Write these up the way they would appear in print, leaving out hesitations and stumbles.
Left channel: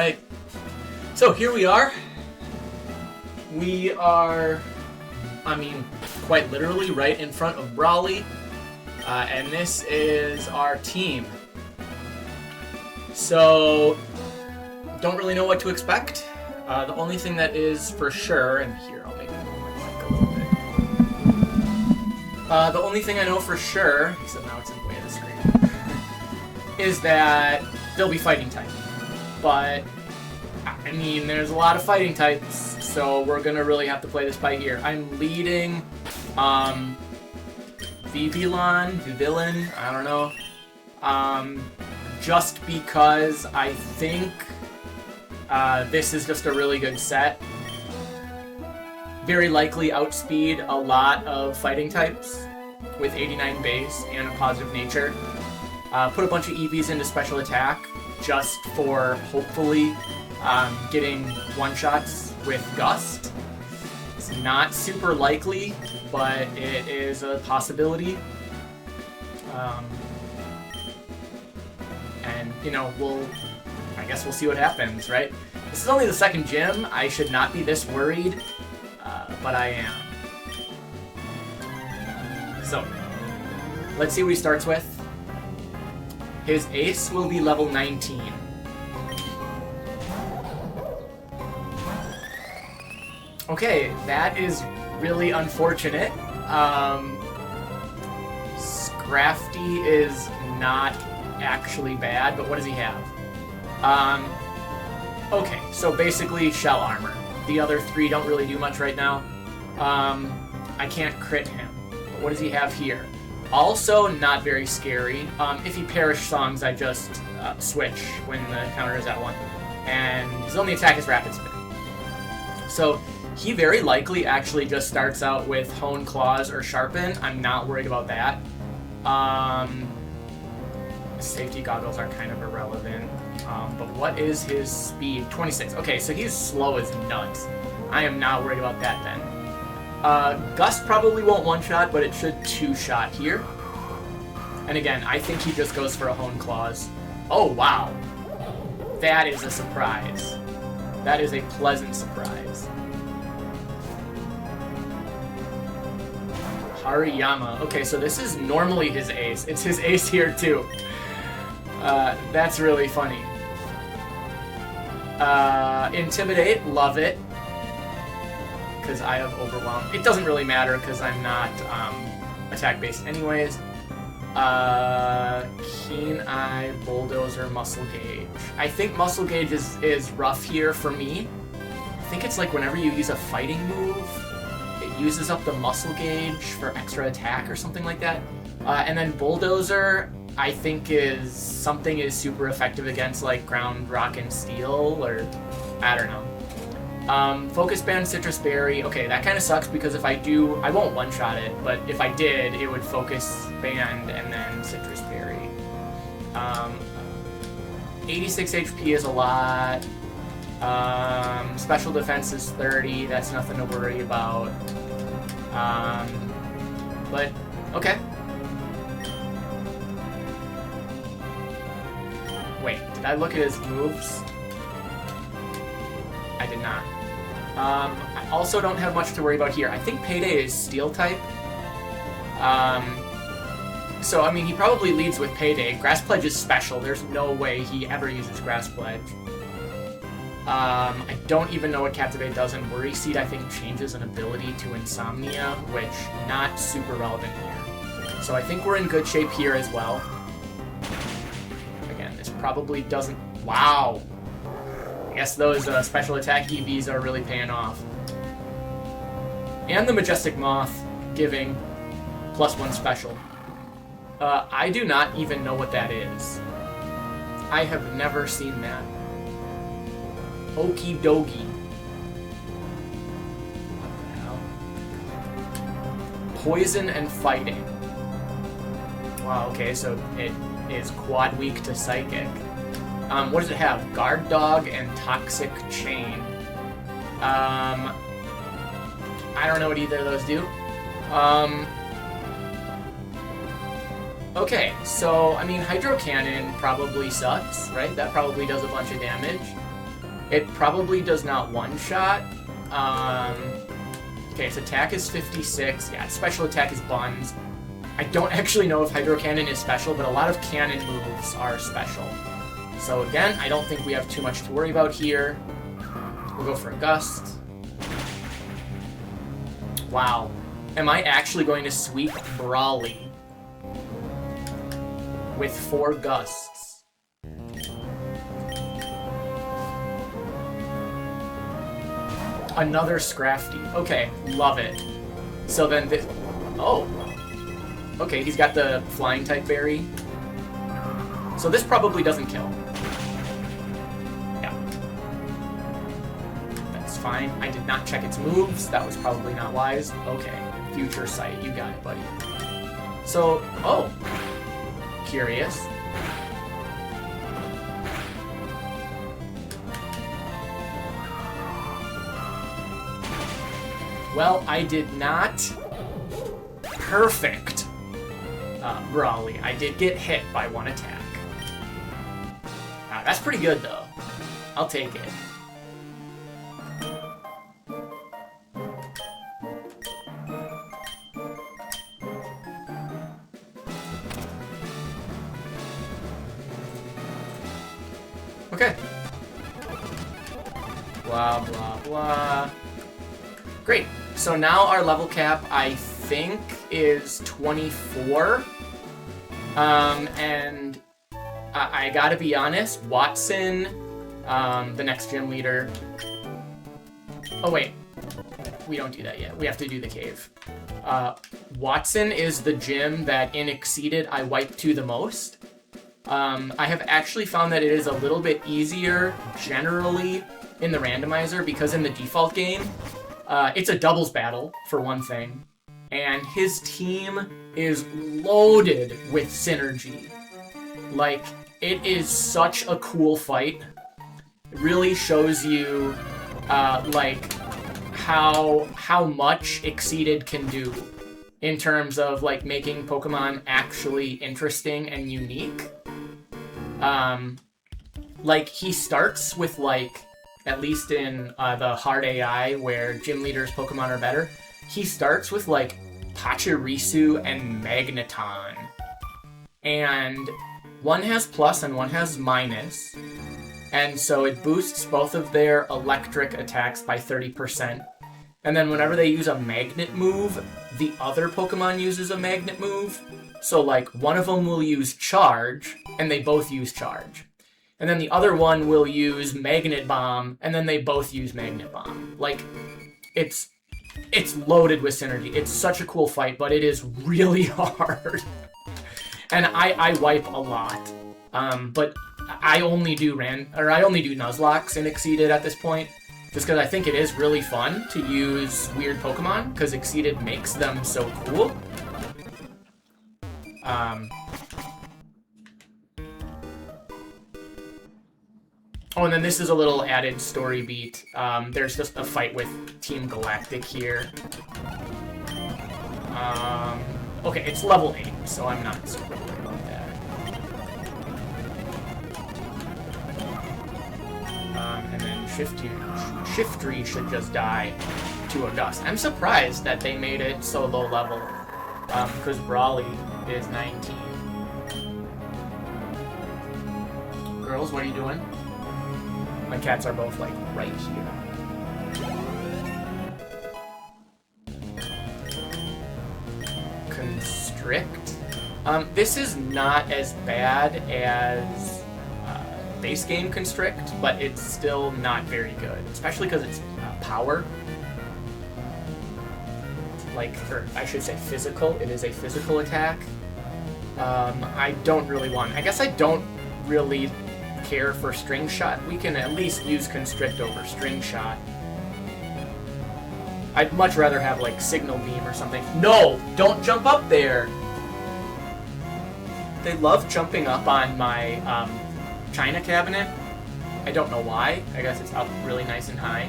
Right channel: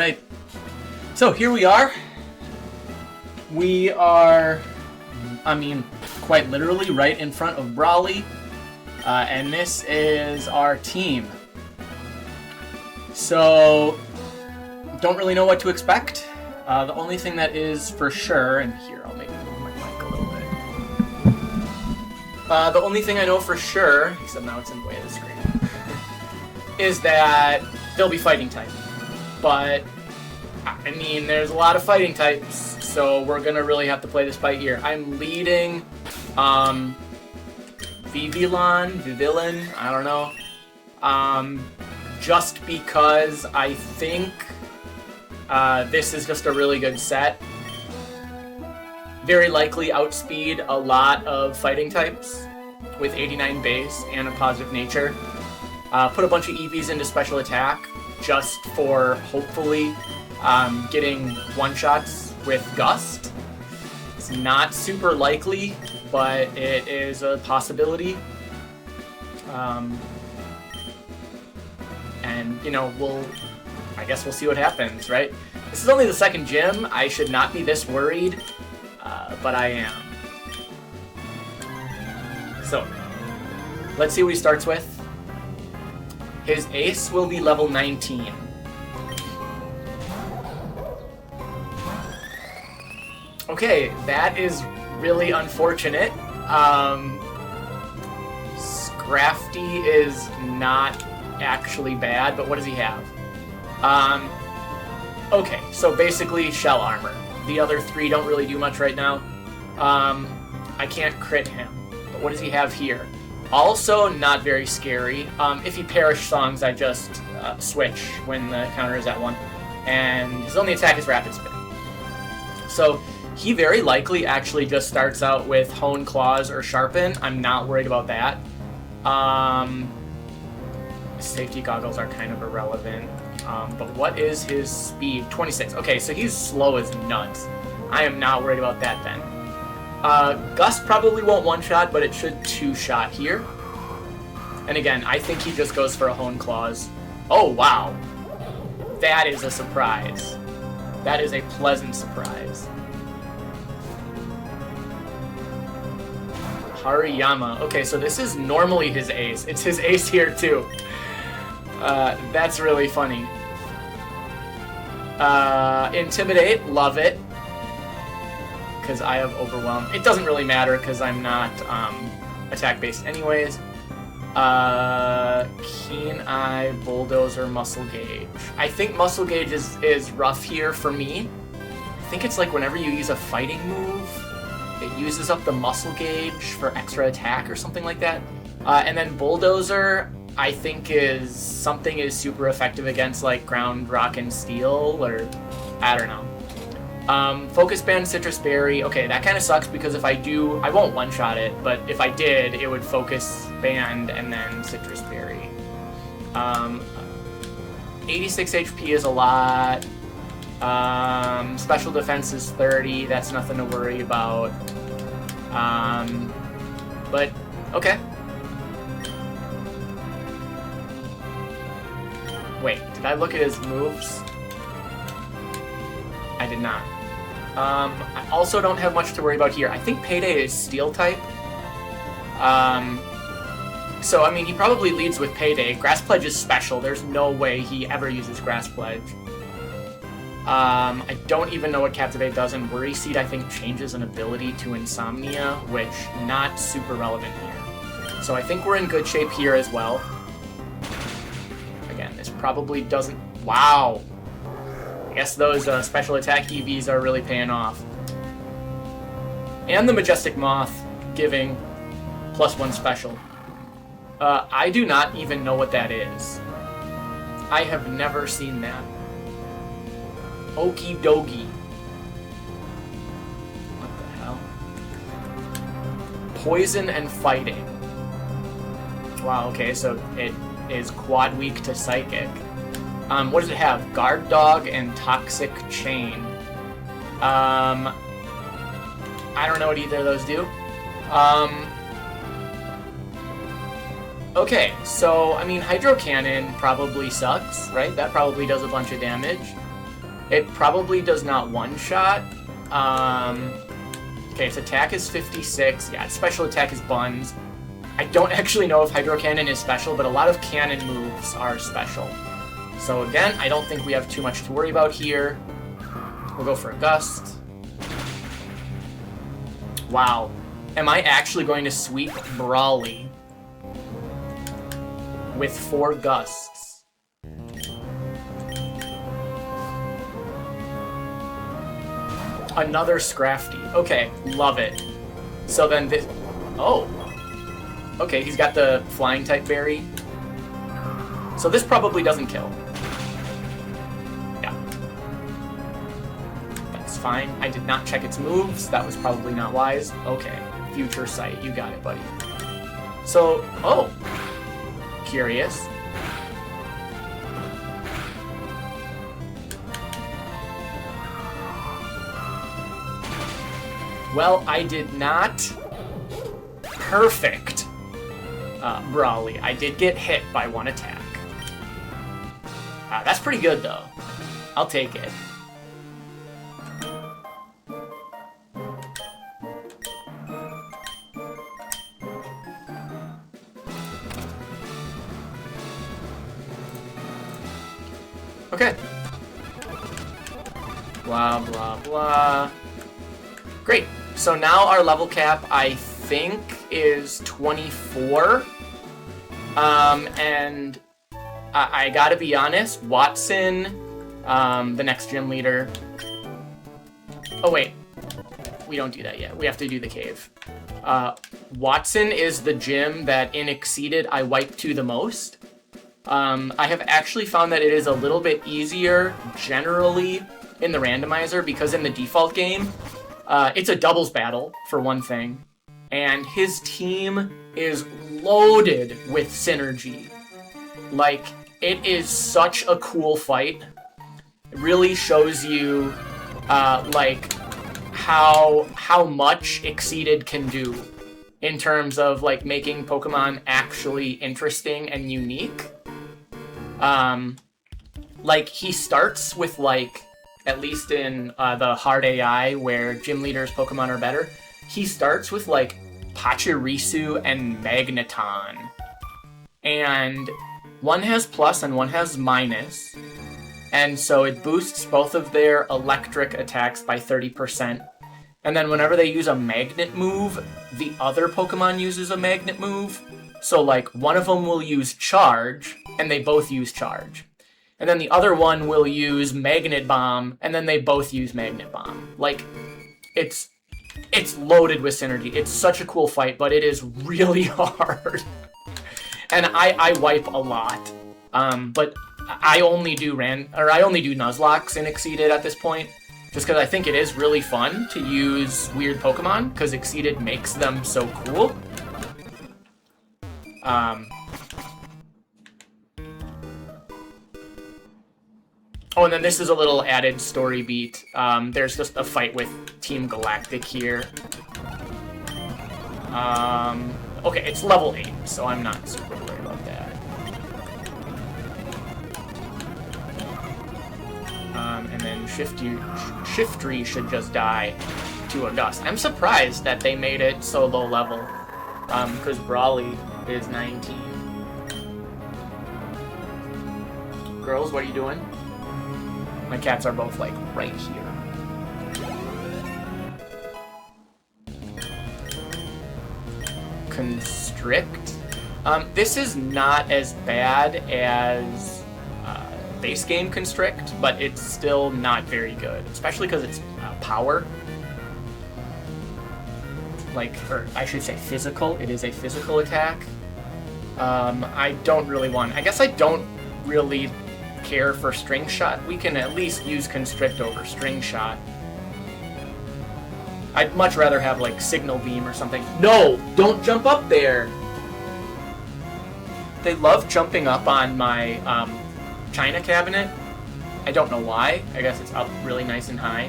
Alright, so here we are. We are, quite literally right in front of Brawly, and this is our team. So, don't really know what to expect. The only thing that is for sure, and here I'll make it my mic a little bit. The only thing I know for sure, except now it's in the way of the screen, is that they'll be fighting type. But, I mean, there's a lot of fighting types, so we're gonna really have to play this by ear. I'm leading, Vivilan, I don't know, just because I think, this is just a really good set. Very likely outspeed a lot of fighting types with 89 base and a positive nature. Put a bunch of EVs into special attack just for hopefully getting one-shots with Gust. It's not super likely, but it is a possibility. And, you know, I guess we'll see what happens, right? This is only the second gym. I should not be this worried, but I am. So, let's see what he starts with. His ace will be level 19. Okay, that is really unfortunate. Scrafty is not actually bad, but what does he have? Okay, so basically shell armor. The other three don't really do much right now. I can't crit him, but what does he have here? Also not very scary. If he perish songs, I just switch when the counter is at 1. And his only attack is rapid spin. So he very likely actually just starts out with Hone Claws or Sharpen. I'm not worried about that. Safety goggles are kind of irrelevant. But what is his speed? 26. Okay, so he's slow as nuts. I am not worried about that then. Gust probably won't one-shot, but it should two-shot here. And again, I think he just goes for a Hone Claws. Oh, wow. That is a surprise. That is a pleasant surprise. Hariyama. Okay, so this is normally his ace. It's his ace here, too. That's really funny. Intimidate, love it. Because I have Overwhelm. It doesn't really matter because I'm not attack-based anyways. Keen Eye, Bulldozer, Muscle Gauge. I think Muscle Gauge is rough here for me. I think it's like whenever you use a fighting move, it uses up the Muscle Gauge for extra attack or something like that. And then Bulldozer, I think is super effective against like Ground, Rock, and Steel, or I don't know. Focus Band, Citrus Berry. Okay, that kind of sucks because if I do, I won't one-shot it, but if I did, it would Focus Band and then Citrus Berry. 86 HP is a lot. Special Defense is 30. That's nothing to worry about. But, okay. Wait, did I look at his moves? I did not. I also don't have much to worry about here. I think Payday is Steel type. So, I mean, he probably leads with Payday. Grass Pledge is special. There's no way he ever uses Grass Pledge. I don't even know what Captivate does, and Worry Seed, I think, changes an ability to Insomnia, which not super relevant here. So I think we're in good shape here as well. Again, this probably doesn't... Wow! I guess those special attack EVs are really paying off. And the Majestic Moth giving +1 special. I do not even know what that is. I have never seen that. Okie dokie. What the hell? Poison and Fighting. Wow, okay, so it is quad weak to Psychic. What does it have? Guard Dog and Toxic Chain. I don't know what either of those do. Okay, so, I mean, Hydro Cannon probably sucks, right? That probably does a bunch of damage. It probably does not one-shot. Okay, its attack is 56. Yeah, its special attack is buns. I don't actually know if Hydro Cannon is special, but a lot of cannon moves are special. So again, I don't think we have too much to worry about here. We'll go for a Gust. Wow. Am I actually going to sweep Brawly with 4 Gusts? Another Scrafty. Okay, love it. So then this... Oh. Okay, he's got the Flying type berry. So this probably doesn't kill. Yeah. That's fine. I did not check its moves. That was probably not wise. Okay. Future Sight. You got it, buddy. So... Oh. Curious. Well, I did not perfect Brawly. I did get hit by 1 attack. That's pretty good, though. I'll take it. Okay. Blah, blah, blah. Great. So now our level cap, I think, is 24. And I gotta be honest, Wattson, the next gym leader... Oh, wait. We don't do that yet. We have to do the cave. Wattson is the gym that in Exceeded I wipe to the most. I have actually found that it is a little bit easier generally in the randomizer because in the default game, it's a doubles battle, for one thing, and his team is loaded with synergy. Like, it is such a cool fight. It really shows you, like, how much Exceeded can do in terms of, like, making Pokemon actually interesting and unique. Like, he starts with, like, at least in the hard AI, where gym leaders' Pokemon are better, he starts with, like, Pachirisu and Magneton. And one has plus and one has minus. And so it boosts both of their electric attacks by 30%. And then whenever they use a magnet move, the other Pokemon uses a magnet move. So, like, one of them will use Charge, and they both use Charge. And then the other one will use Magnet Bomb, and then they both use Magnet Bomb. Like, it's loaded with synergy. It's such a cool fight, but it is really hard. And I wipe a lot. But I only do Nuzlocke in Exceeded at this point, just because I think it is really fun to use weird Pokemon, because Exceeded makes them so cool. Oh, and then this is a little added story beat. There's just a fight with Team Galactic here. Okay, it's level 8, so I'm not super worried about that. And then Shiftry should just die to a Gust. I'm surprised that they made it so low level, because Brawly is 19. Girls, what are you doing? My cats are both, like, right here. Constrict. This is not as bad as base game Constrict, but it's still not very good, especially because it's power. Like, or I should say physical. It is a physical attack. I don't really want... I guess I don't really care for String Shot. We can at least use Constrict over String Shot. I'd much rather have, like, Signal Beam or something. No! Don't jump up there! They love jumping up on my China cabinet. I don't know why. I guess it's up really nice and high.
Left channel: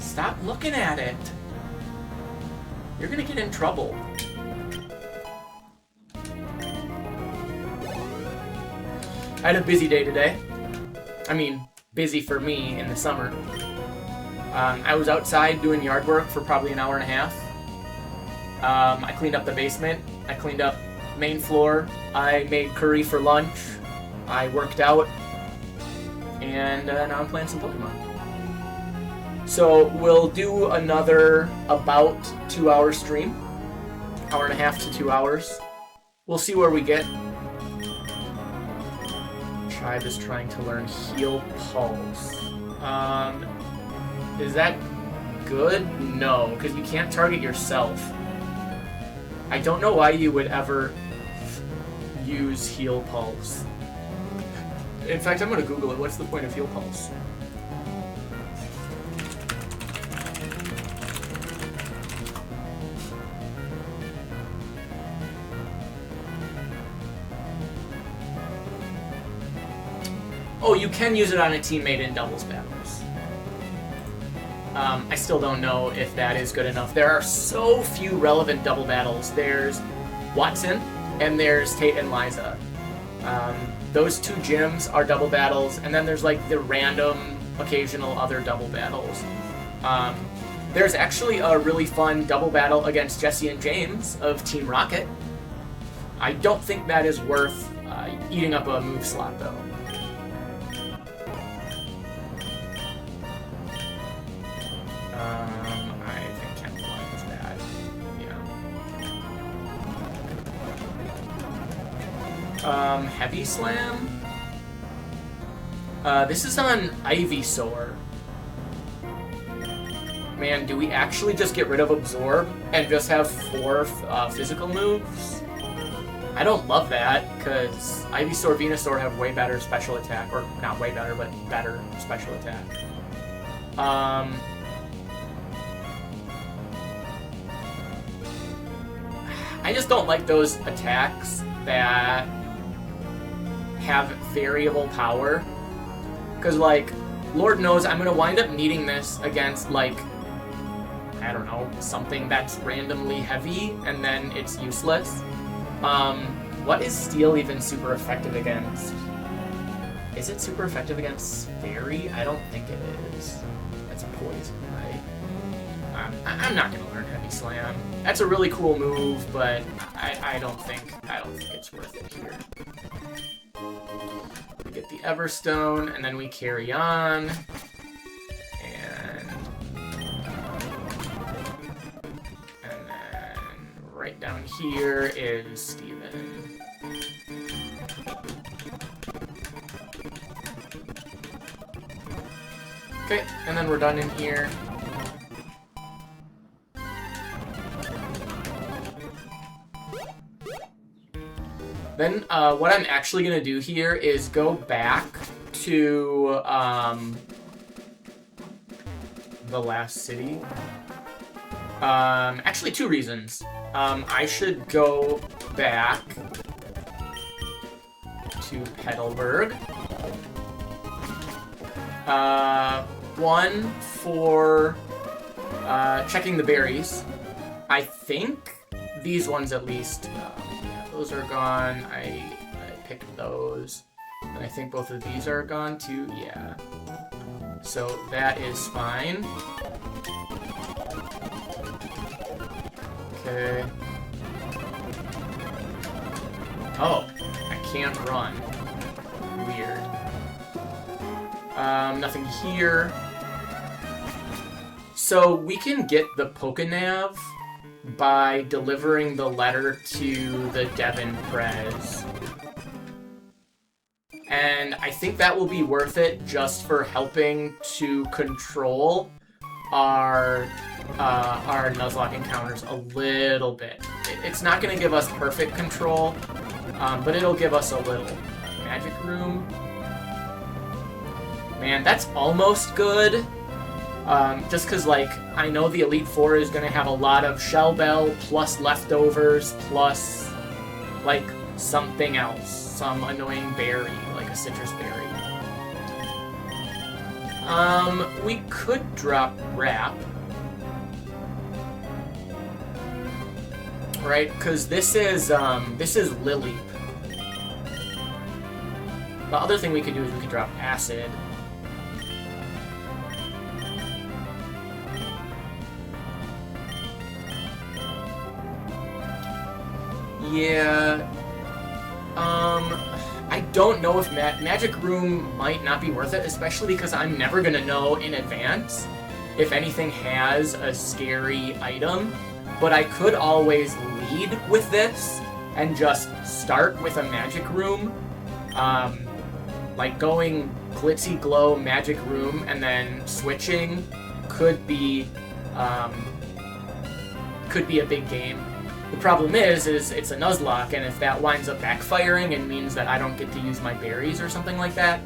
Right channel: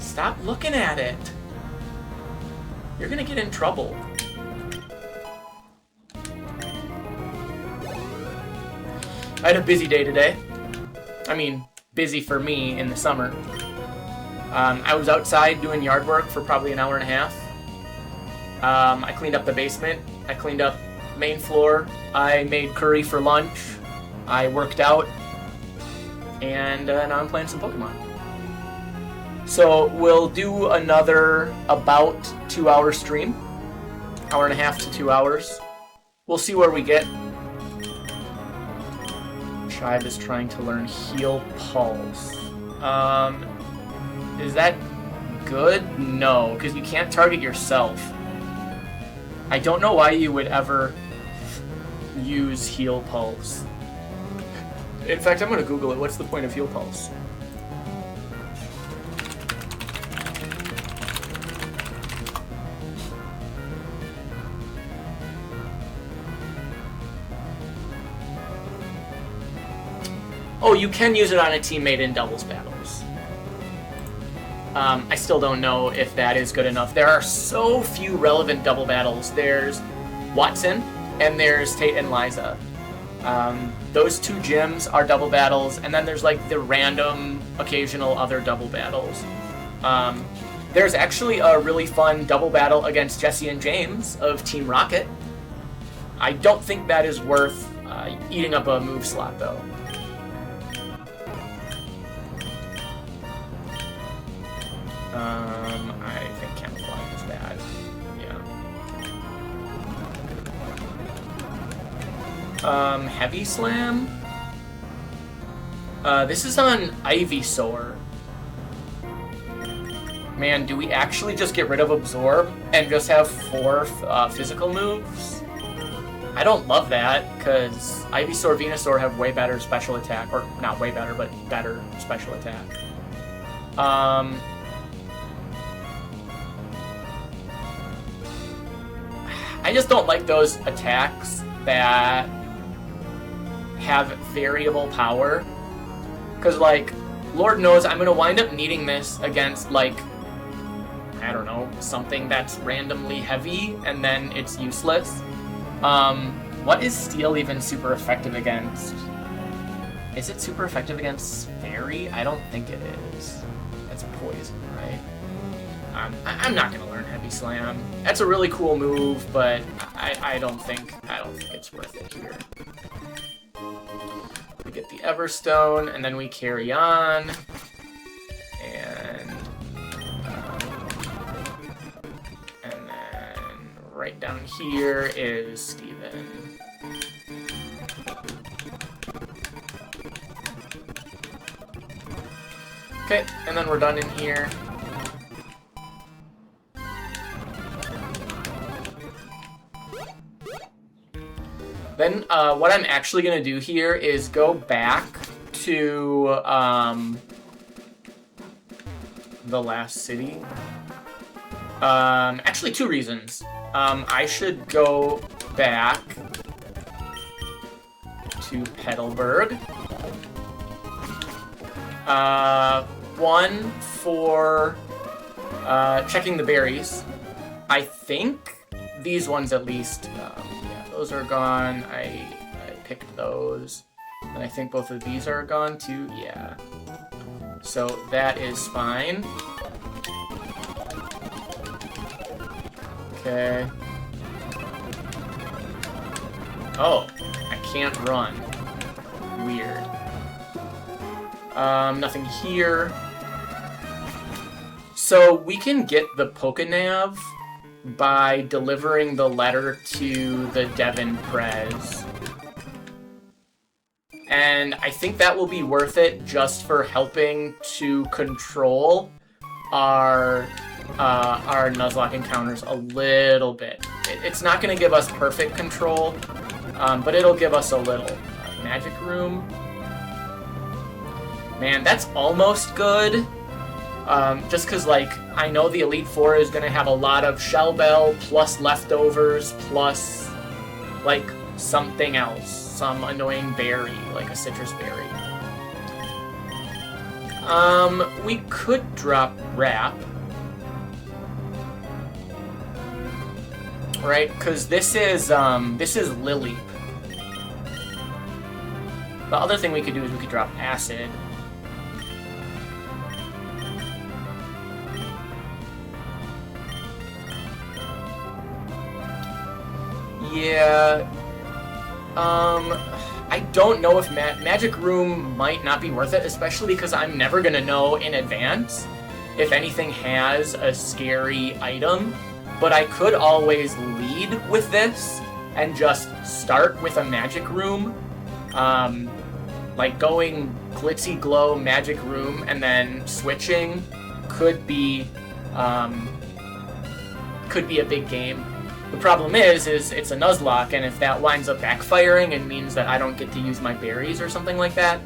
Stop looking at it. You're gonna get in trouble. I had a busy day today. I mean, busy for me in the summer. I was outside doing yard work for probably an hour and a half. I cleaned up the basement. I cleaned up main floor. I made curry for lunch. I worked out. And now I'm playing some Pokemon. So we'll do another about 2-hour stream. Hour and a half to 2 hours. We'll see where we get. Tribe is trying to learn Heal Pulse. Is that good? No, because you can't target yourself. I don't know why you would ever use Heal Pulse. In fact, I'm going to Google it. What's the point of Heal Pulse? Oh, you can use it on a teammate in doubles battles. I still don't know if that is good enough. There are so few relevant double battles. There's Wattson, and there's Tate and Liza. Those two gyms are double battles, and then there's like the random, occasional other double battles. There's actually a really fun double battle against Jesse and James of Team Rocket. I don't think that is worth eating up a move slot, though. I think Camouflage is bad. Yeah. Heavy Slam? This is on Ivysaur. Man, do we actually just get rid of Absorb and just have 4 physical moves? I don't love that, because Ivysaur, Venusaur have way better special attack. Or, not way better, but better special attack. I just don't like those attacks that have variable power. Because, like, Lord knows I'm going to wind up needing this against, like, I don't know, something that's randomly heavy, and then it's useless. What is Steel even super effective against? Is it super effective against Fairy? I don't think it is. That's poison, right? I'm not gonna learn Heavy Slam. That's a really cool move, but I don't think it's worth it here. We get the Everstone, and then we carry on. And then right down here is Steven. Okay, and then we're done in here. Then what I'm actually going to do here is go back to the last city. Actually, 2 reasons. I should go back to Petalburg. 1 for checking the berries. I think these ones at least. Yeah, those are gone. I picked those. And I think both of these are gone too. Yeah. So that is fine. Okay. Oh, I can't run. Weird. Nothing here. So we can get the Pokenav by delivering the letter to the Devon Prez. And I think that will be worth it just for helping to control our Nuzlocke encounters a little bit. It's not going to give us perfect control, but it'll give us a little. Magic Room. Man, that's almost good. Just because, like, I know the Elite Four is going to have a lot of Shell Bell plus leftovers plus, like, something else. Some annoying berry, like a citrus berry. We could drop Wrap. Right? Because this is Lily. The other thing we could do is we could drop acid. Yeah. I don't know if Magic Room might not be worth it, especially because I'm never gonna know in advance if anything has a scary item. But I could always lead with this and just start with a Magic Room. Like going Glitzy Glow Magic Room and then switching could be a big game. The problem is it's a Nuzlocke, and if that winds up backfiring and means that I don't get to use my berries or something like that,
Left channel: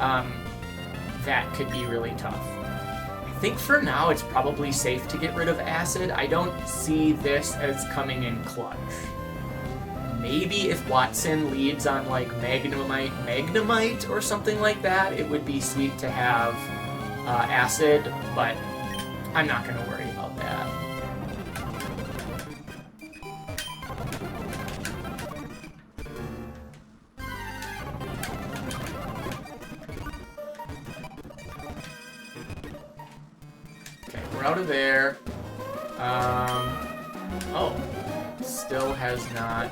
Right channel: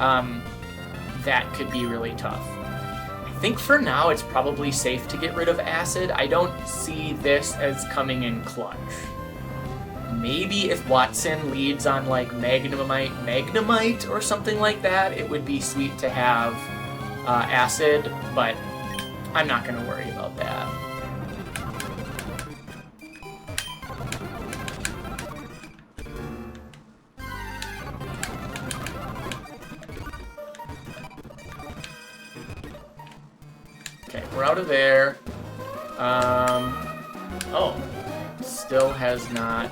that could be really tough. I think for now it's probably safe to get rid of acid. I don't see this as coming in clutch. Maybe if Wattson leads on like Magnemite or something like that, it would be sweet to have acid, but I'm not going to worry about that. Okay, we're out of there. Oh, still has not,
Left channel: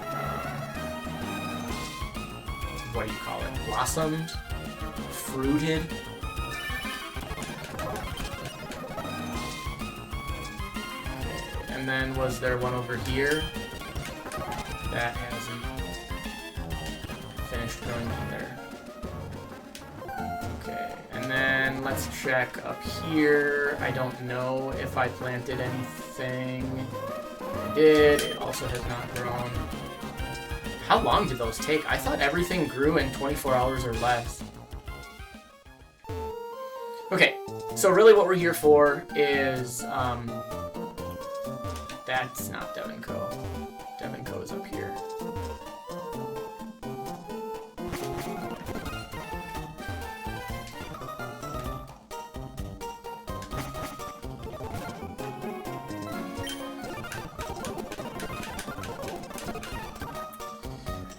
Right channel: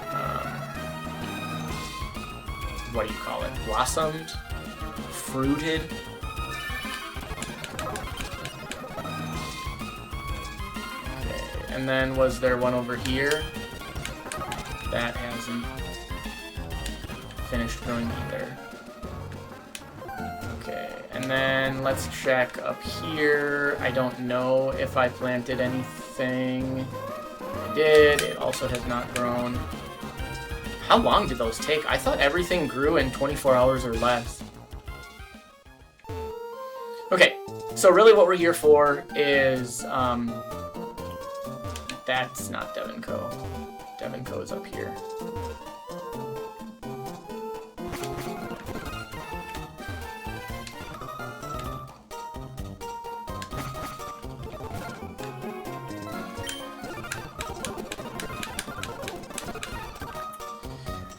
what do you call it? Blossomed? Fruited? Okay, and then was there one over here? That hasn't finished growing either. Okay, and then let's check up here. I don't know if I planted anything. I did. It also has not grown. How long did those take? I thought everything grew in 24 hours or less. Okay, so really what we're here for is, that's not Devonco. Devonco is up here.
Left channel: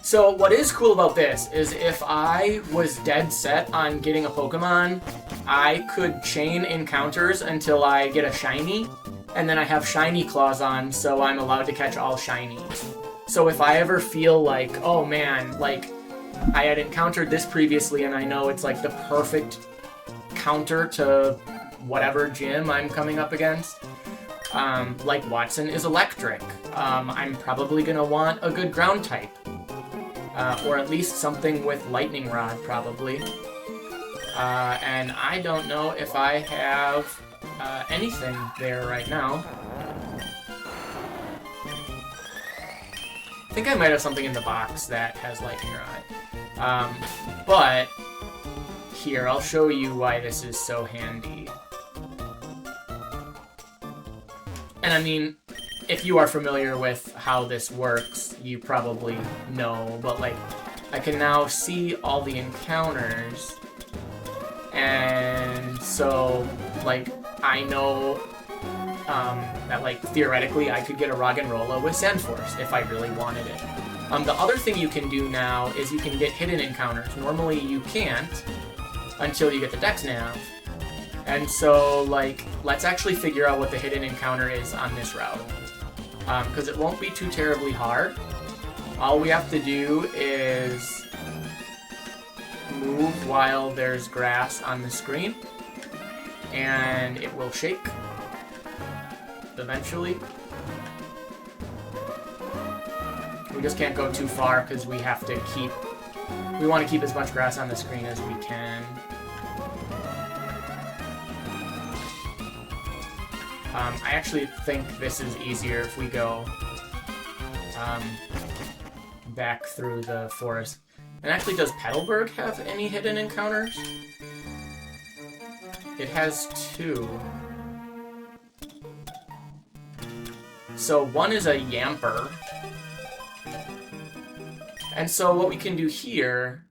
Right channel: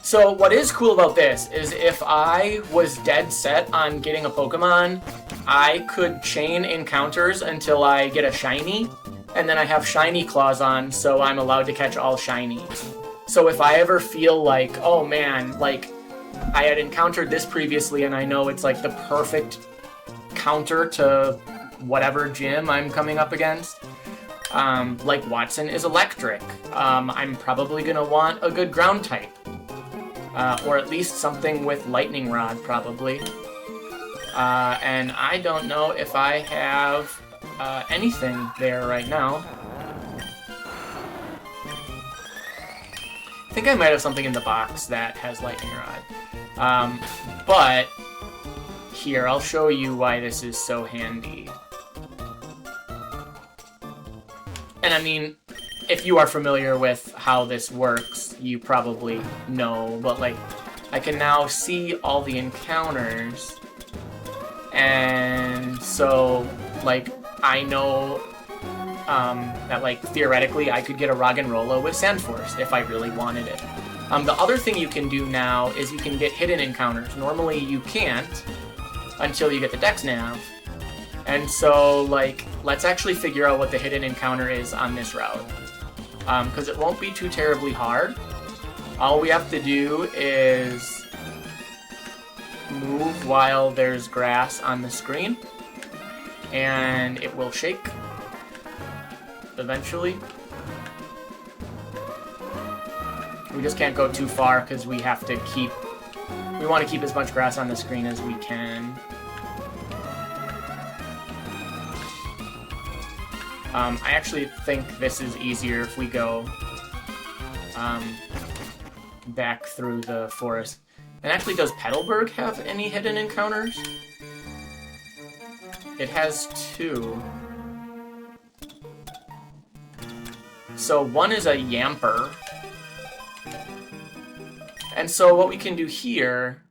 So what is cool about this is if I was dead set on getting a Pokemon, I could chain encounters until I get a shiny, and then I have shiny claws on, so I'm allowed to catch all shiny. So if I ever feel like, oh man, like I had encountered this previously and I know it's like the perfect counter to whatever gym I'm coming up against, like Wattson is electric, I'm probably gonna want a good ground type. Or at least something with Lightning Rod, probably. And I don't know if I have anything there right now. I think I might have something in the box that has Lightning Rod. But here, I'll show you why this is so handy. And I mean, if you are familiar with how this works, you probably know, but like, I can now see all the encounters, and so, like, I know that, like, theoretically I could get a Roggenrola with Sandforce if I really wanted it. The other thing you can do now is you can get hidden encounters. Normally you can't until you get the Dex Nav. And so, like, let's actually figure out what the hidden encounter is on this route. Because it won't be too terribly hard. All we have to do is move while there's grass on the screen, and it will shake eventually. We just can't go too far because we have to we want to keep as much grass on the screen as we can. I actually think this is easier if we go back through the forest. And actually, does Petalburg have any hidden encounters? It has 2. So one is a Yamper. And so what we can do here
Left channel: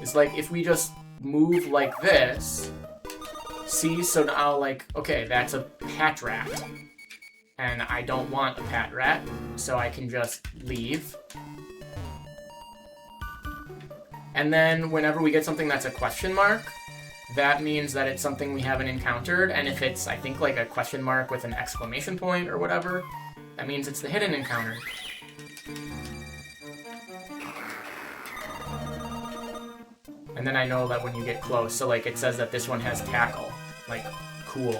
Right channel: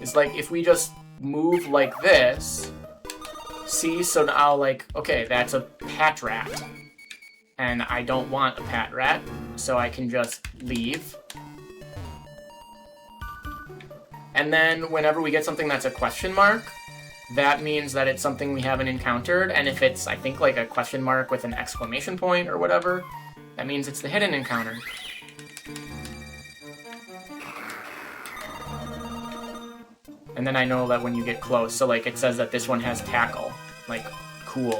is, like, if we just move like this, see, so now, like, okay, that's a Patrat. And I don't want a Patrat, so I can just leave. And then whenever we get something that's a question mark, that means that it's something we haven't encountered. And if it's, I think, like a question mark with an exclamation point or whatever, that means it's the hidden encounter. And then I know that when you get close, so like it says that this one has tackle. Like, cool.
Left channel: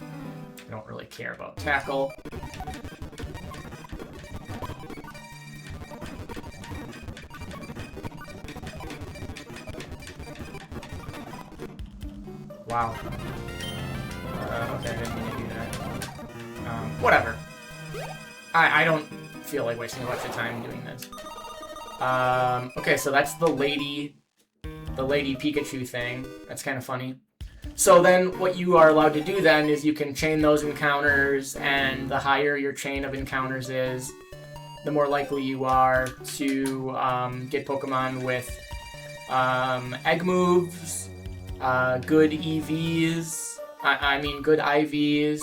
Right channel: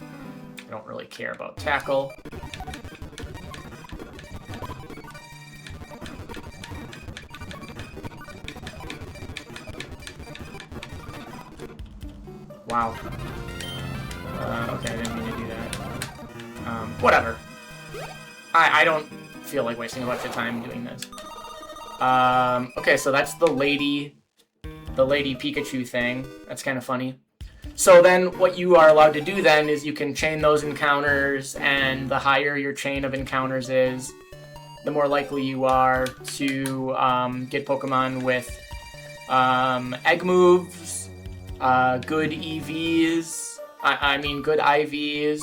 I don't really care about tackle. Wow. Okay, I didn't mean to do that. Whatever. I don't feel like wasting a bunch of time doing this. Okay, so that's the lady Pikachu thing. That's kind of funny. So then what you are allowed to do then is you can chain those encounters, and the higher your chain of encounters is, the more likely you are to get Pokemon with egg moves, good EVs, I mean good IVs,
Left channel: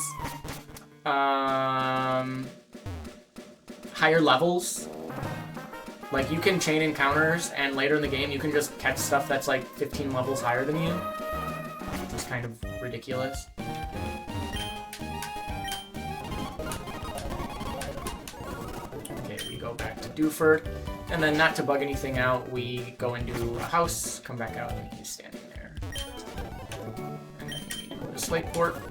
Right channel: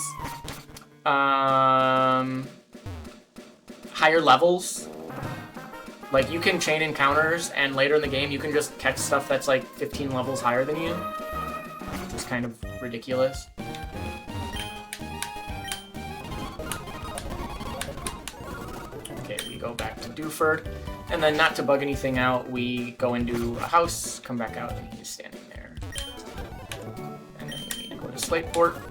higher levels. Like, you can chain encounters, and later in the game, you can just catch stuff that's, like, 15 levels higher than you. It's kind of ridiculous. Okay, we go back to Dewford. And then, not to bug anything out, we go into a house, come back out, and he's standing there. And then we go to Slateport.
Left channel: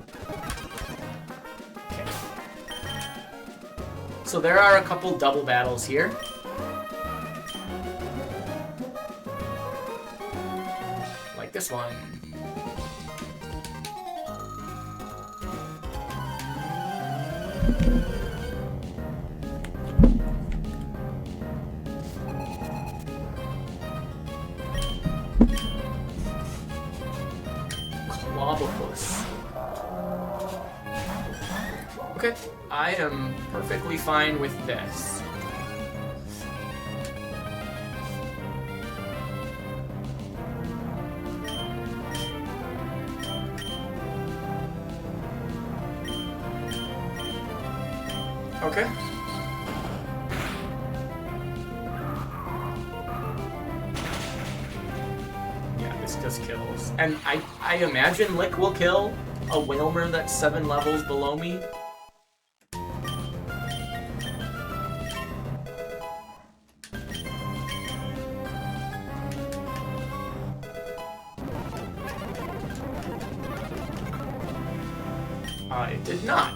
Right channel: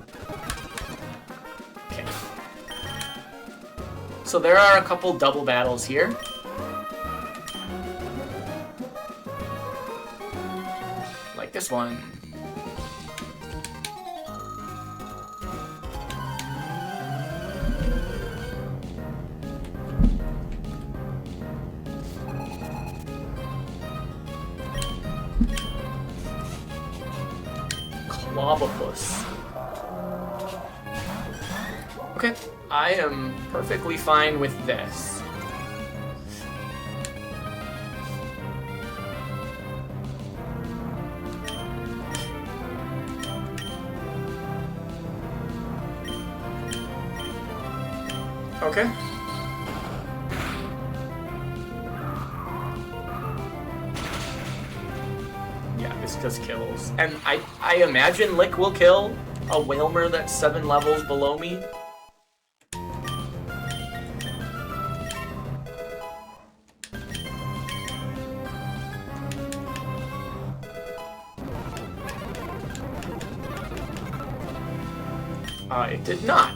Okay. So there are a couple double battles here. This one. Clobopus. Okay, I am perfectly fine with this. Okay. Yeah, this does kills. And I imagine Lick will kill a Wailmer that's 7 levels below me. It did not.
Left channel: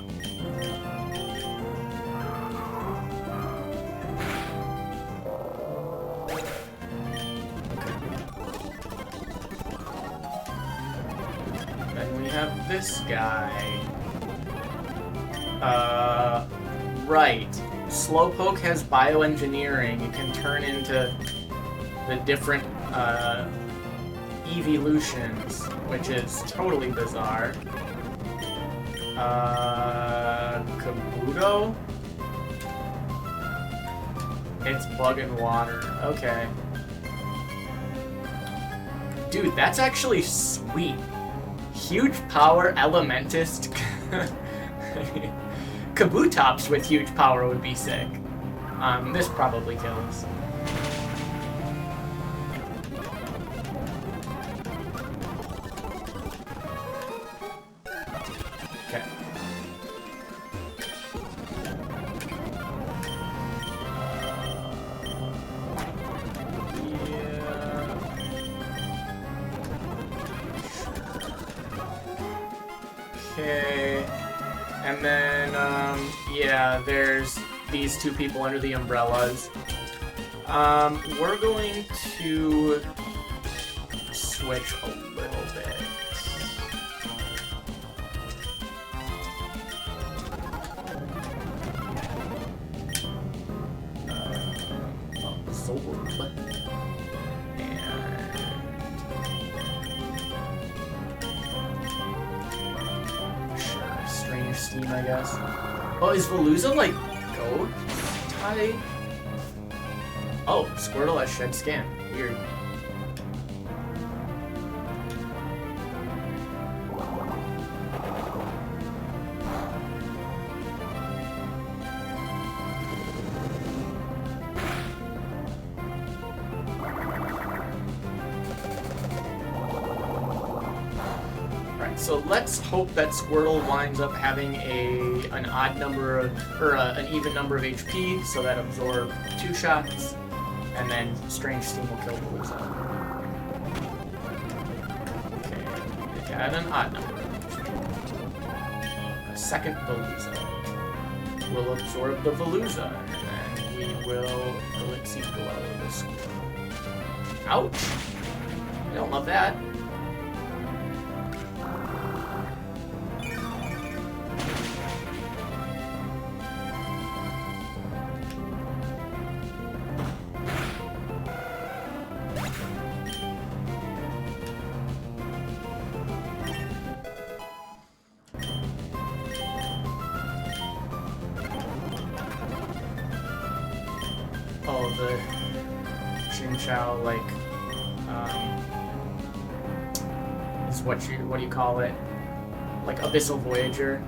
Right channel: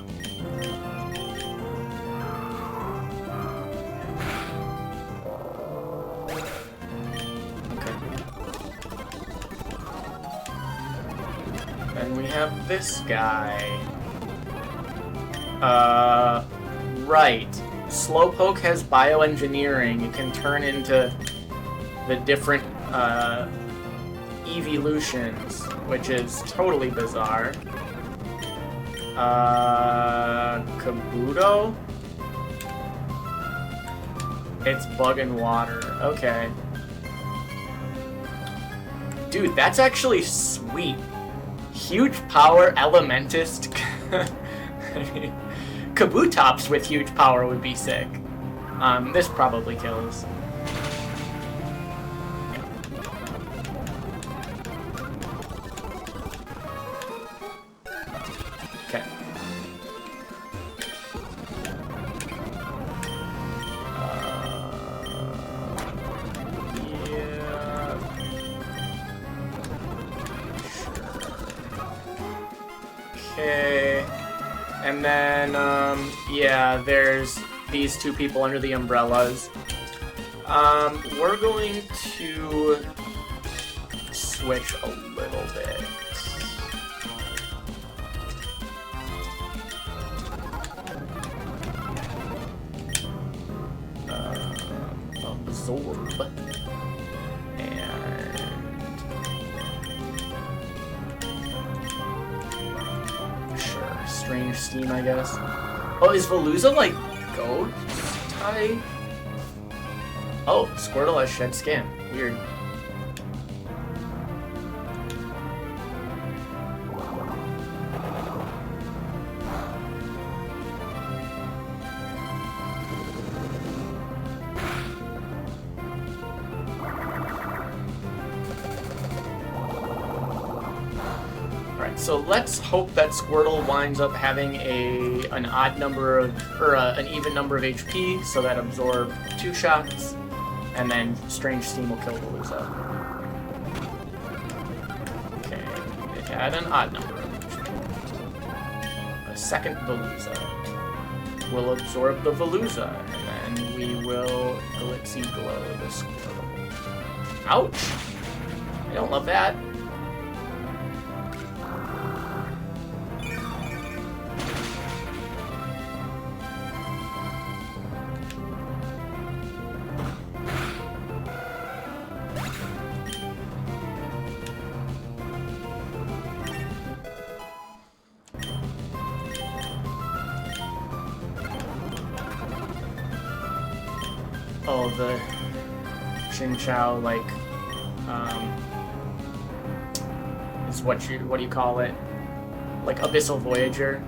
This guy. Right. Slowpoke has bioengineering. You can turn into the different, evolutions, which is totally bizarre. Kabuto? It's bug and water. Okay. Dude, that's actually sweet. Huge power, Elementist. Kabutops with huge power would be sick. This probably kills. Okay. Okay, and then, yeah, there's these two people under the umbrellas. We're going to switch a little bit. Absorb. Strange Steam, I guess. Oh, is Veluza like goat type? Oh, Squirtle has Shed Skin. Weird. So let's hope that Squirtle winds up having an odd number of, or an even number of HP, so that absorb 2 shots, and then Strange Steam will kill Veluza. Okay, add an odd number. A second Veluza will absorb the Veluza, and then we will Elixir Glow the Squirtle. Ouch! I don't love that. Oh, the Chinchou, like, is what do you call it? Like Abyssal Voyager.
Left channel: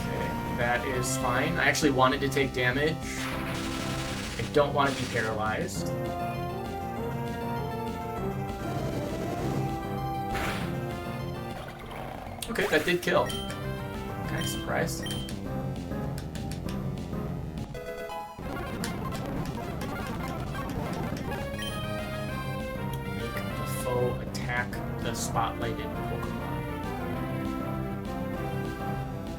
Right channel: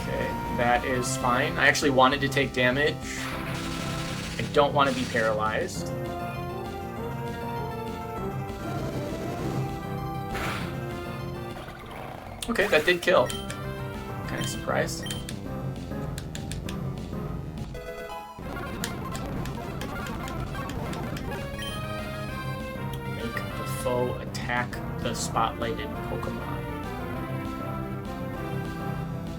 Okay, that is fine. I actually wanted to take damage. I don't want to be paralyzed. Okay, that did kill. Kind of surprised. Make the foe attack the spotlighted Pokemon.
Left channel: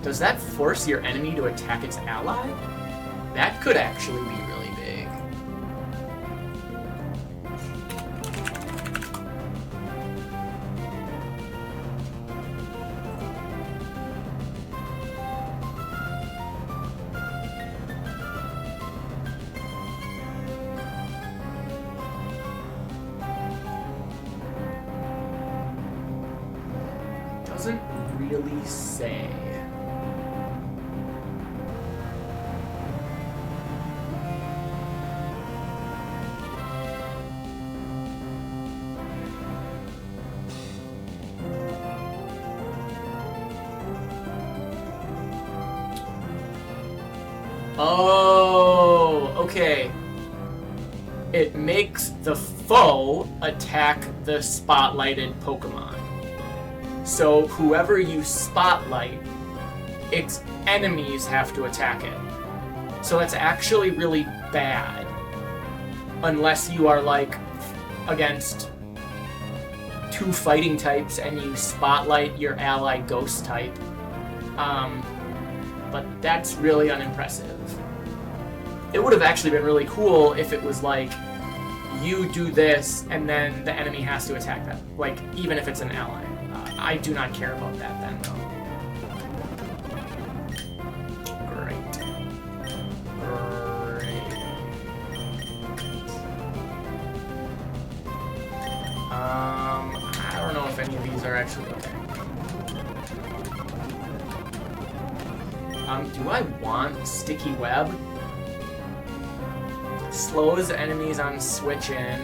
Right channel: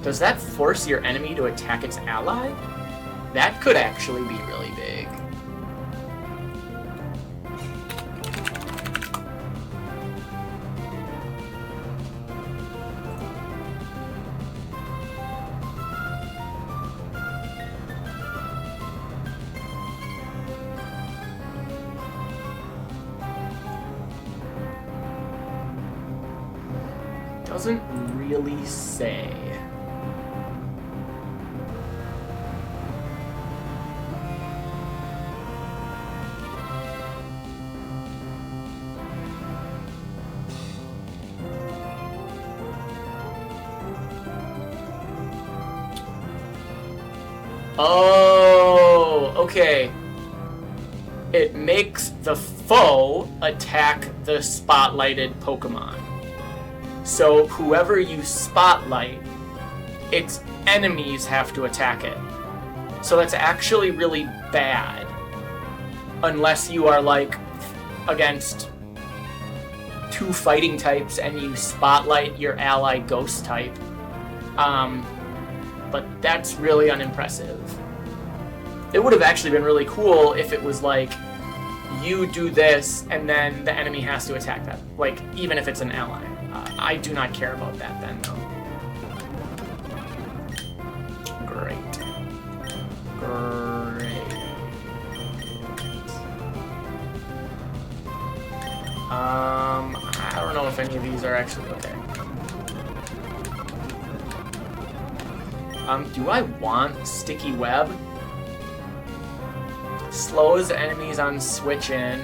Does that force your enemy to attack its ally? That could actually be really big. Doesn't really say. Oh, okay. It makes the foe attack the spotlighted Pokemon. So whoever you spotlight, its enemies have to attack it. So that's actually really bad. Unless you are, like, against 2 fighting types and you spotlight your ally ghost type. But that's really unimpressive. It would have actually been really cool if it was like, you do this and then the enemy has to attack them. Like, even if it's an ally. I do not care about that then, though. Great. I don't know if any of these are actually okay. Do I want Sticky Web? Slows enemies on switch in.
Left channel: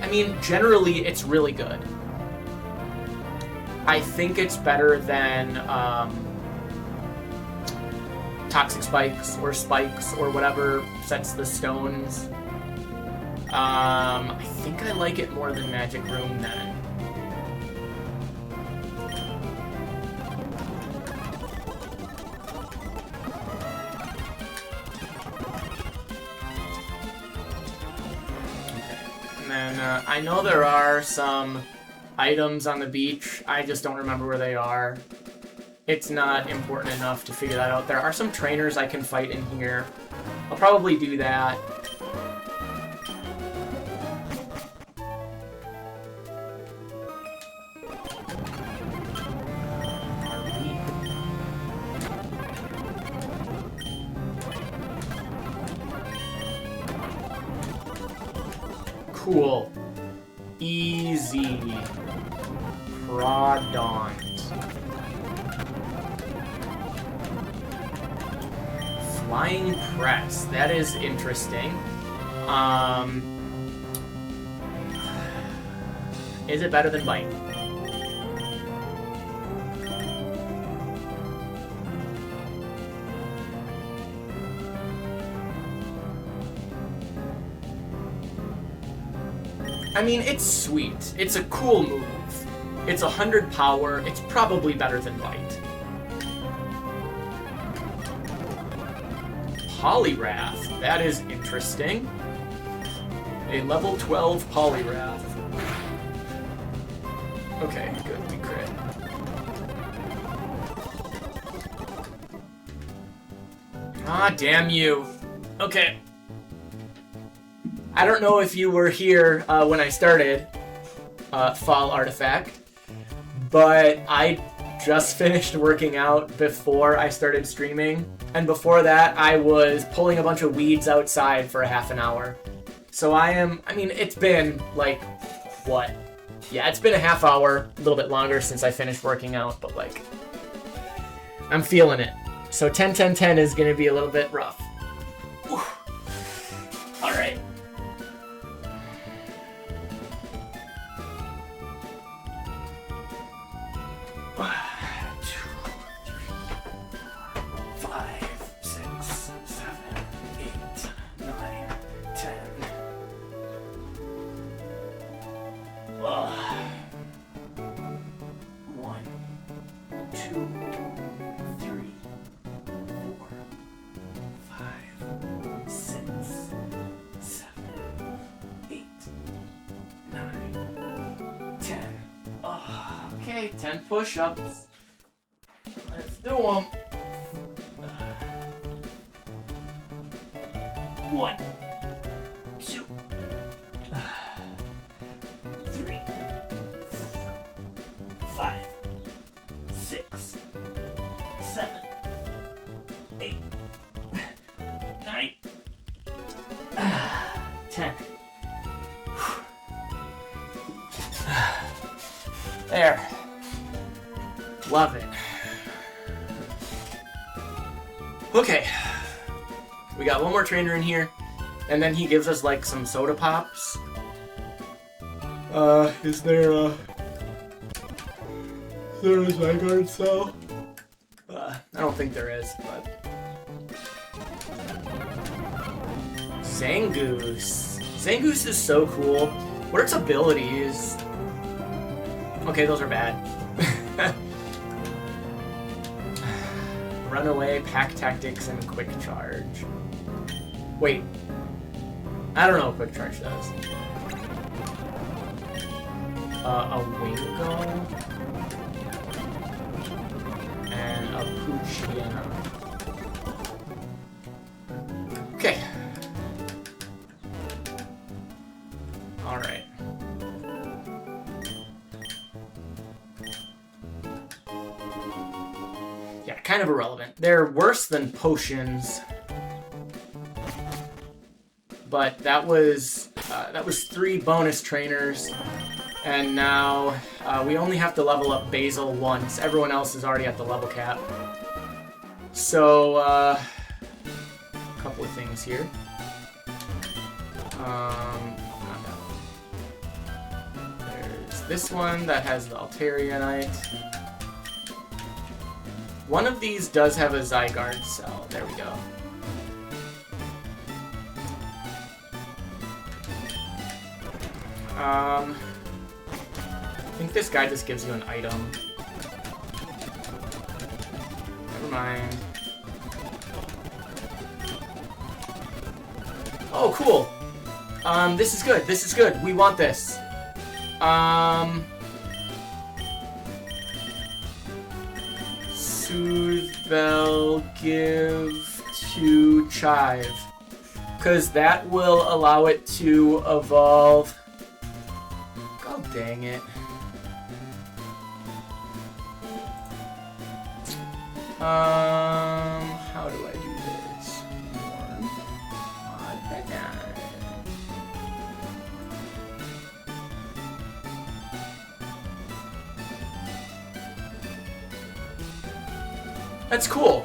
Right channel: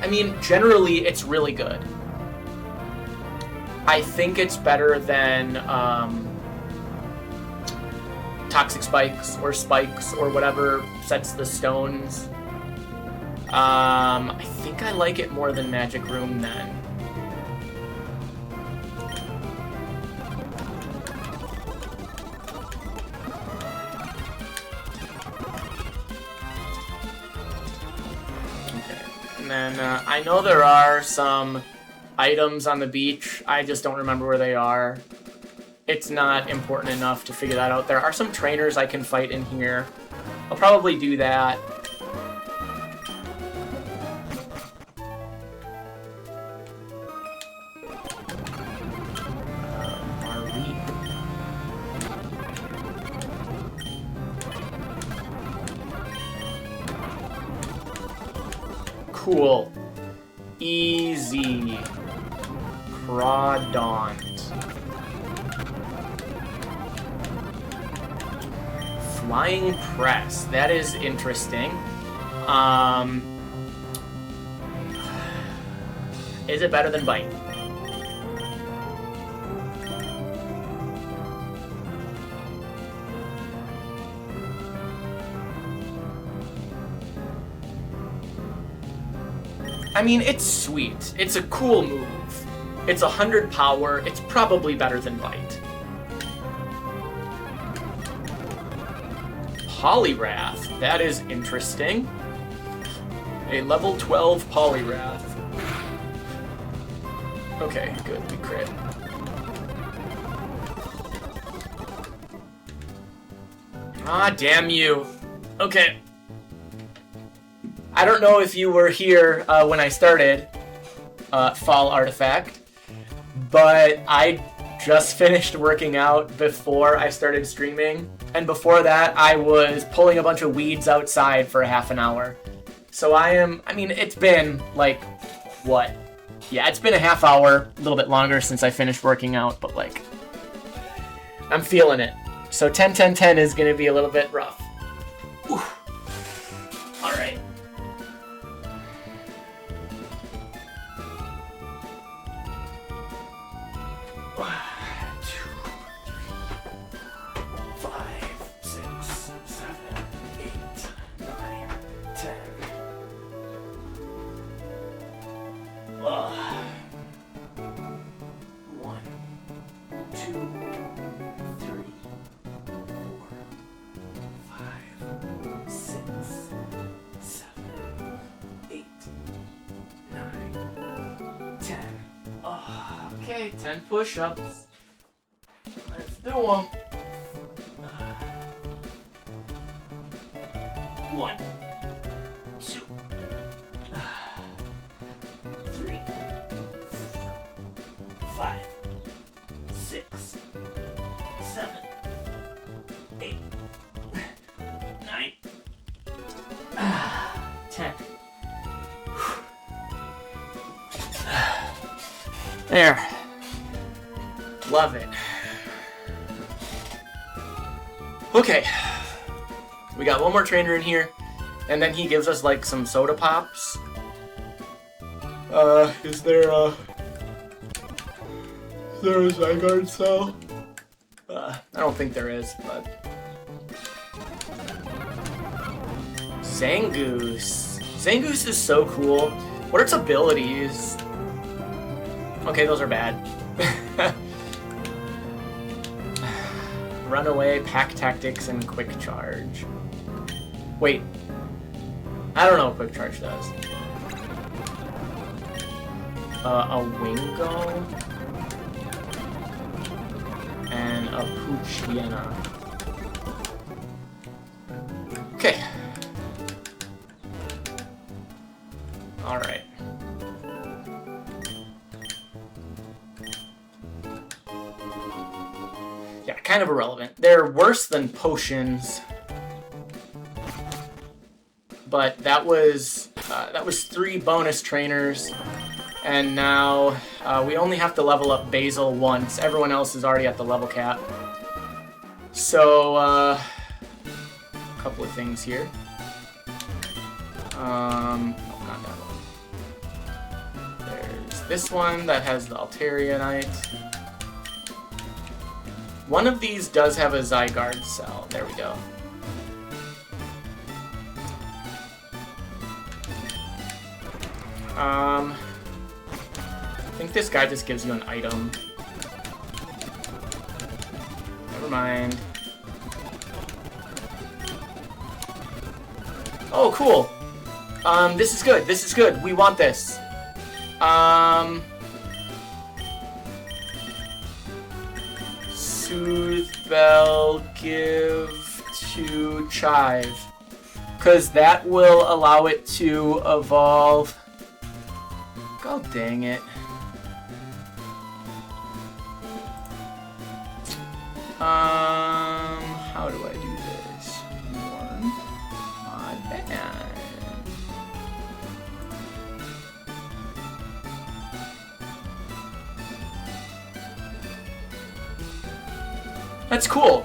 I mean, generally, it's really good. I think it's better than Toxic Spikes or whatever sets the stones. I think I like it more than Magic Room then. I know there are some items on the beach. I just don't remember where they are. It's not important enough to figure that out. There are some trainers I can fight in here. I'll probably do that. Cool. Easy. Prodont. Flying Press. That is interesting. Is it better than Bite? I mean, it's sweet. It's a cool move. It's 100 power. It's probably better than Bite. Poliwrath. That is interesting. A level 12 Poliwrath. Okay, good. We crit. Ah, damn you. Okay. I don't know if you were here when I started Fall Artifact, but I just finished working out before I started streaming, and before that I was pulling a bunch of weeds outside for a half an hour. So I mean, it's been like, what? Yeah, it's been a half hour, a little bit longer since I finished working out, but like, I'm feeling it. So 10-10-10 is gonna be a little bit rough. Whew. All right. Okay, 10 push-ups. Let's do them. 1, 2, 3, 5, 6, 7, 8, 9, 10. There. Love it. Okay. We got one more trainer in here, and then he gives us like some soda pops. Is there a Zygarde cell? I don't think there is, but Zangoose. Zangoose is so cool. What are its abilities? Okay, those are bad. Runaway, Pack Tactics, and Quick Charge. Wait. I don't know what Quick Charge does. A Wingo. And a Poochyena. Okay. Alright. Kind of irrelevant. They're worse than potions, but that was 3 bonus trainers, and now we only have to level up Basil once. Everyone else is already at the level cap. So a couple of things here. There's this one that has the Alterianite. One of these does have a Zygarde cell. There we go. I think this guy just gives you an item. Never mind. Oh, cool. This is good. This is good. We want this. Spell give to Chive, because that will allow it to evolve. God dang it. How do I do this? That's cool.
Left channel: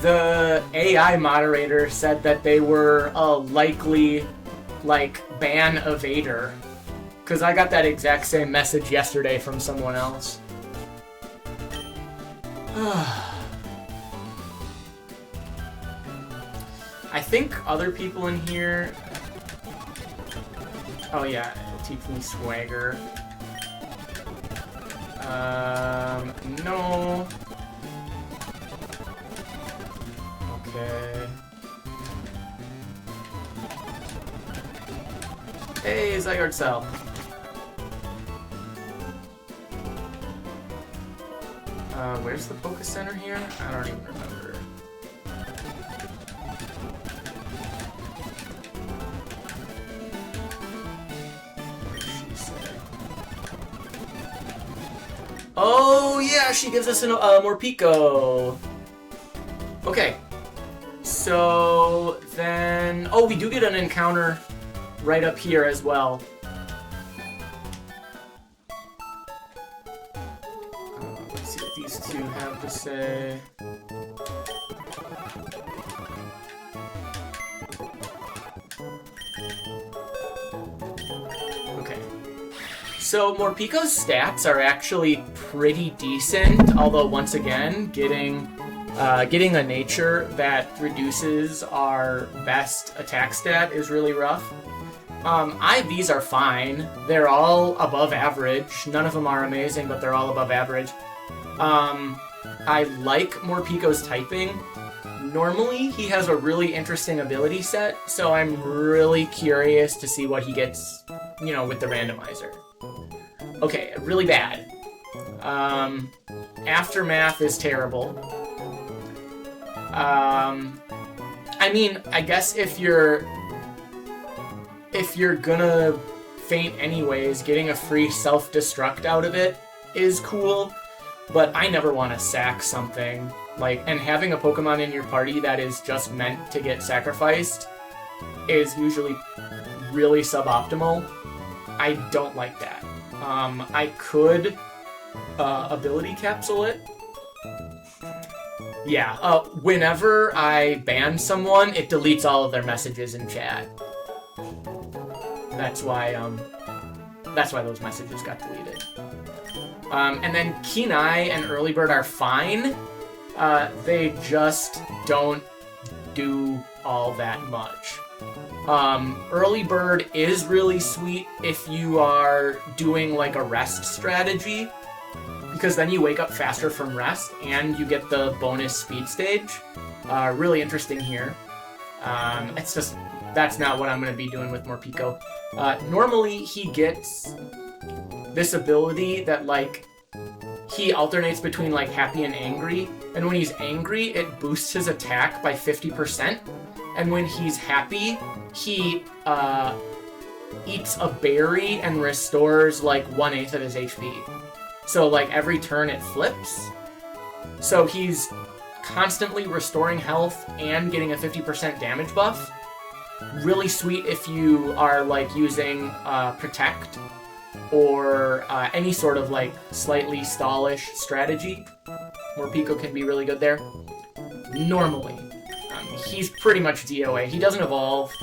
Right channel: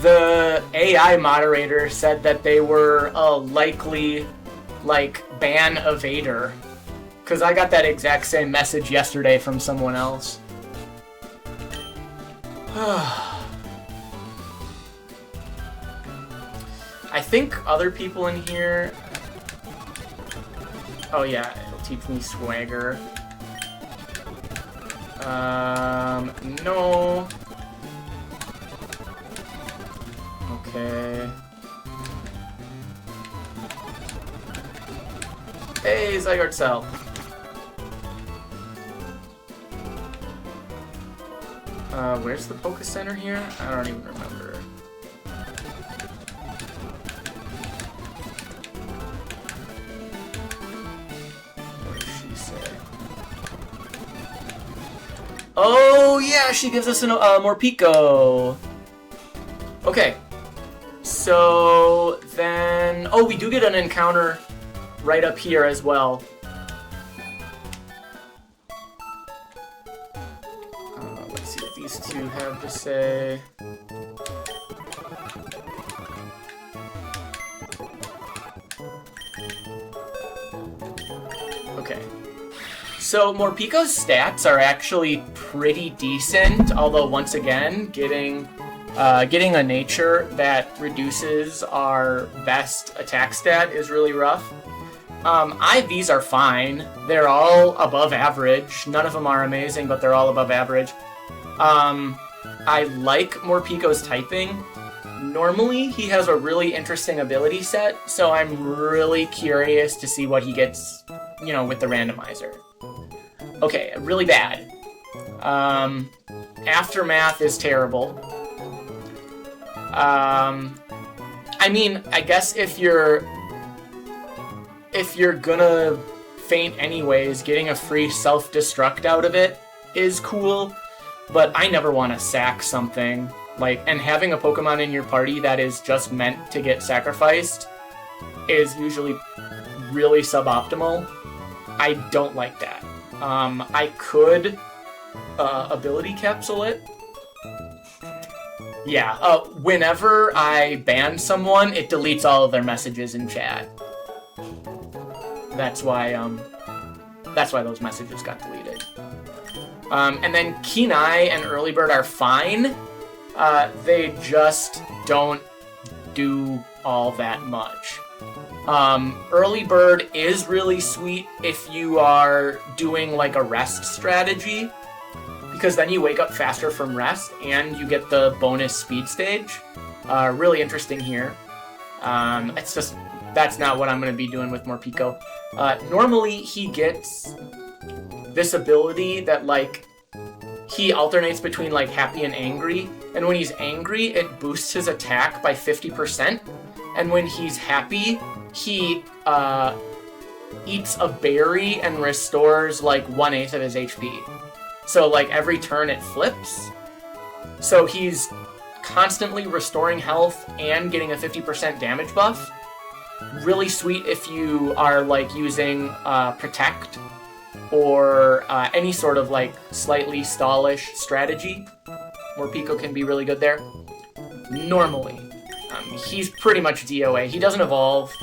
The AI moderator said that they were a likely, ban evader. Because I got that exact same message yesterday from someone else. I think other people in here... Oh yeah, teach me swagger. No. Okay. Hey, Zygarde Cell. Where's the Poké Center here? I don't even remember. What did she say? Oh, yeah, she gives us a Morpeko. Okay. So, then... Oh, we do get an encounter right up here as well. Let's see what these two have to say. Okay. So Morpeko's stats are actually pretty decent, although once again, getting a nature that reduces our best attack stat is really rough. IVs are fine. They're all above average. None of them are amazing, but they're all above average. I like Morpeko's typing. Normally, he has a really interesting ability set, so I'm really curious to see what he gets, you know, with the randomizer. Okay, really bad. Aftermath is terrible. I mean, I guess if you're gonna faint anyways, getting a free self-destruct out of it is cool, but I never want to sack something. And having a Pokemon in your party that is just meant to get sacrificed is usually really suboptimal. I don't like that. I could ability capsule it. Yeah, whenever I ban someone, it deletes all of their messages in chat. That's why those messages got deleted. And then Kenai and Early Bird are fine. They just don't do all that much. Early Bird is really sweet if you are doing like a rest strategy, because then you wake up faster from rest and you get the bonus speed stage. Really interesting here. It's just, that's not what I'm going to be doing with Morpeko. Normally he gets this ability that he alternates between happy and angry, and when he's angry it boosts his attack by 50%, and when he's happy he eats a berry and restores 1/8 of his HP. So every turn it flips. So he's constantly restoring health and getting a 50% damage buff. Really sweet if you are using Protect or any sort of slightly stallish strategy. Morpeko can be really good there. Normally. He's pretty much DOA. He doesn't evolve,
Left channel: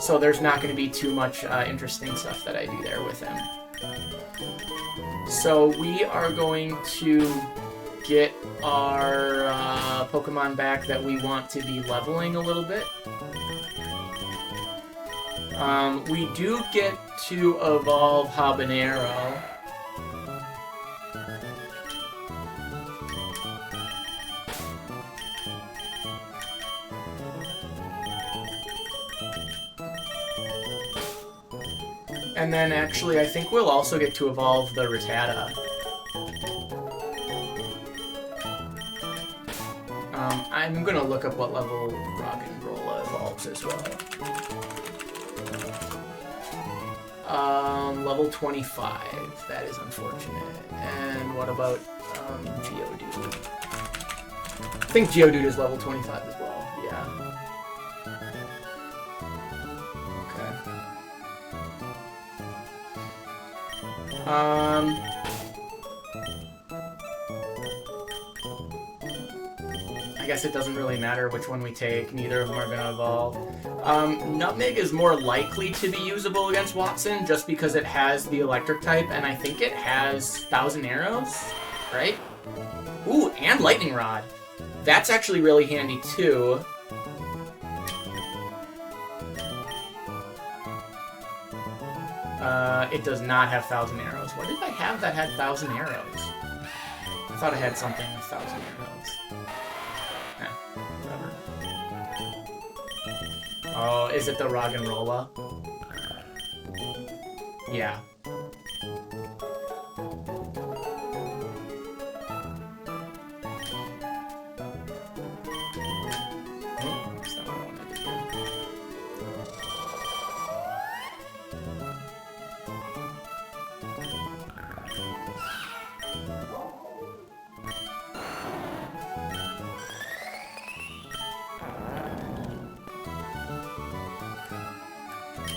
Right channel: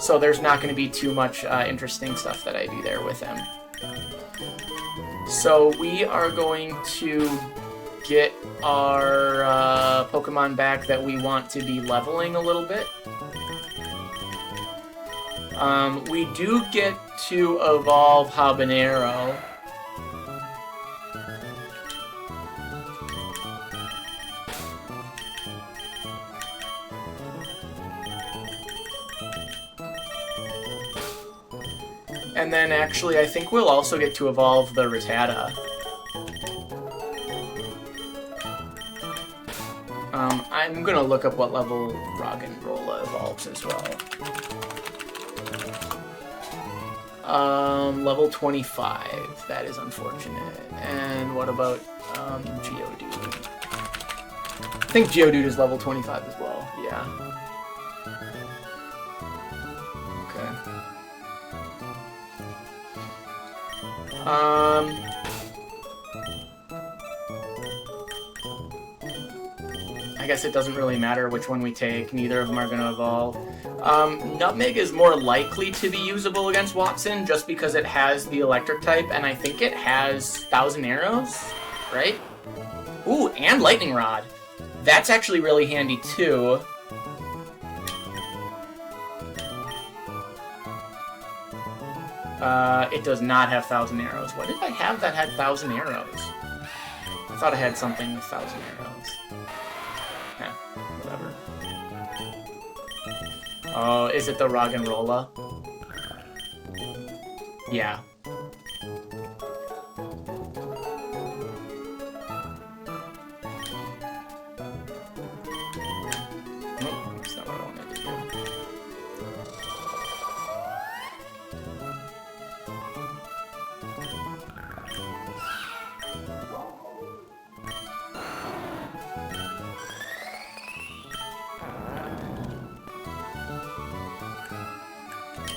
so there's not going to be too much interesting stuff that I do there with him. So we are going to get our Pokemon back that we want to be leveling a little bit. We do get to evolve Habanero. And then actually I think we'll also get to evolve the Rattata. I'm gonna look up what level Roggenrola evolves as well. Level 25. That is unfortunate. And what about Geodude? I think Geodude is level 25 as well. Yeah. I guess it doesn't really matter which one we take. Neither of them are going to evolve. Nutmeg is more likely to be usable against Wattson just because it has the electric type, and I think it has 1,000 arrows, right? Ooh, and Lightning Rod. That's actually really handy too. It does not have 1,000 arrows. What did I have that had 1,000 arrows? I thought I had something with 1,000 arrows. Whatever. Oh, is it the Rog and Rolla? Yeah.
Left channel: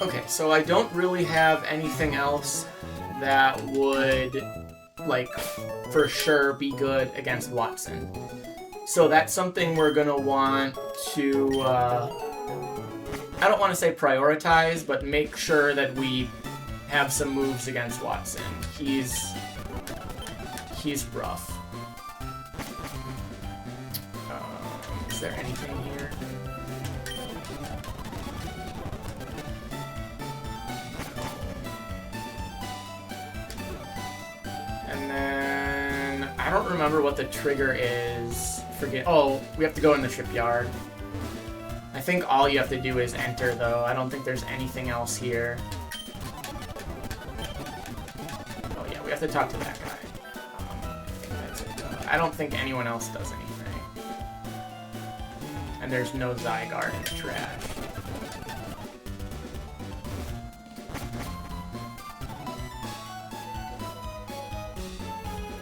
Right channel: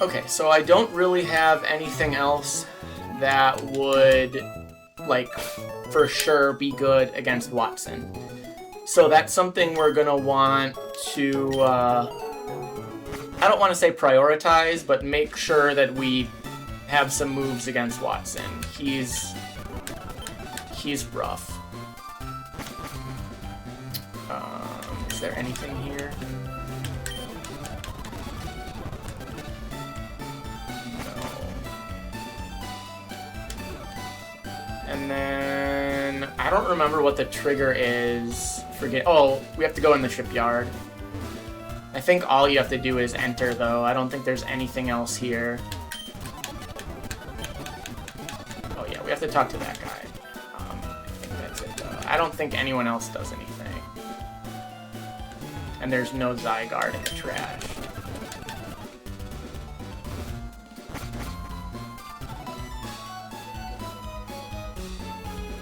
Okay, so I don't really have anything else that would, like, for sure be good against Wattson. So that's something we're gonna want to, I don't want to say prioritize, but make sure that we have some moves against Wattson. He's rough. Is there anything here? I don't remember what the trigger is. Forget. Oh, we have to go in the shipyard. I think all you have to do is enter, though. I don't think there's anything else here. Oh, yeah, we have to talk to that guy. That's it. I don't think anyone else does anything. And there's no Zygarde in the trash.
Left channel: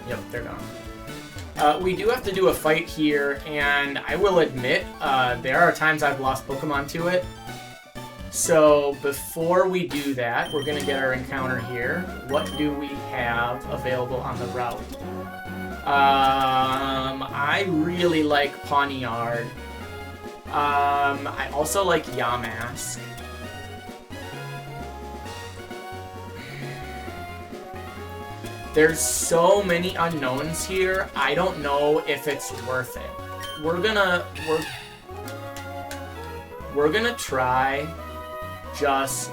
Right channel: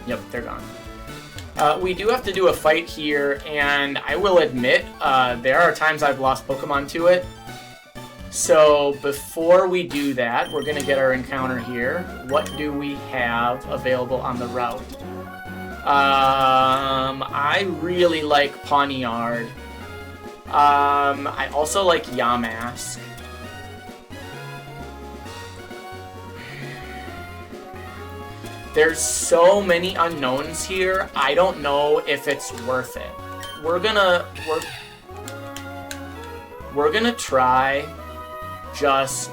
Yep, they're gone. We do have to do a fight here, and I will admit, there are times I've lost Pokemon to it. So before we do that, we're going to get our encounter here. What do we have available on the route? I really like Pawniard. I also like Yamask. There's so many unknowns here, I don't know if it's worth it. We're gonna try just,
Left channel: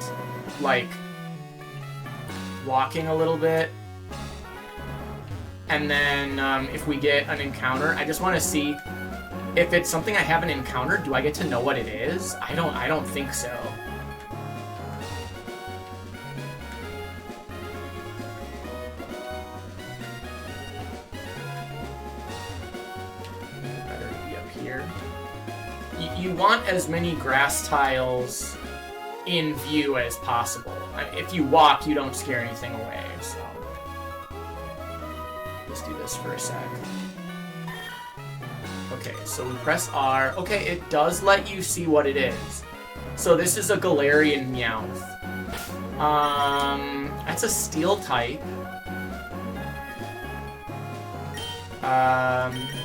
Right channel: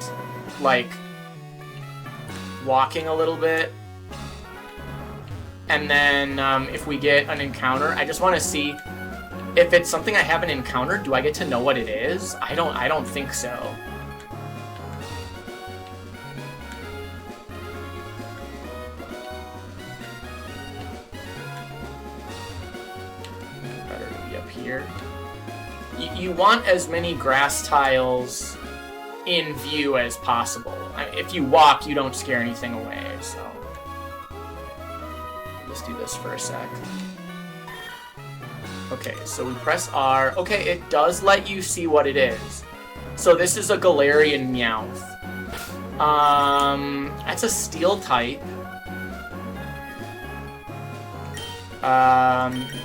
like, walking a little bit. And then, if we get an encounter, I just want to see if it's something I haven't encountered, do I get to know what it is? I don't think so. You want as many grass tiles in view as possible. If you walk, you don't scare anything away, so... Let's do this for a sec. Okay, so we press R. Okay, it does let you see what it is. So this is a Galarian Meowth. That's a Steel type.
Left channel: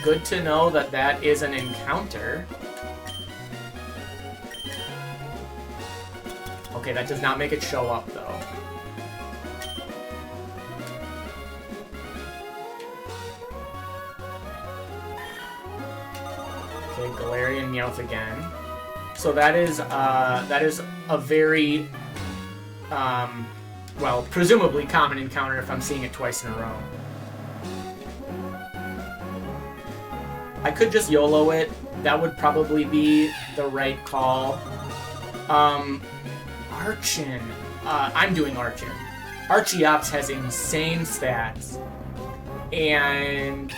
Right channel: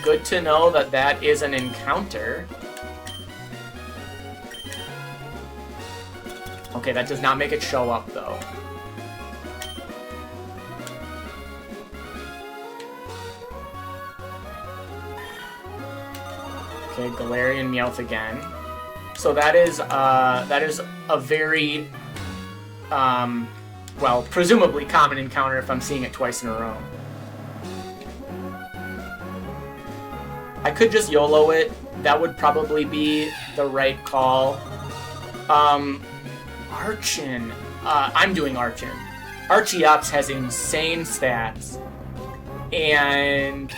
Good to know that that is an encounter. Okay, that does not make it show up, though. Okay, Galarian Meowth again. So that is a very, well, presumably common encounter if I'm seeing it twice in a row. I could just YOLO it. That would probably be the right call. Archon. I'm doing Archon. Archeops has insane stats. And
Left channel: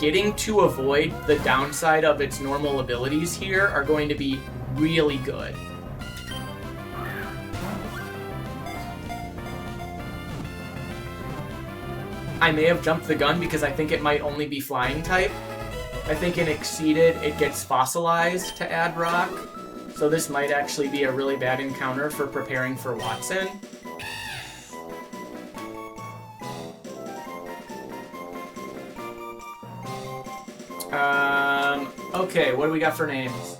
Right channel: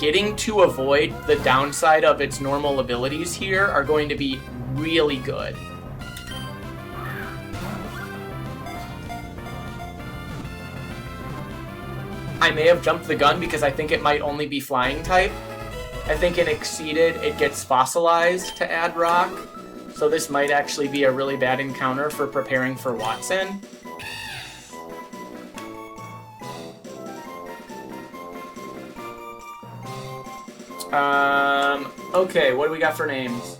getting to avoid the downside of its normal abilities here are going to be really good. I may have jumped the gun because I think it might only be flying type. I think in Exceeded, it gets fossilized to add rock. So this might actually be a really bad encounter for preparing for Wattson. Okay, what do we got for names?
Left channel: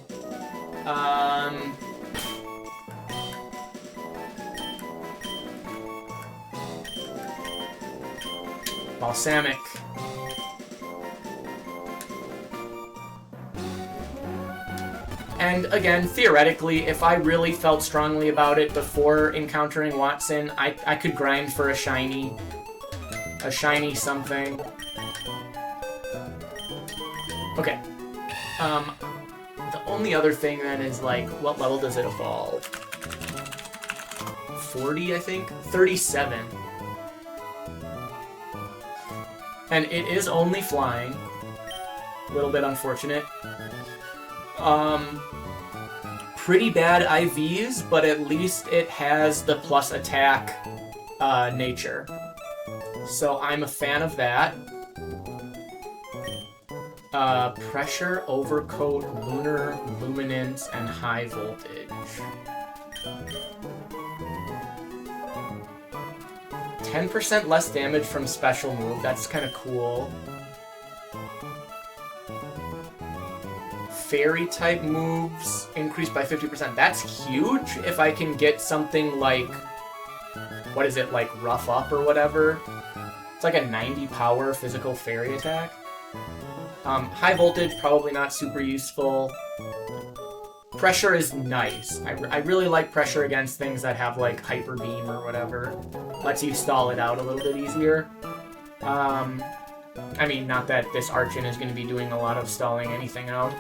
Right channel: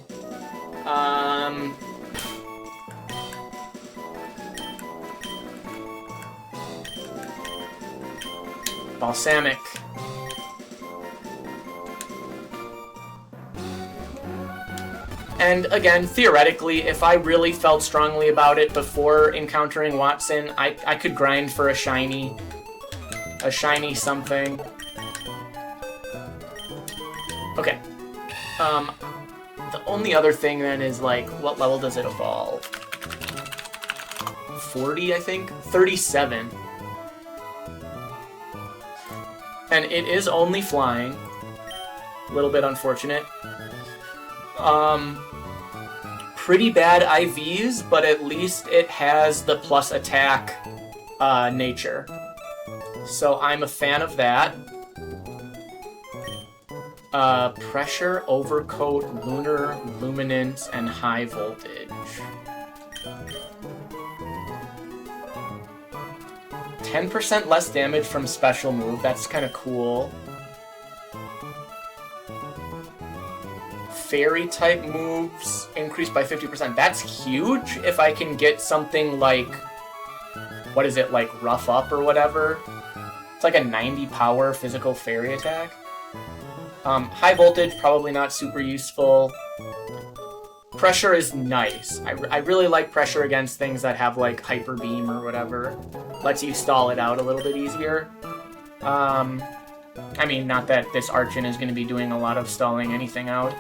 Balsamic. And again, theoretically, if I really felt strongly about it before encountering Wattson, I could grind for a shiny something. Okay. The only other thing then is, like, what level does it evolve? 40, I think? 37. And it is only flying. A little bit unfortunate. Pretty bad IVs, but at least it has the plus attack nature. So I'm a fan of that. Pressure, overcoat, lunar, luminance, and high voltage. 10% less damage from special move, that's kind of cool. Fairy type moves increased by 50%. That's huge if I can get something like, what is it, like Rough Up or whatever? It's like a 90 power physical fairy attack. High voltage, probably not super useful. Pressure is nice. I really like pressure against things that have like Hyper Beam or whatever. Lets you stall it out a little bit easier. I mean, not that this Archon is going to be doing a lot of stalling anything out.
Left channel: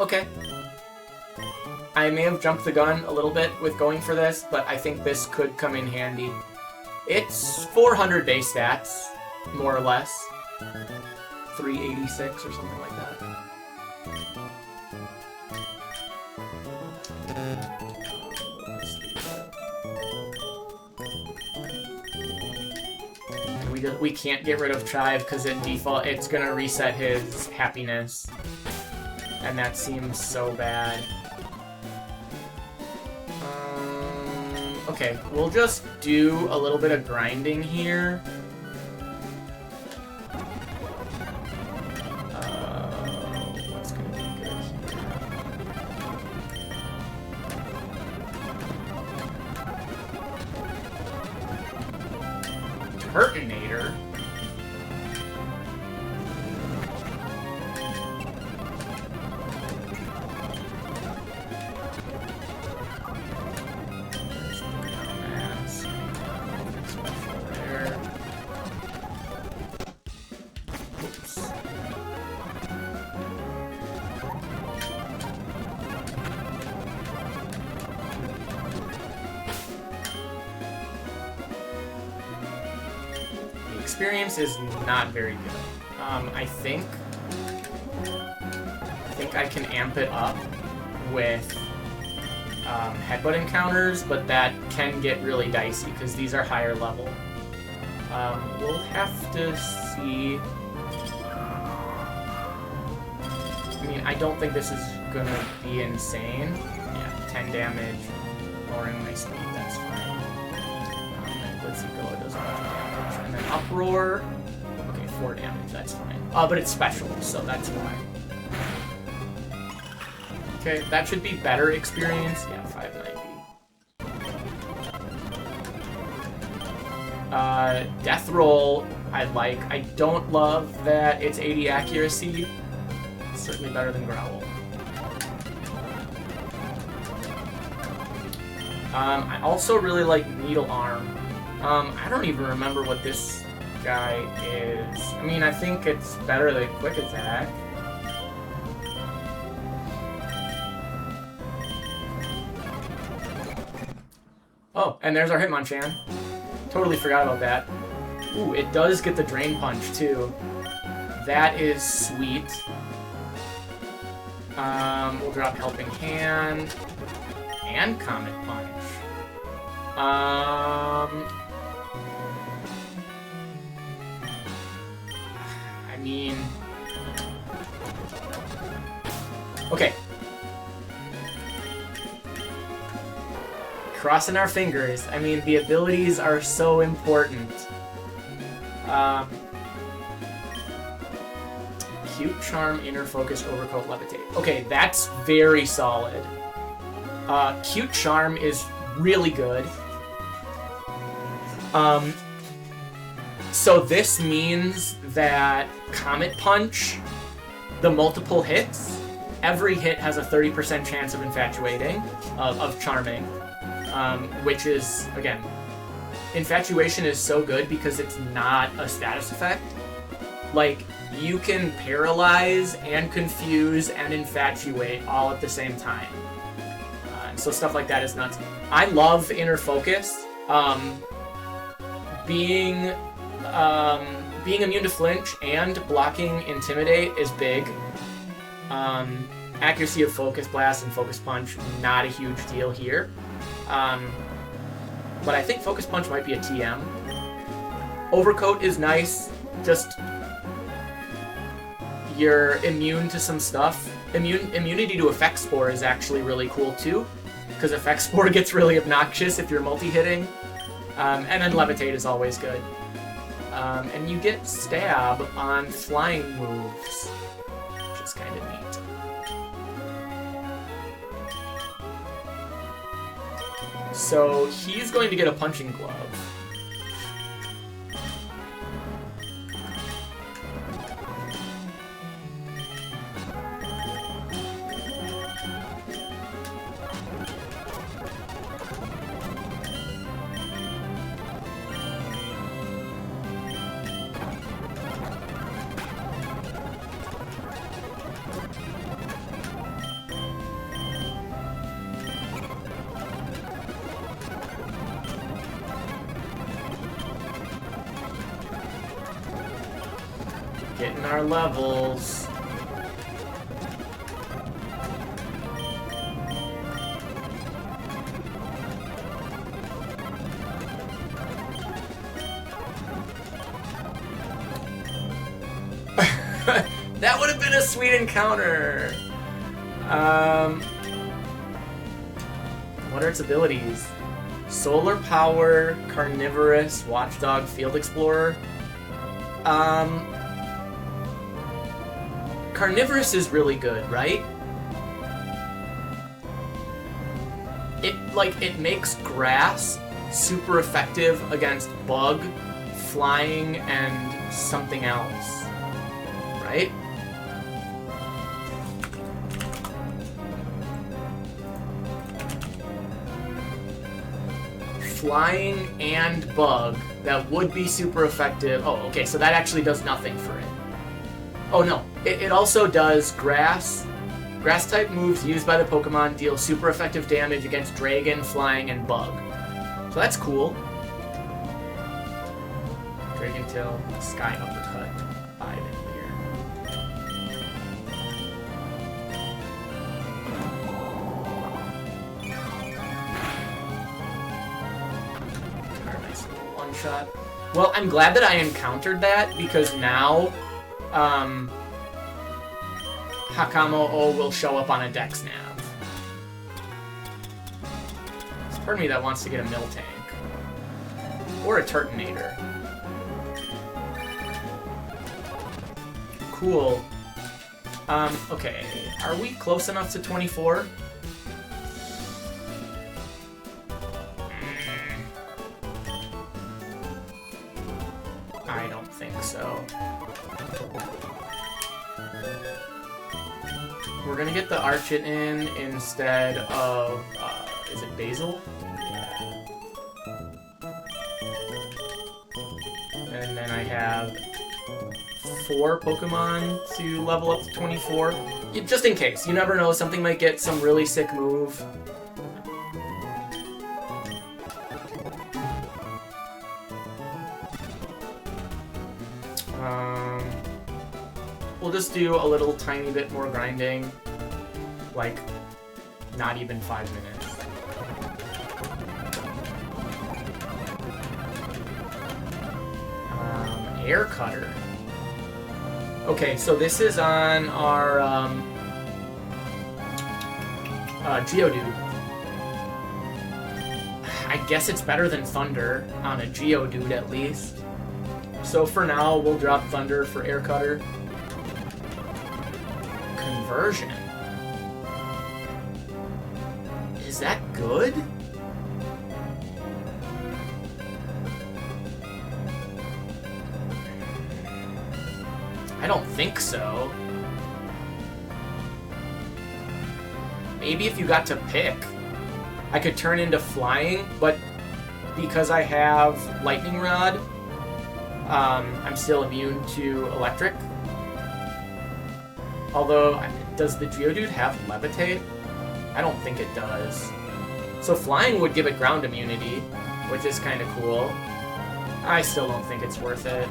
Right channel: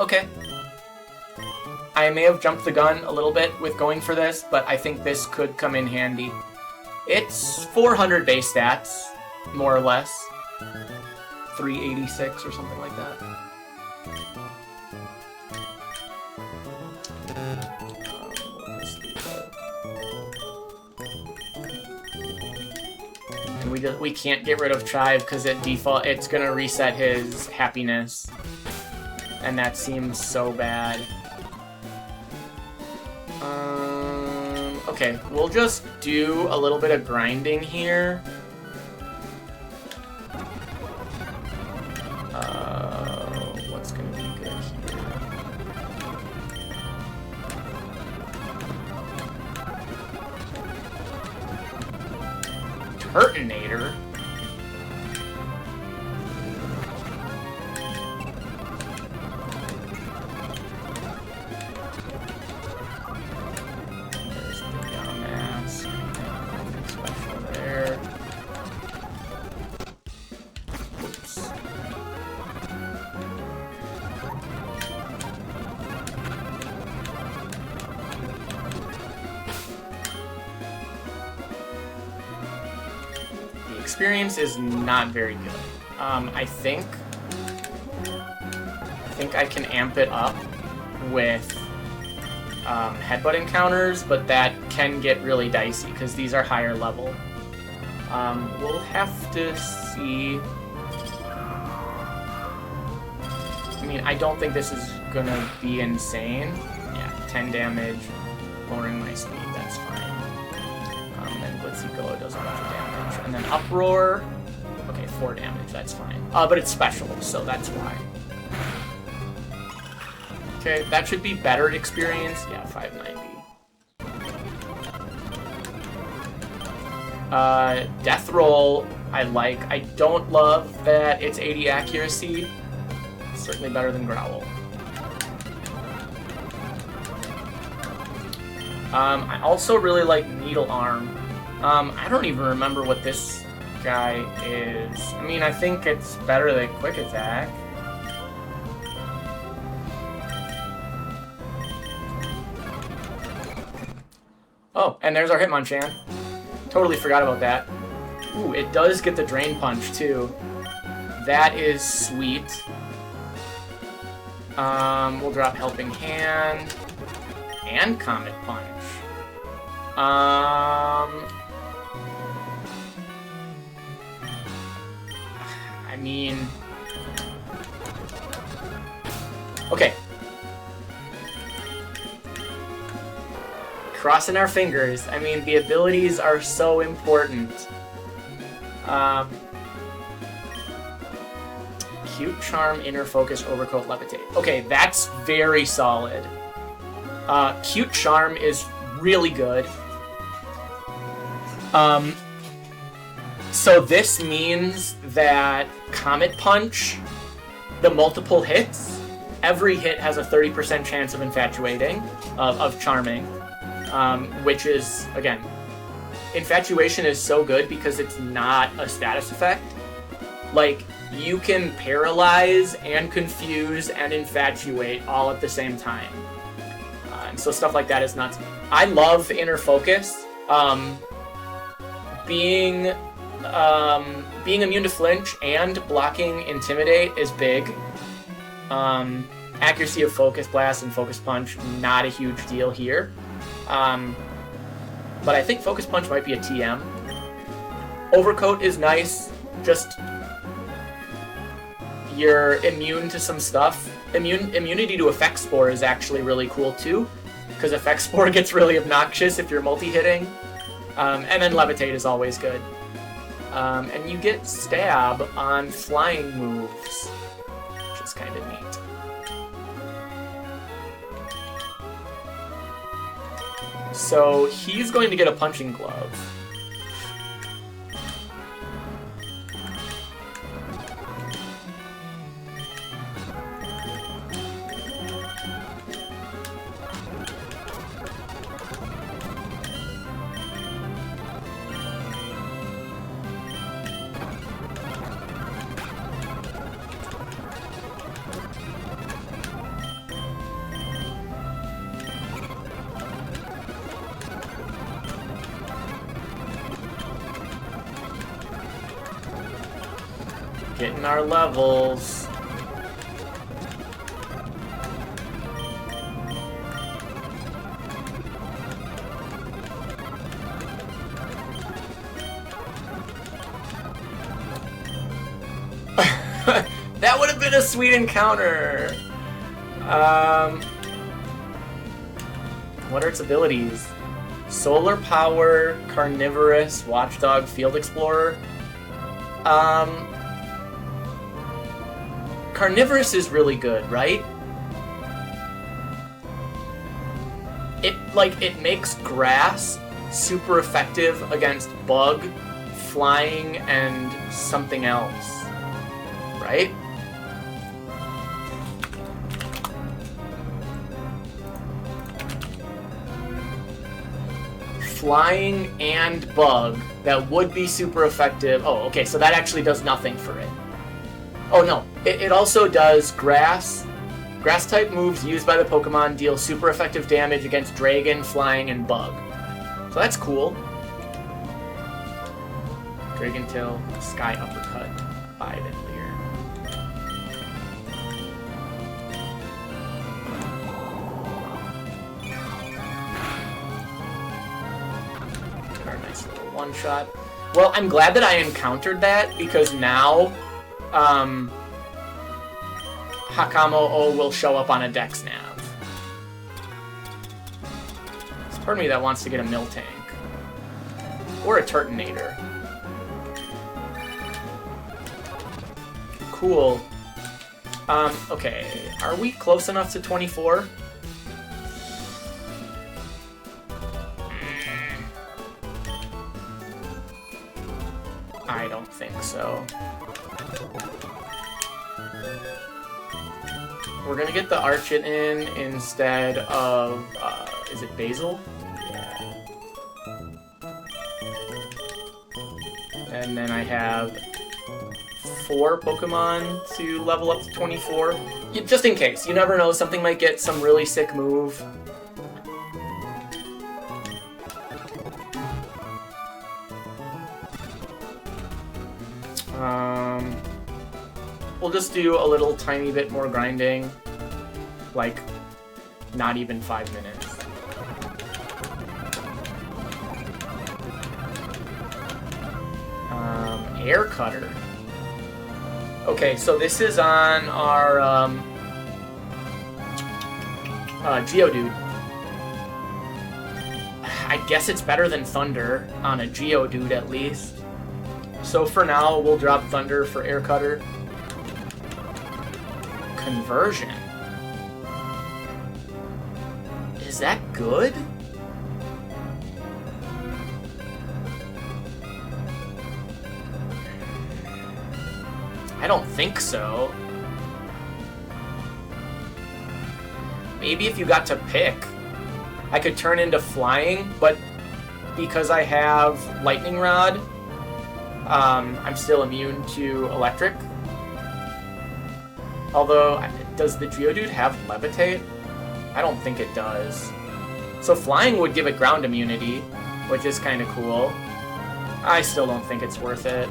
Okay. I may have jumped the gun a little bit with going for this, but I think this could come in handy. It's 400 base stats, more or less. 386 or something like that. We can't get rid of Chive because at default it's gonna reset his happiness. And that seems so bad. Okay, we'll just do a little bit of grinding here. What's gonna be good here? Turtonator? Experience is not very good. I think I can amp it up with headbutt encounters, but that can get really dicey because these are higher level. We'll have to see. I mean, I don't think this is gonna be insane. Yeah, 10 damage, lowering my speed, that's fine. And Blitzy-Go does a lot of damage. And then Uproar, okay, 4 damage, that's fine. But it's special, so that's why. Okay, that should be better experience. Yeah, 590. Death Roll, I like. I don't love that it's 80 accuracy. It's certainly better than Growl. I also really like Needle Arm. I don't even remember what this guy is. I mean, I think it's better than Quick Attack. Oh, and there's our Hitmonchan. Totally forgot about that. Ooh, it does get the Drain Punch, too. That is sweet. We'll drop Helping Hand. And Comet Punch. I mean... Okay. Crossing our fingers. I mean, the abilities are so important. Cute Charm, Inner Focus, Overcoat, Levitate. Okay, that's very solid. Cute Charm is really good. So this means that Comet Punch the multiple hits, every hit has a 30% chance of infatuating, of charming, which is, again, infatuation is so good because it's not a status effect. Like, you can paralyze and confuse and infatuate all at the same time. And so stuff like that is nuts. I love Inner Focus. Being immune to flinch and blocking Intimidate is big. Accuracy of Focus Blast and Focus Punch, not a huge deal here. But I think Focus Punch might be a TM. Overcoat is nice, just you're immune to some stuff. Immunity to Effect Spore is actually really cool too, because Effect Spore gets really obnoxious if you're multi-hitting. And then Levitate is always good. And you get Stab on flying moves, which is kind of neat. So he's going to get a Punching Glove. Getting our levels. That would have been a sweet encounter. What are its abilities? Solar Power, Carnivorous, Watchdog, Field Explorer. Carnivorous is really good, right? It makes grass super effective against bug, flying, and something else, right? Flying and bug, that would be super effective. Oh, okay, so that actually does nothing for it. Oh no, it also does grass. Grass-type moves used by the Pokemon deal super effective damage against Dragon, Flying, and Bug. So that's cool. Dragon Tail, Sky Uppercut, 5 in here. Nice little one-shot. Well, I'm glad that I encountered that, because now Hakamo-O will show up on a Dex Nav. There's part of me that wants to get a Miltank. Or a Turtonator. Cool. Okay. Are we close enough to 24? I don't think so. We're gonna get the Archit in instead of, is it Basil? And then I have 4 Pokemon to level up to 24. Just in case, you never know, something might get some really sick move. We'll just do a little tiny bit more grinding, like not even 5 minutes. Air Cutter. Okay, so this is on our Geodude. I guess it's better than Thunder on a Geodude at least. So for now, we'll drop Thunder for Air Cutter. Conversion. Is that good? I don't think so. maybe if you got to pick, I could turn into flying, but because I have lightning rod, I'm still immune to electric. Although, does the Geodude have levitate? I don't think it does. So flying would give it ground immunity, which is kind of cool. I still don't think it's worth it.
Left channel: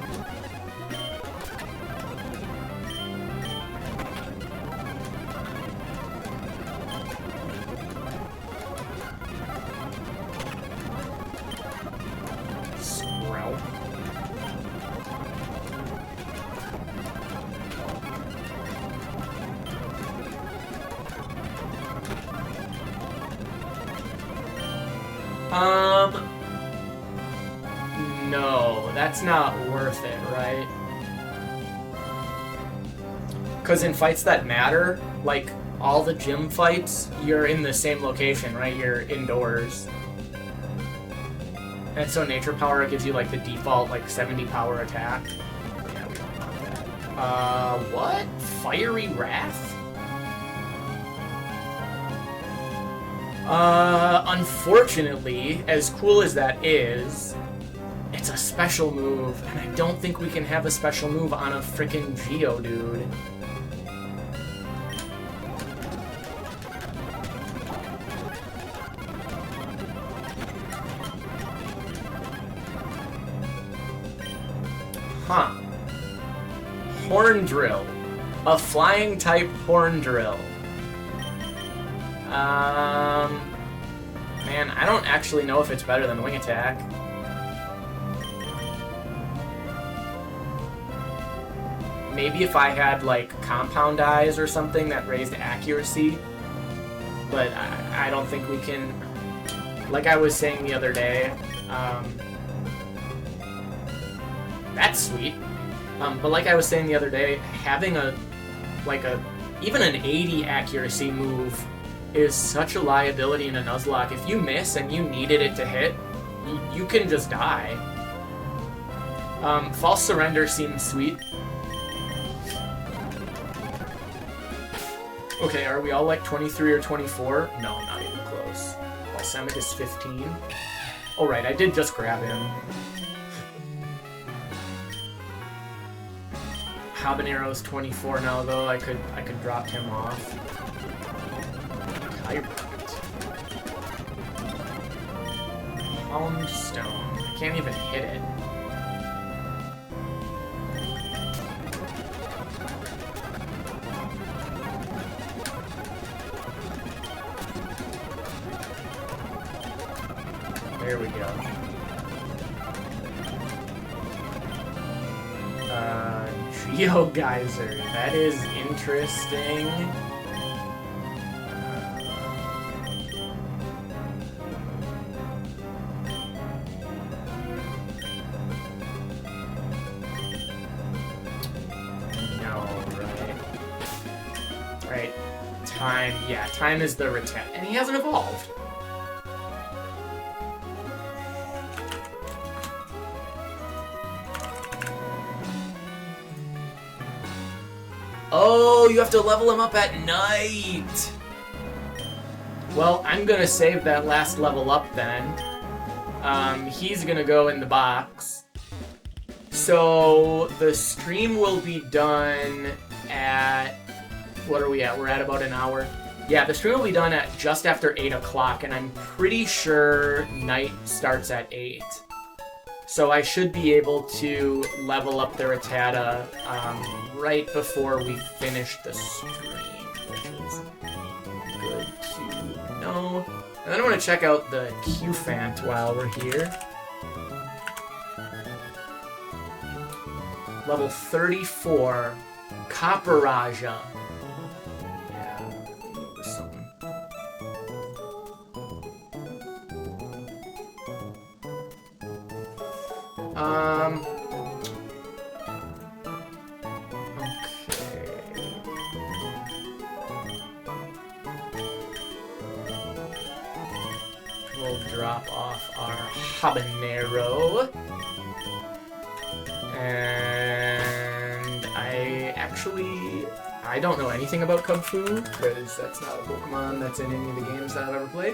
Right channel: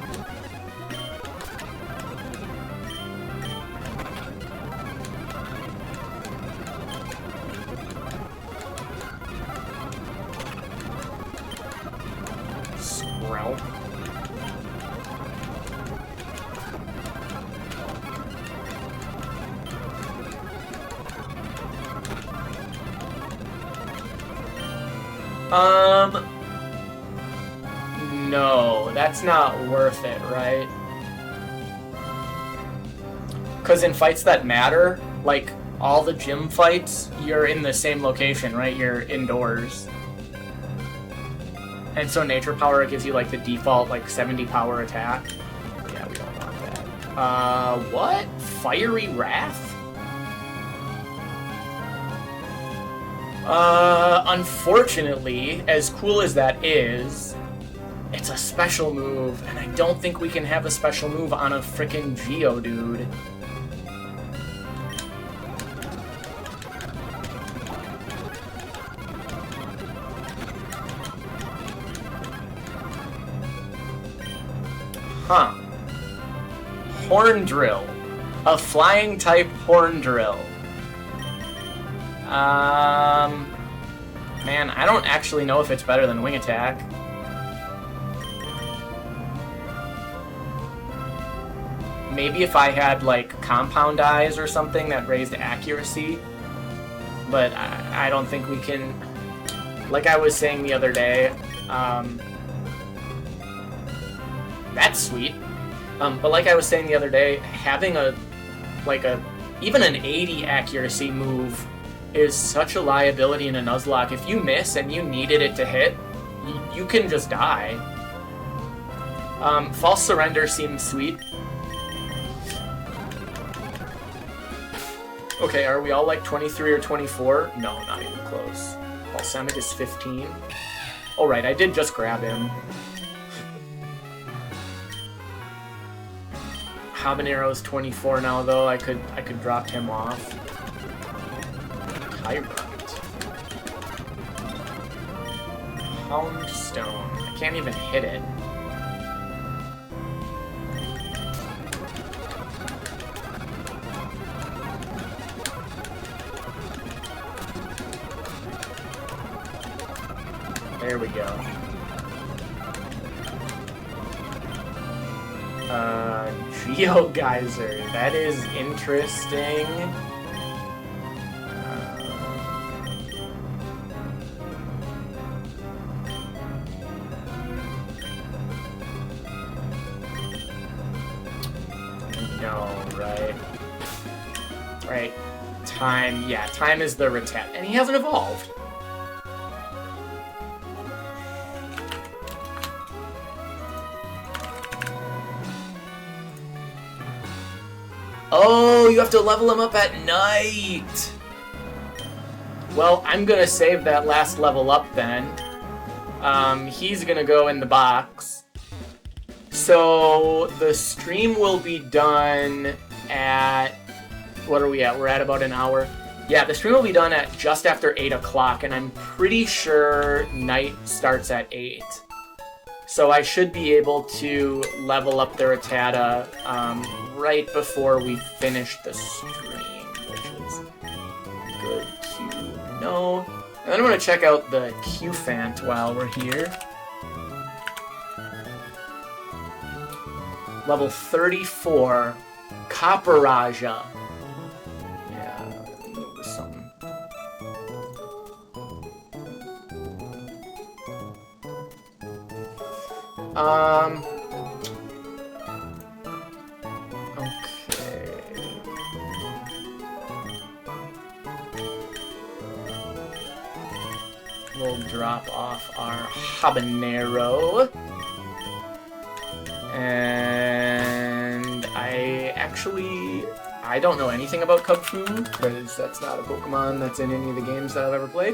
Sprout. No, that's not worth it, right? Because in fights that matter, like all the gym fights, you're in the same location, right? You're indoors. And so Nature Power gives you like the default like 70 power attack. Yeah, what? Fiery Wrath? Unfortunately, as cool as that is, it's a special move, and I don't think we can have a special move on a frickin' Geodude. Huh. Horn Drill. A flying type Horn Drill. Man, I don't actually know if it's better than Wing Attack. Maybe if I had, like, Compound Eyes or something that raised accuracy. But I don't think we can... Like I was saying the other day, that's sweet. But like I was saying the other day, having even an 80 accuracy move is such a liability in a Nuzlocke. If you miss and you needed it to hit, you can just die. False Surrender seems sweet. Okay, are we all like 23 or 24? No, not even close. Balsamic is 15. Alright, I did just grab him. Habanero's 24 now, though. I could drop him off. Pound Stone. I can't even hit it. There we go. Geo Geyser. That is interesting. Right. Time. Yeah, Time is the Retet. And he hasn't evolved. Oh, you have to level him up at night! Well, I'm gonna save that last level up then. He's gonna go in the box. So, the stream will be done at... What are we at? We're at about an hour. Yeah, the stream will be done at just after 8 o'clock, and I'm pretty sure night starts at 8. So I should be able to level up the Rattata right before we finish the stream, which is good to know. And then I'm going to check out the Q-Fant while we're here. Level 34, Copperaja. Yeah, move this something. Okay. We'll drop off our habanero. And I don't know anything about Kung Fu, because that's not a Pokemon that's in any of the games that I've ever played.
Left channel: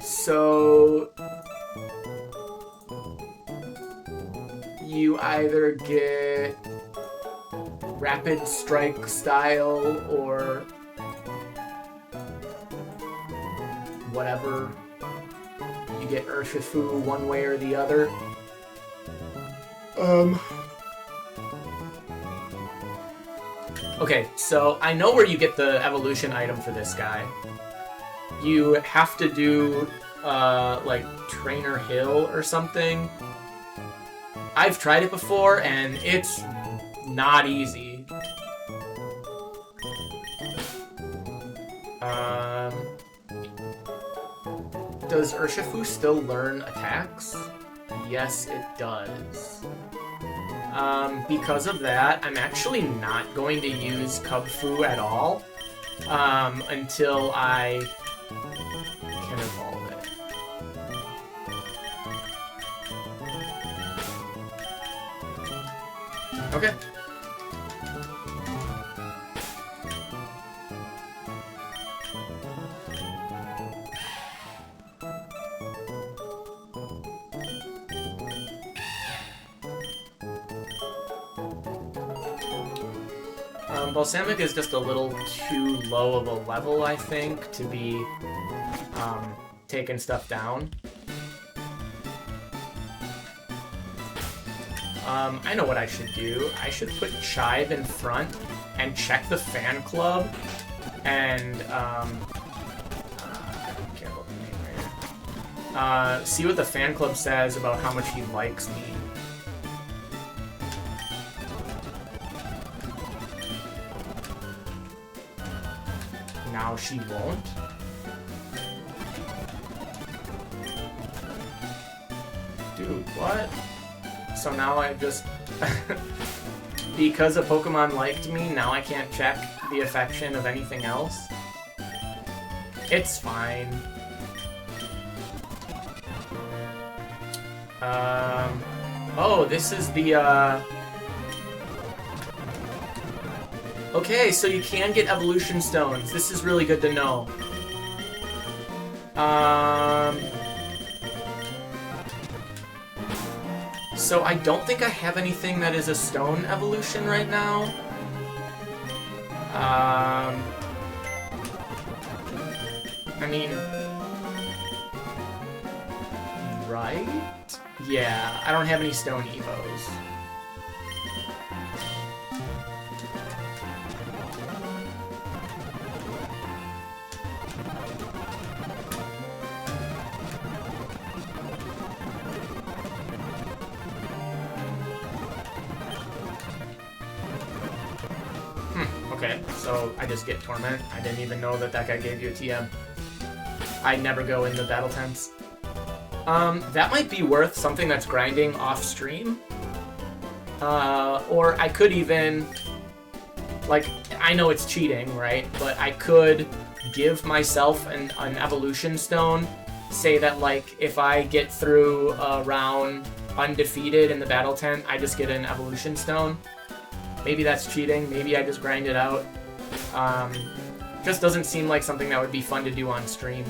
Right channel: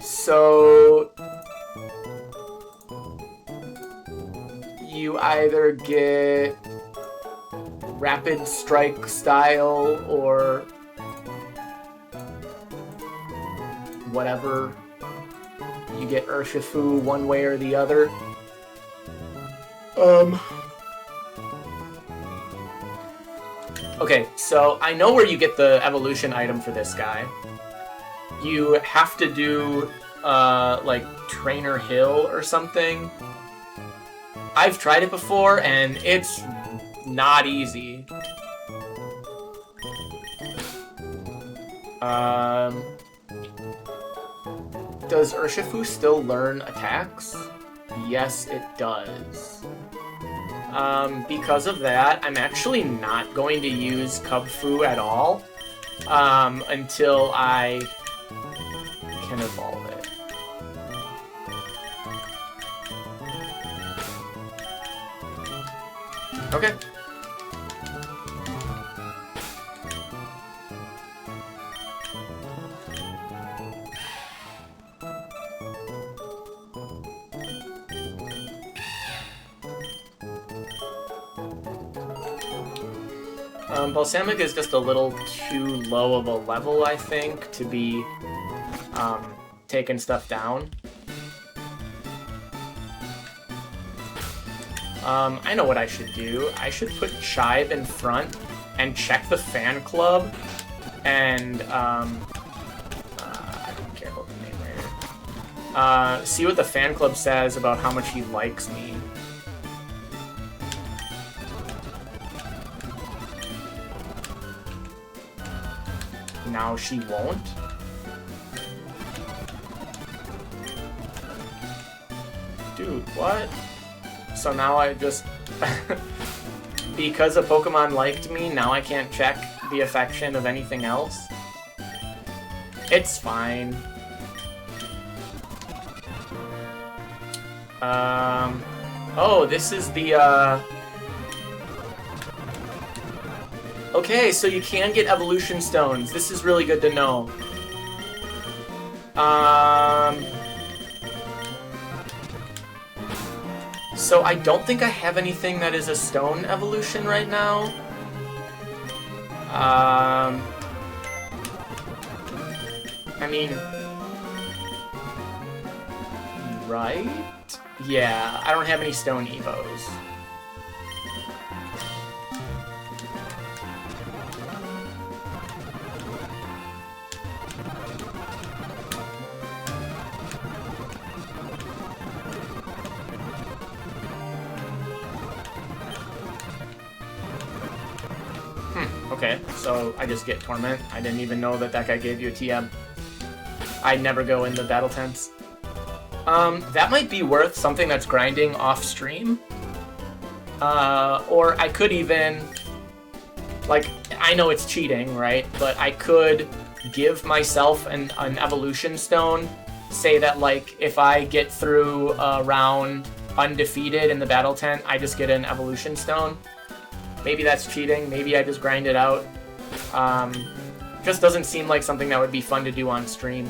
So you either get Rapid Strike style or whatever. You get Urshifu one way or the other. Okay, so I know where you get the evolution item for this guy. You have to do, like, Trainer Hill or something. I've tried it before, and it's not easy. Does Urshifu still learn attacks? Yes, it does. Because of that, I'm actually not going to use Kung Fu at all, until I can evolve it. Okay. Balsamic is just a little too low of a level, I think, to be taking stuff down. I know what I should do. I should put Chive in front and check the fan club and be careful with the name right here. See what the fan club says about how much he likes me. Now she won't. Dude, what? So now I just... because a Pokemon liked me, now I can't check the affection of anything else? It's fine. Oh, this is the, Okay, so you can get evolution stones. This is really good to know. So I don't think I have anything that is a stone evolution right now. I mean... right? Yeah, I don't have any stone evos. Okay, so I just get Torment. I didn't even know that that guy gave you a TM. I never go in the battle tents. That might be worth something that's grinding off stream. Or I could even, like, I know it's cheating, right? But I could give myself an evolution stone. Say that, like, if I get through a round undefeated in the battle tent, I just get an evolution stone. Maybe that's cheating, maybe I just grind it out. Just doesn't seem like something that would be fun to do on stream.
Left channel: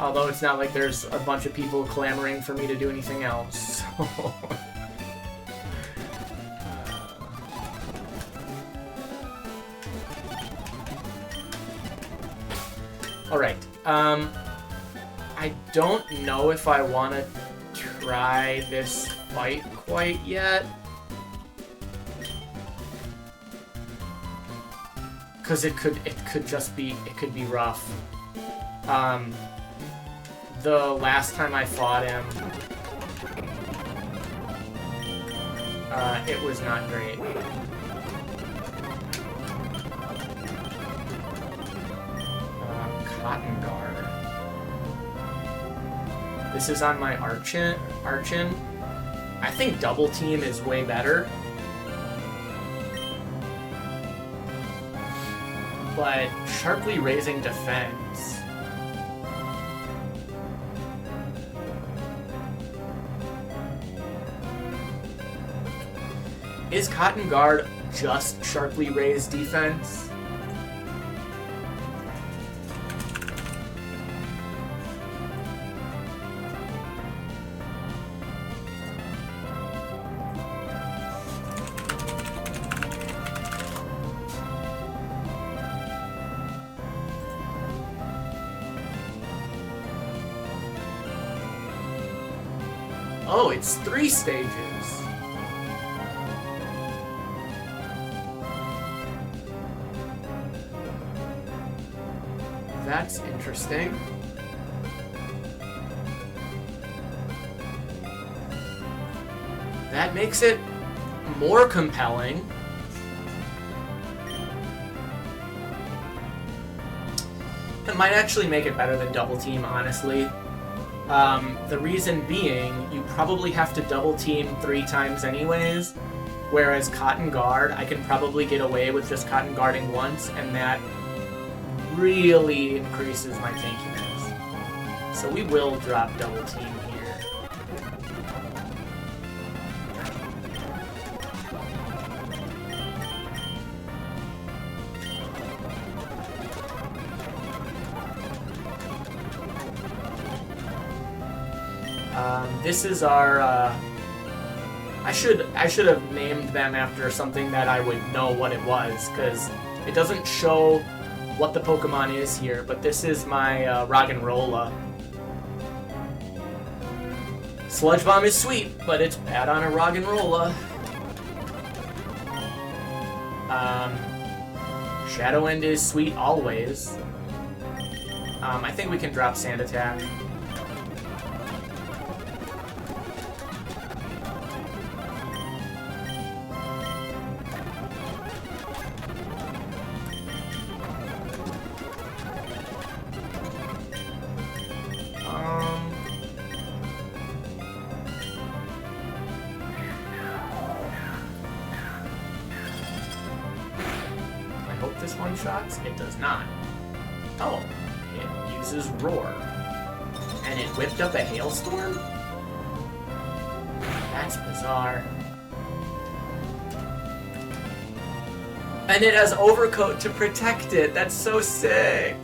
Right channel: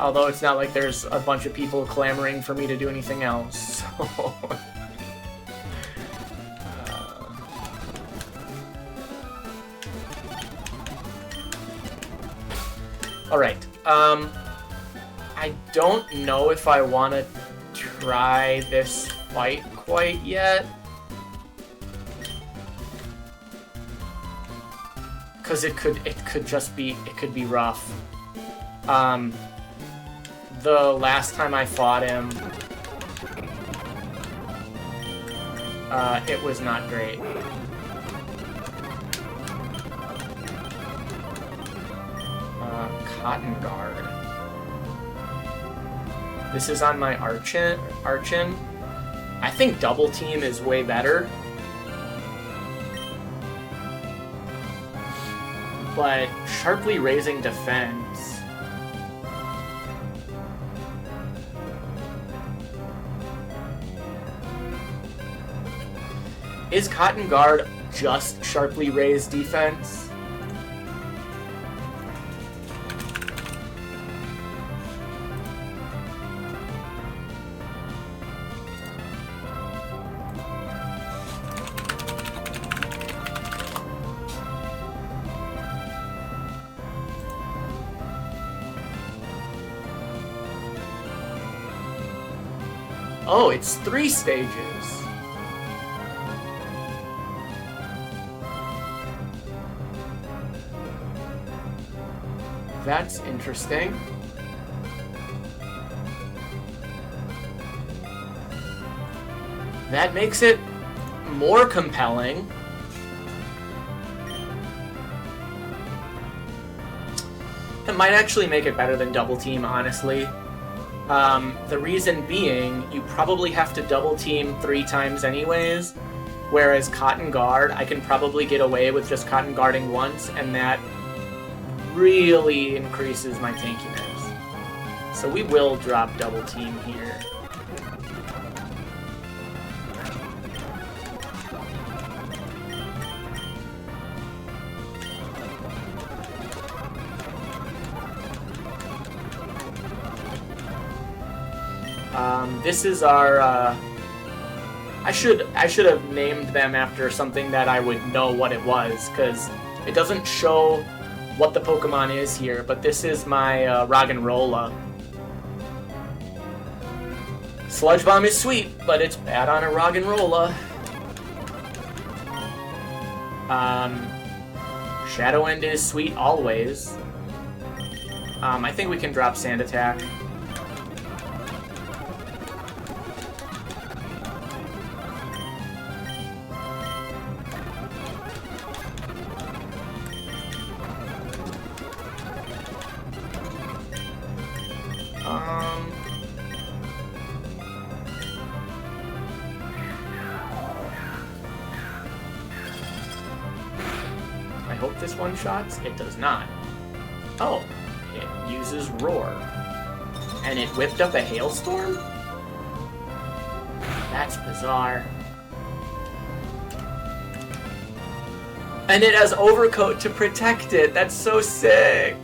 Although it's not like there's a bunch of people clamoring for me to do anything else, so... Alright, I don't know if I want to try this fight quite yet. Because it could be rough. The last time I fought him, it was not great. Cotton Guard. This is on my Archon. I think Double Team is way better. But sharply raising defense. Is Cotton Guard just sharply raised defense? Oh, it's 3 stages. That's interesting. That makes it more compelling. It might actually make it better than Double Team, honestly. The reason being, you probably have to double team 3 times anyways, whereas Cotton Guard, I can probably get away with just Cotton Guarding once, and that really increases my tankiness. So we will drop double team here. This is our, I should have named them after something that I would know what it was, because it doesn't show what the Pokemon is here, but this is my Roggenrola. Sludge Bomb is sweet, but it's bad on a Roggenrola. Shadow End is sweet always. I think we can drop Sand Attack. Shots? It does not. Oh, it uses Roar. And it whipped up a Hailstorm? That's bizarre. And it has Overcoat to protect it. That's so sick.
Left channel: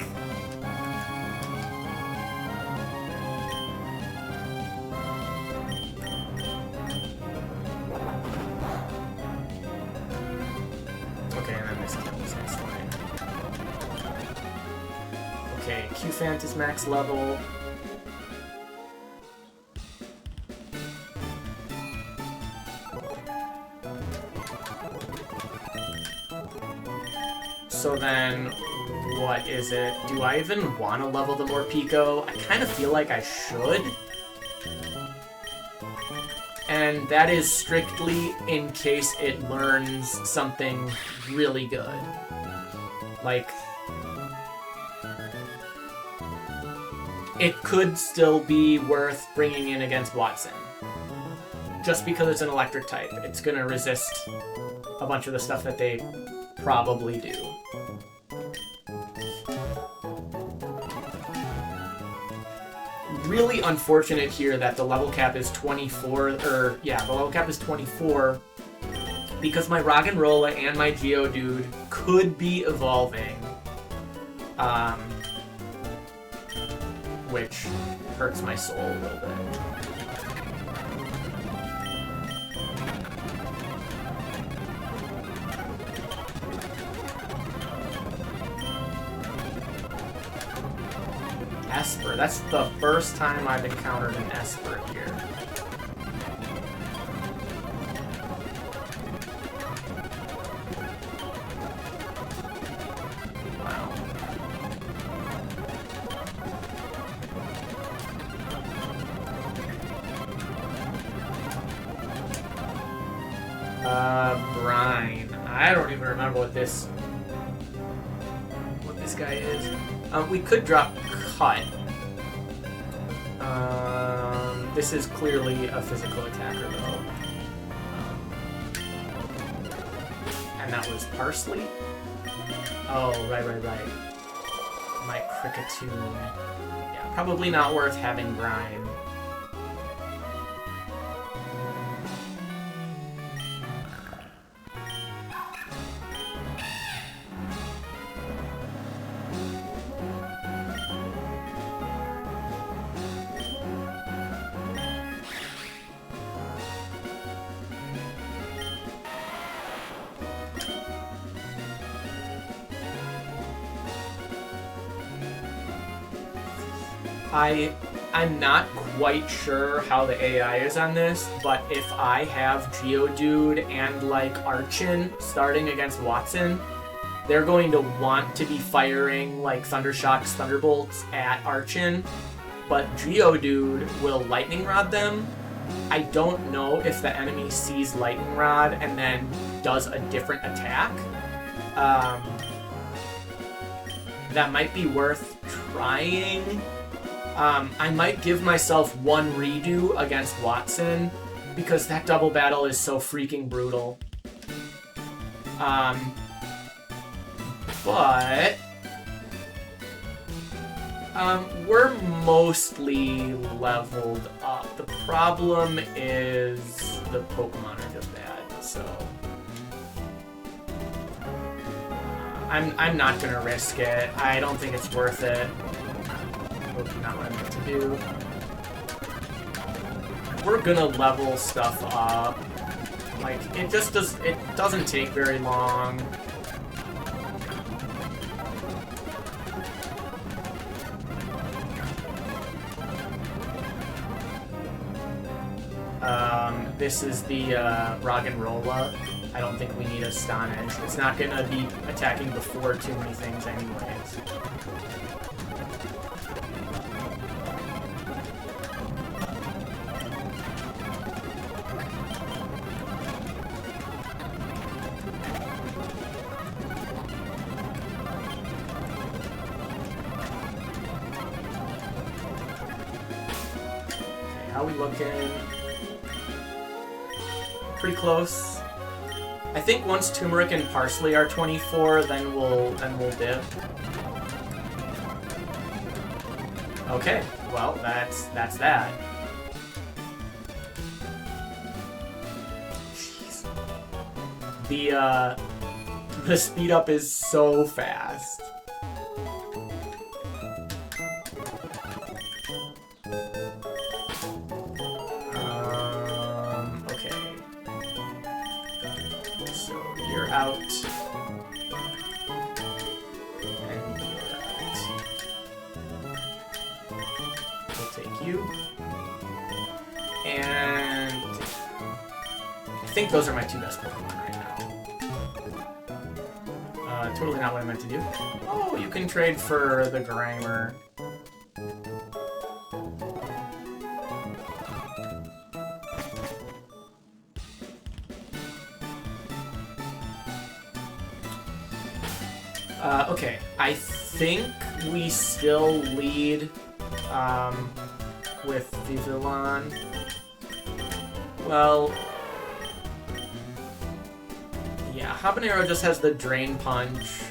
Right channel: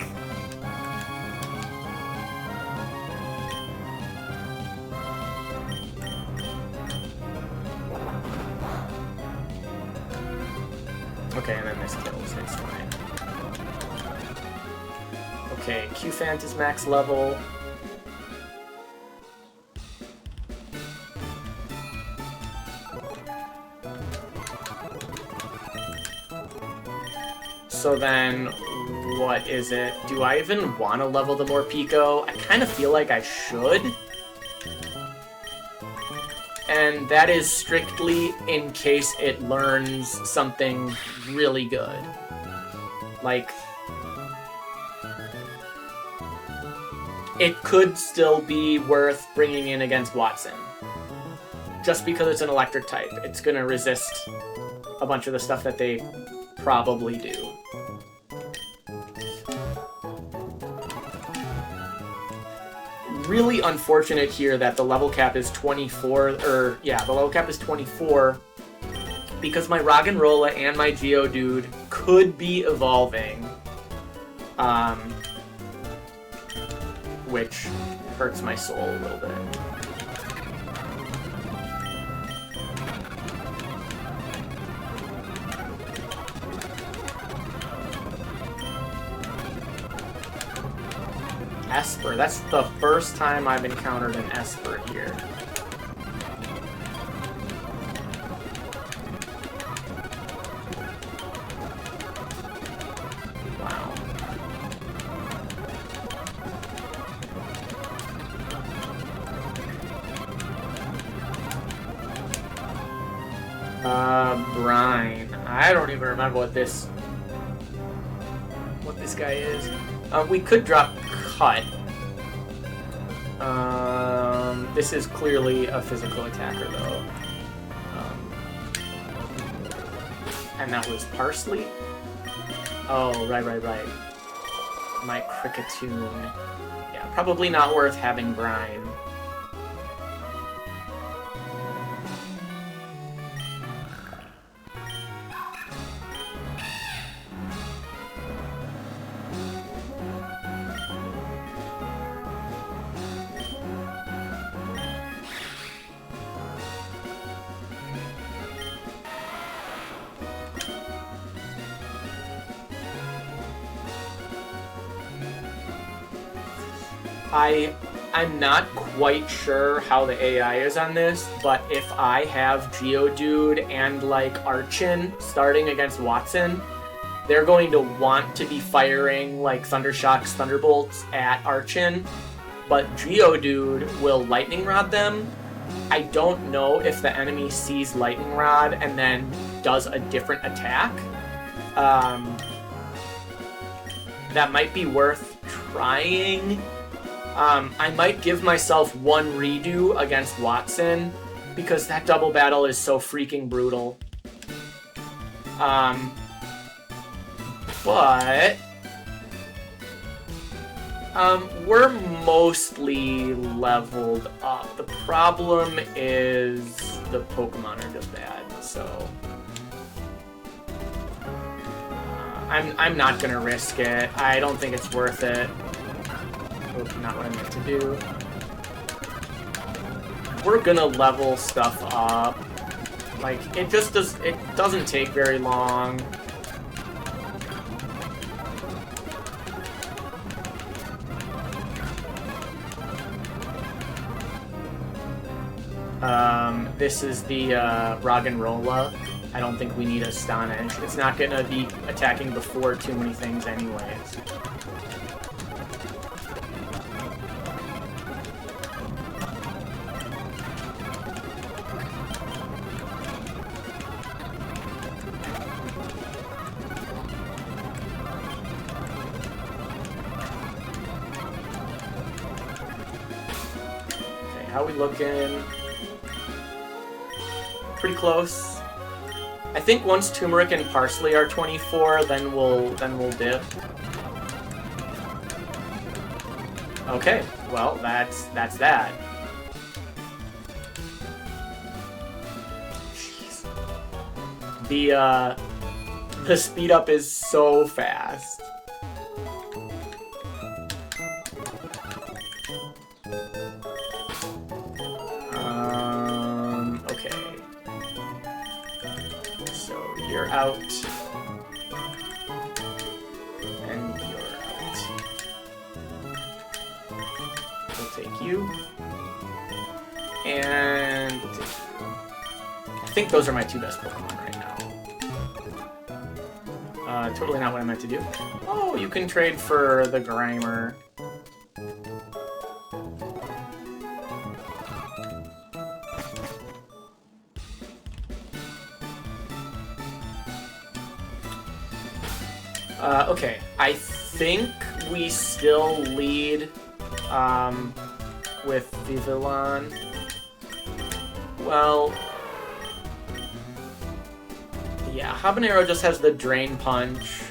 Okay, and then this kills next time. Okay, Q-Fant is max level. So then, what is it? Do I even want to level the Morpeko? I kind of feel like I should. And that is strictly in case it learns something really good. Like, it could still be worth bringing in against Wattson. Just because it's an electric type, it's gonna resist a bunch of the stuff that they probably do. Really unfortunate here that the level cap is 24, the level cap is 24, because my Roggenrola and my Geodude could be evolving, which hurts my soul a little bit. Esper. That's the first time I've encountered an Esper here. Wow. Brine. I don't even remember what this guy is. We could drop Cut. This is clearly a physical attacker, though. And that was Parsley? Oh, right. My Kricketune. Yeah, probably not worth having Brine. I'm not quite sure how the AI is on this, but if I have Geodude and like Archon starting against Wattson, they're going to want to be firing like Thundershocks, Thunderbolts at Archon, but Geodude will Lightning Rod them. I don't know if the enemy sees Lightning Rod and then does a different attack. That might be worth trying. I might give myself one redo against Wattson because that double battle is so freaking brutal. But we're mostly leveled up. The problem is the Pokemon are just bad, so I'm not gonna risk it. I don't think it's worth it. Not what I meant to do. We're gonna level stuff up. Like, it doesn't take very long. This is the Roggenrola. I don't think we need Astonish. It's not gonna be attacking before too many things anyways. How we looking? Pretty close. I think once Turmeric and Parsley are 24, then we'll dip. Okay, well that's that. Jeez. The speed up is so fast. You're out. And you're out. We'll take you. And I think those are my two best Pokemon right now. Totally not what I meant to do. Oh, you can trade for the Grimer. Okay, I think we still lead with Vivillon. Well, yeah, Habanero just has the Drain Punch.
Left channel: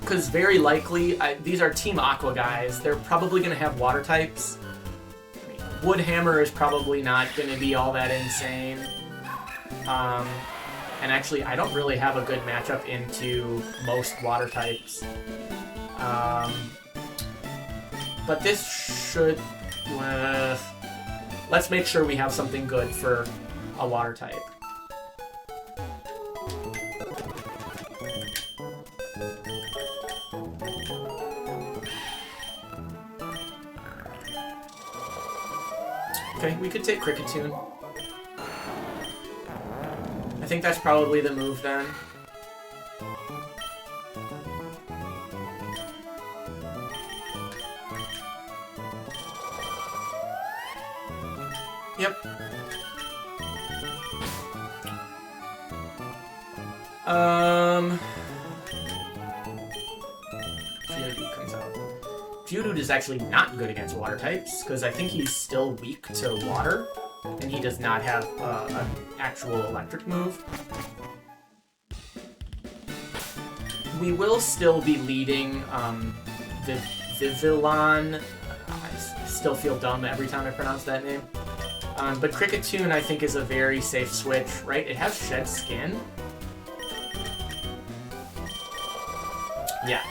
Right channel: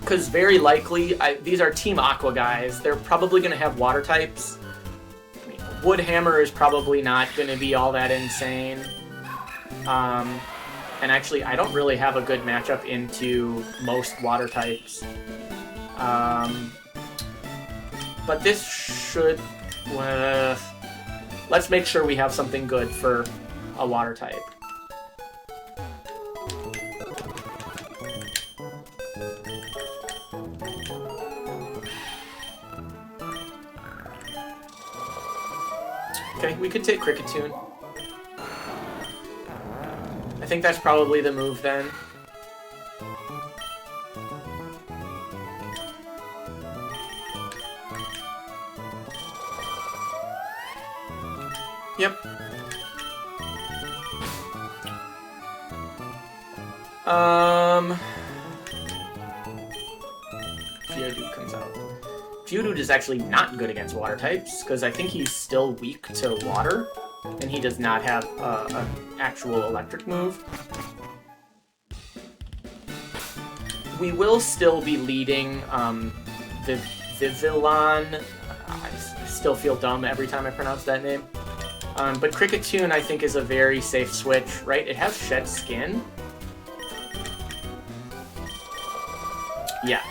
Because very likely, these are Team Aqua guys. They're probably going to have water types. I mean, Wood Hammer is probably not going to be all that insane. And actually, I don't really have a good matchup into most water types. But this should... let's make sure we have something good for a water type. Okay, we could take Kricketune. I think that's probably the move then. Yep. Geodude comes out. Geodude is actually not good against water types, because I think he's still weak to water, and he does not have an actual electric move. We will still be leading the Vivillon. I still feel dumb every time I pronounce that name. But Kricketune, I think, is a very safe switch, right? It has Shed Skin. Yeah.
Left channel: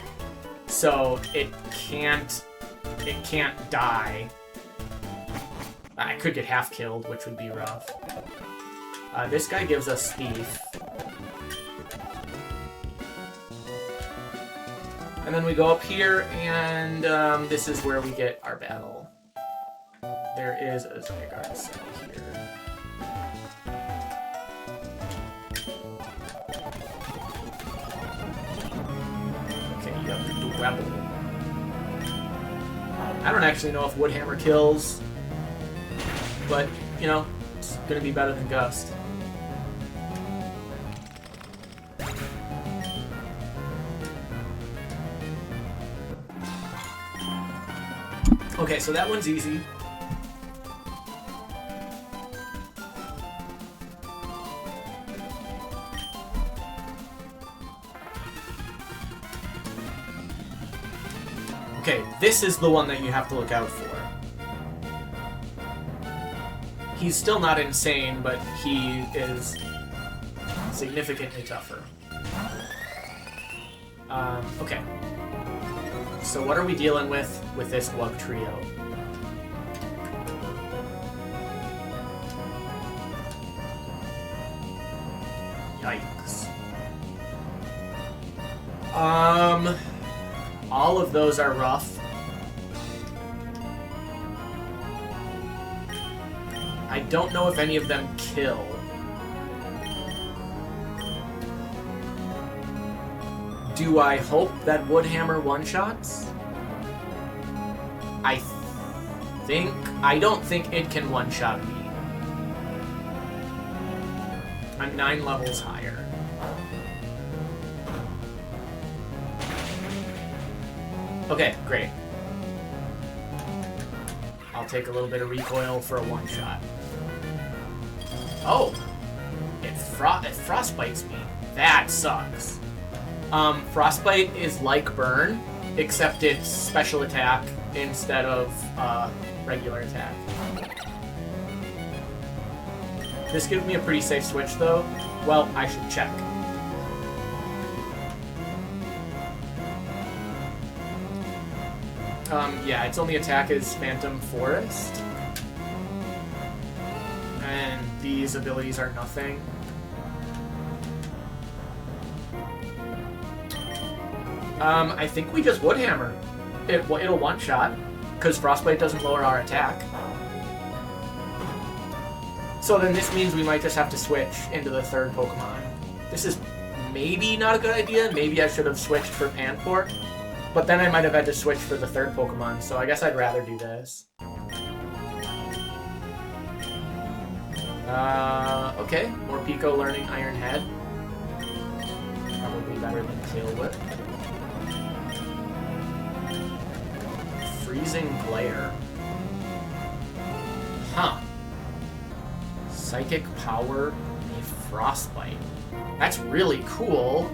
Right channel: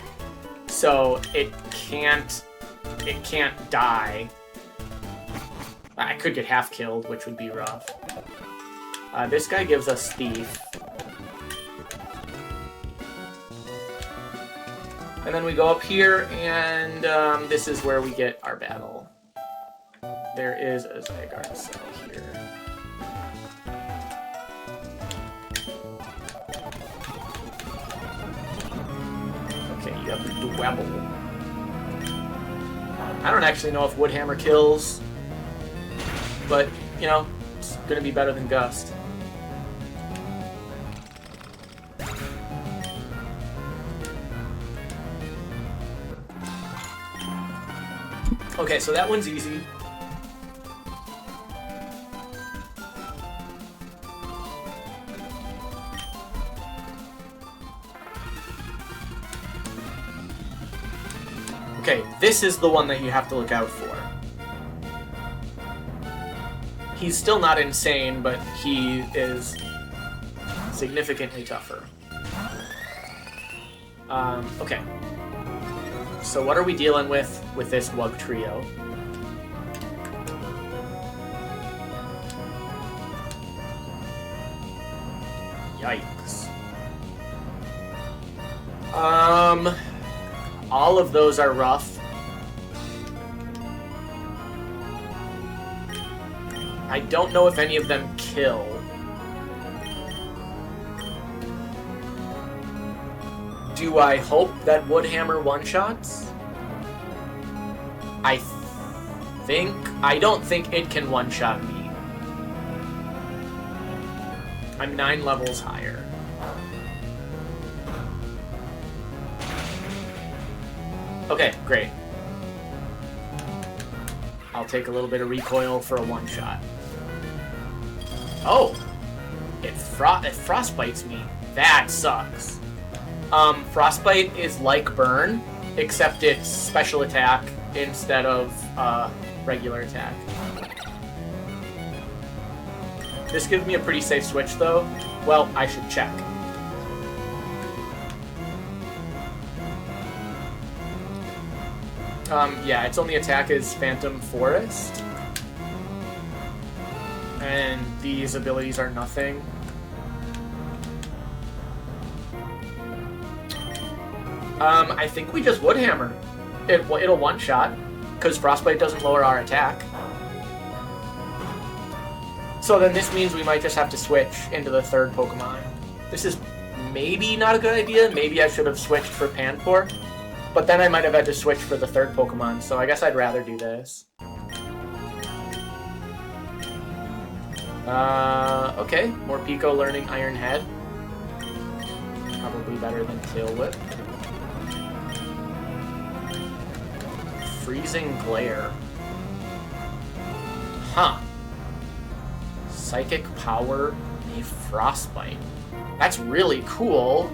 So it can't die. I could get half killed, which would be rough. This guy gives us Thief. And then we go up here, and this is where we get our battle. There is a Zygarde cell here. Okay, you have the Dwebble. I don't actually know if Wood Hammer kills, but, you know, it's gonna be better than Gust. Okay, so that one's easy. Okay, this is the one that you have to look out for. He's still not insane, but he is significantly tougher. Okay. So what are we dealing with this Wug Trio? Yikes. All of those are rough. I don't know if any of them kill. Do I hope that Wood Hammer one-shots? I don't think it can one-shot me. I'm 9 levels higher. Okay, great. I'll take a little bit of recoil for a one-shot. Oh! It frostbites me. That sucks. Frostbite is like Burn, except it's special attack instead of regular attack. This gives me a pretty safe switch, though. Well, I should check. Yeah, its only attack is Phantom Forest. And these abilities are nothing. I think we just Wood Hammer. It'll one-shot, because Frostbite doesn't lower our attack. So then this means we might just have to switch into the third Pokemon. This is maybe not a good idea. Maybe I should have switched for Panpour. But then I might have had to switch for the third Pokemon, so I guess I'd rather do this. Okay, more Pico learning Iron Head. Probably better than Tail Whip. Freezing Glare. Huh. Psychic Power, a Frostbite. That's really cool.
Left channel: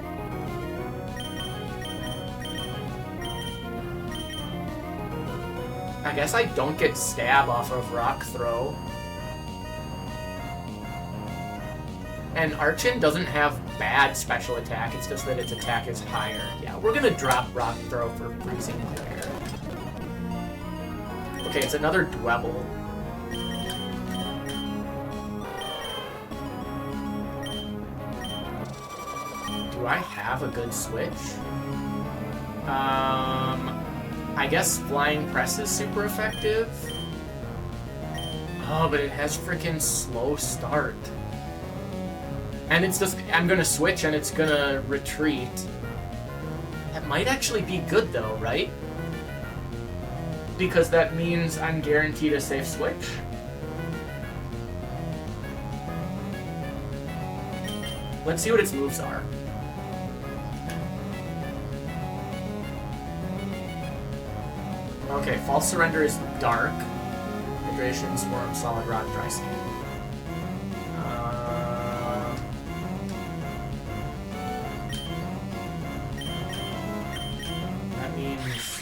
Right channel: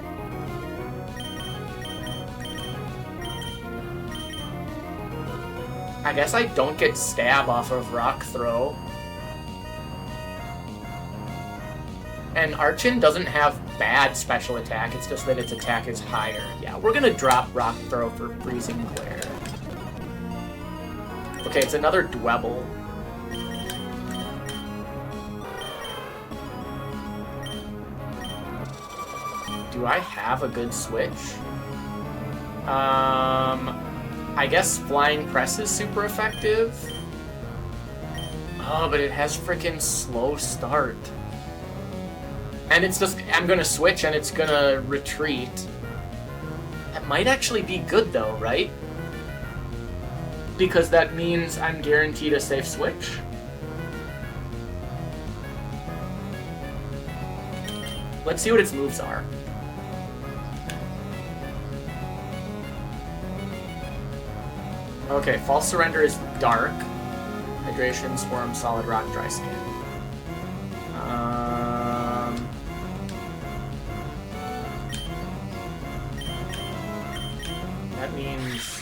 I guess I don't get Stab off of Rock Throw. And Archon doesn't have bad special attack, it's just that its attack is higher. Yeah, we're gonna drop Rock Throw for Freezing Glare. Okay, it's another Dwebble. Do I have a good switch? I guess Flying Press is super effective. Oh, but it has frickin' slow start. And it's just, I'm gonna switch and it's gonna retreat. That might actually be good though, right? Because that means I'm guaranteed a safe switch. Let's see what its moves are. Okay, False Surrender is Dark. Hydration, Swarm, Solid Rock, Dry Skin. That means...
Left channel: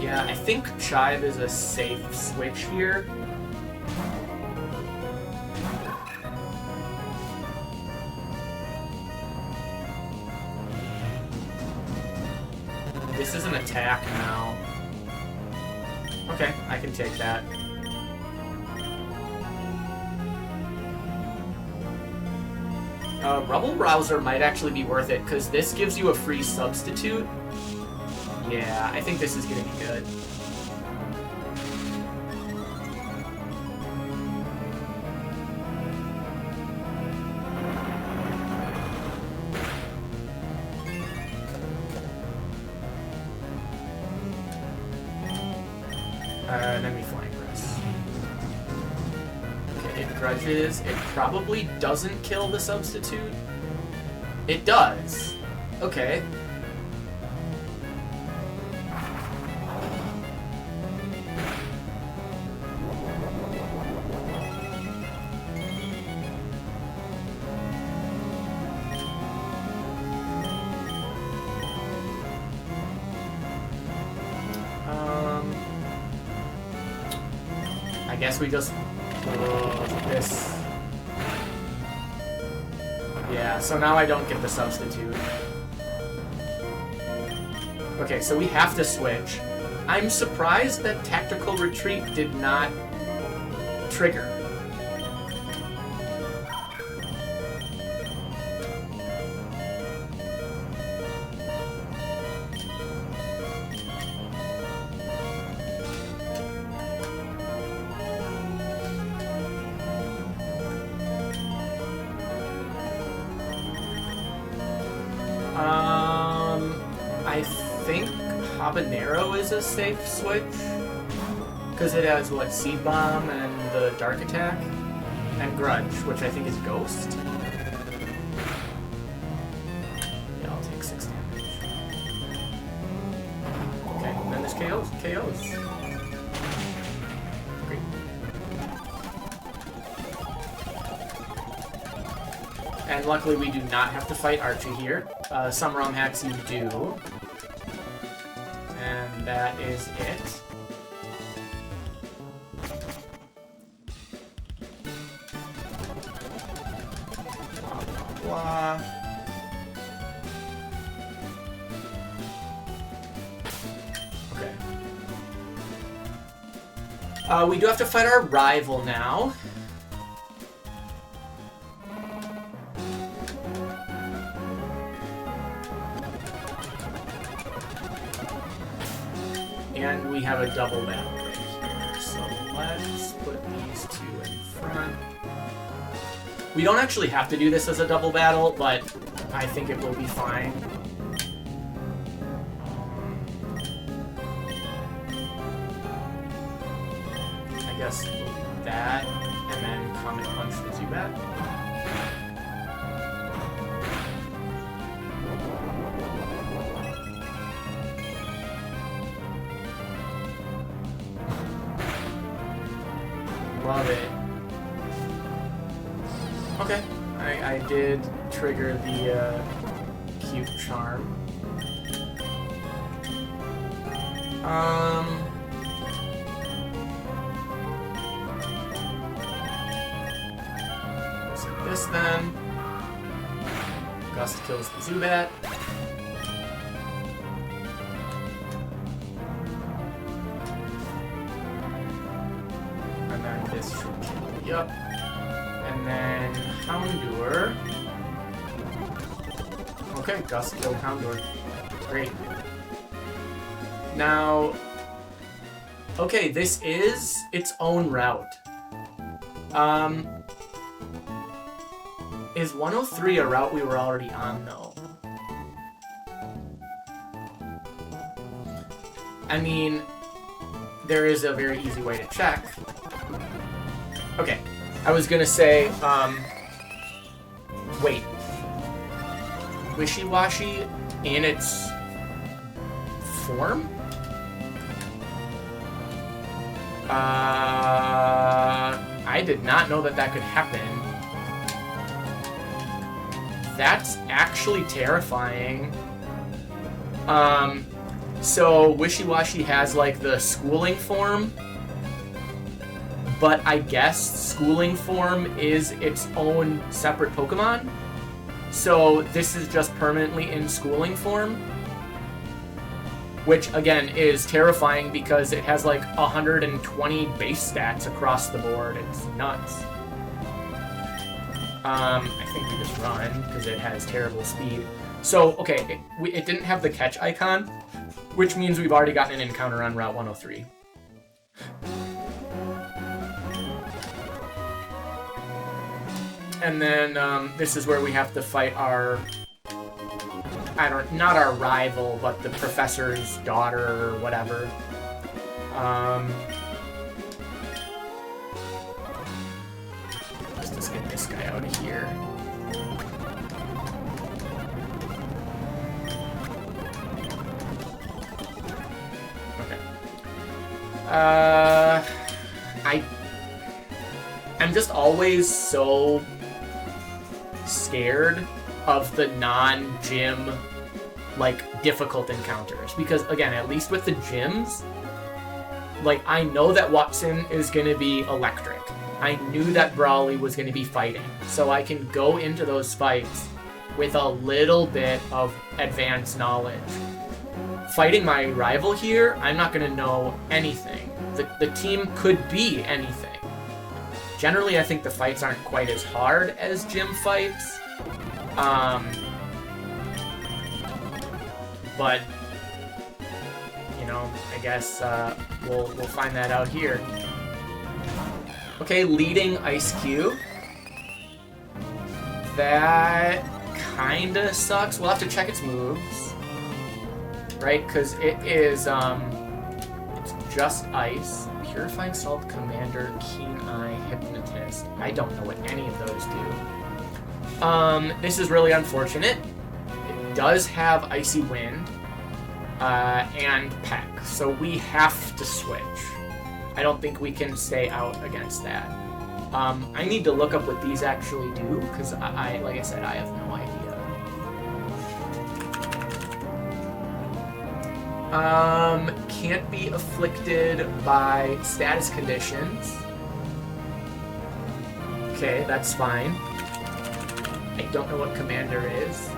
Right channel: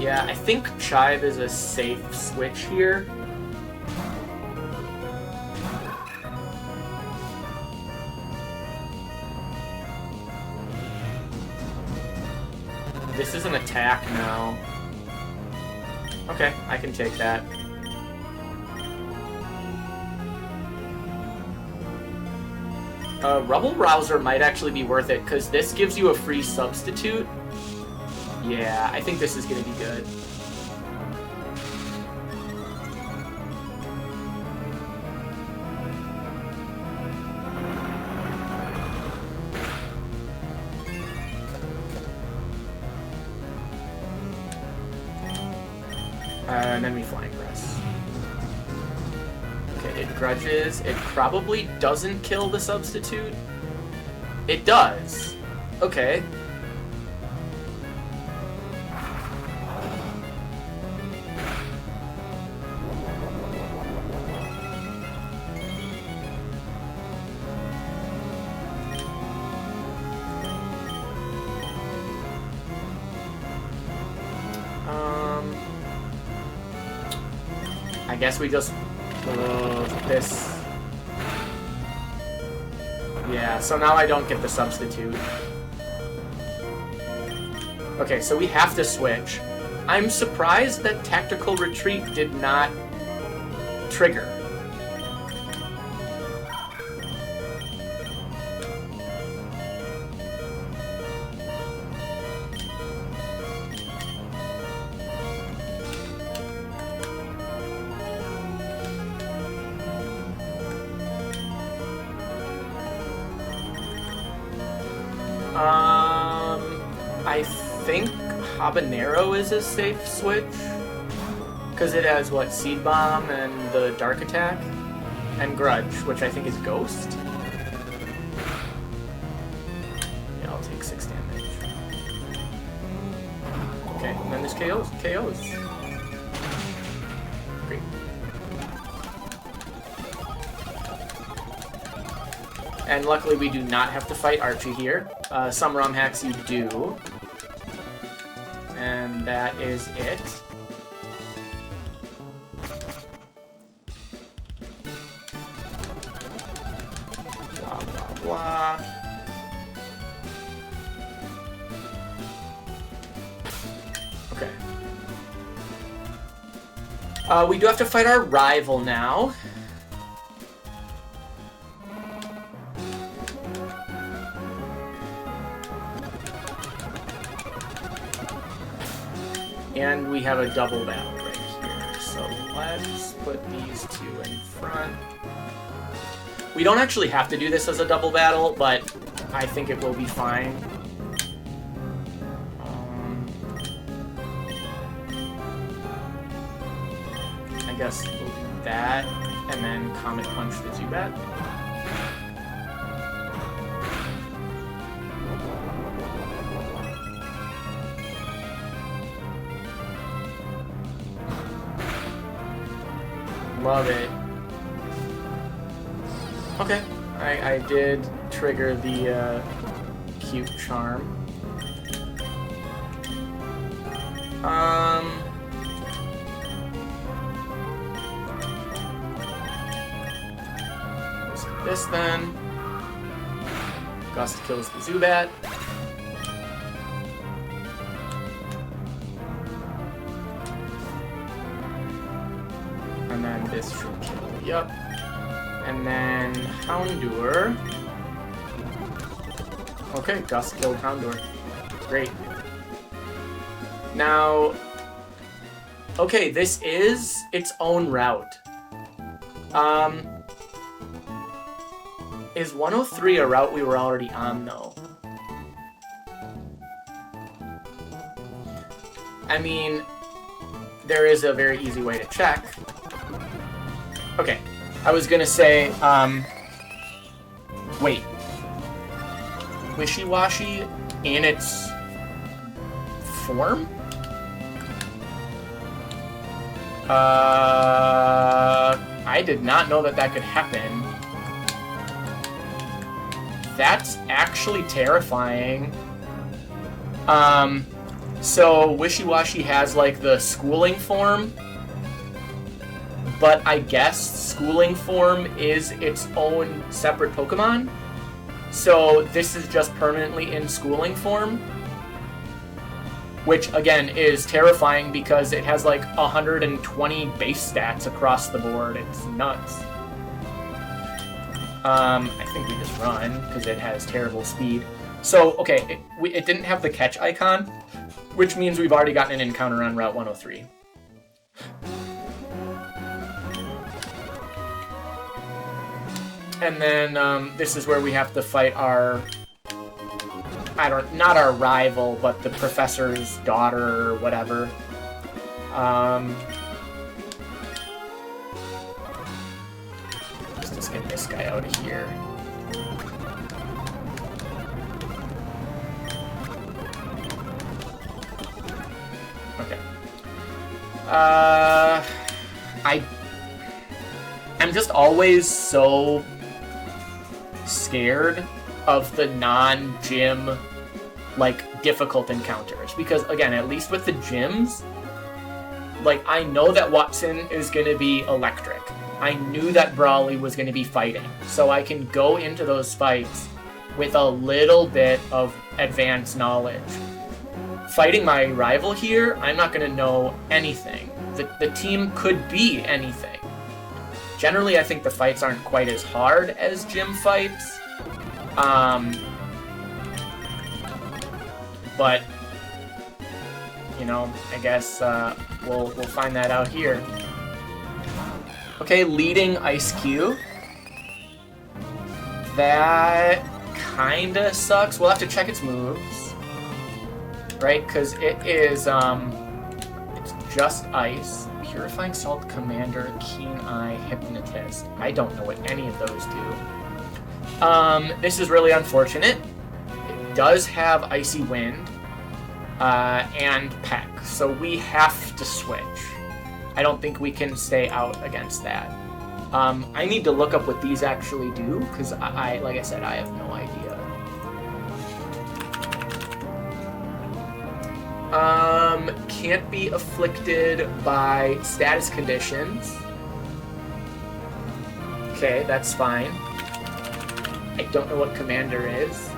Yeah, I think Chive is a safe switch here. This is an attack now. Okay, I can take that. Rubble Rouser might actually be worth it, because this gives you a free substitute. Yeah, I think this is going to be good. And then we Flying Press. Okay, it grudges. It probably doesn't kill the substitute. It does. Okay. I guess we just this. Yeah, so now I don't get the substitute. Okay, so we have to switch. I'm surprised that Tactical Retreat did not trigger. I think Habanero is a safe switch, because it has, what, Seed Bomb and the Dark Attack, and Grudge, which I think is Ghost. Yeah, I'll take 6 damage. Okay, then there's KOs. Great. And luckily we do not have to fight Archie here. Some Romhacks you do. And that is it. Blah, blah, blah. Okay. We do have to fight our rival now. And we have a double battle right here, so let's put these two in front. We don't actually have to do this as a double battle, but I think it will be fine. I guess we'll do that, and then Comet Punch the Zubat. Love it. Okay, I did trigger the cute charm. So this then. Gust kills the Zubat. This should kill me up. And then Houndour. Okay, Gust killed Houndour. Great. Now, okay, this is its own route. Is 103 a route we were already on, though? I mean, there is a very easy way to check. Okay, I was gonna say, wait. Wishy-Washy in its form? I did not know that that could happen. That's actually terrifying. So Wishy-Washy has, like, the schooling form, but I guess schooling form is its own separate Pokemon. So this is just permanently in schooling form, which again is terrifying because it has like 120 base stats across the board. It's nuts. I think we just run, because it has terrible speed. So, okay, it didn't have the catch icon, which means we've already gotten an encounter on Route 103. And then, this is where we have to fight our... not our rival, but the professor's daughter or whatever. Let's get this guy out of here. Okay. I'm just always so scared of the non-gym, like, difficult encounters. Because, again, at least with the gyms, like, I know that Wattson is going to be electric. I knew that Brawly was going to be fighting. So I can go into those fights with a little bit of advanced knowledge. Fighting my rival here, I'm not going to know anything. The team could be anything. Generally, I think the fights aren't quite as hard as gym fights. But, you know, I guess we'll find that out here. Okay, leading Ice Cube. That kinda sucks. We'll have to check its moves. Right? Because it is, it's just Ice. Purifying Salt, Commander, Keen Eye, Hypnotist. I don't know what any of those do. This is really unfortunate. It does have Icy Wind, and Peck, so we have to switch. I don't think we can stay out against that. I need to look up what these actually do, because like I said, I have no idea. Can't be afflicted by status conditions. Okay, that's fine. I don't know what Commander is.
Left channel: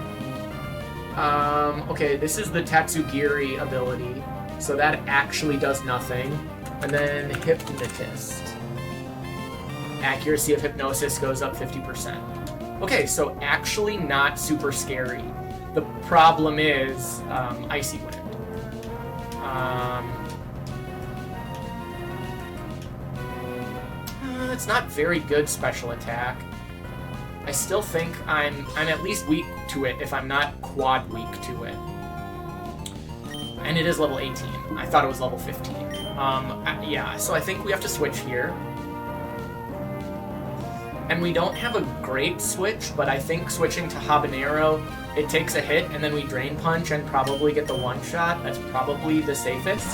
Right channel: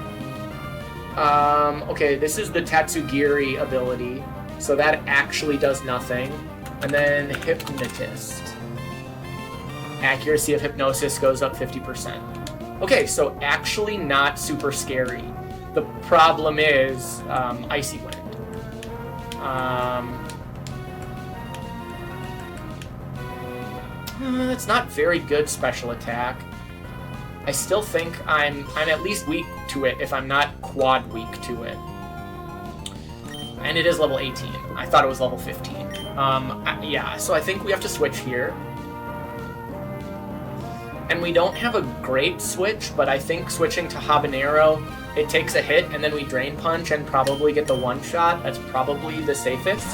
Okay, this is the Tatsugiri ability, so that actually does nothing. And then Hypnotist. Accuracy of Hypnosis goes up 50%. Okay, so actually not super scary. The problem is Icy Wind. It's not very good special attack. I still think I'm at least weak to it if I'm not quad weak to it. And it is level 18. I thought it was level 15. Yeah, so I think we have to switch here. And we don't have a great switch, but I think switching to Habanero, it takes a hit, and then we Drain Punch and probably get the one-shot. That's probably the safest.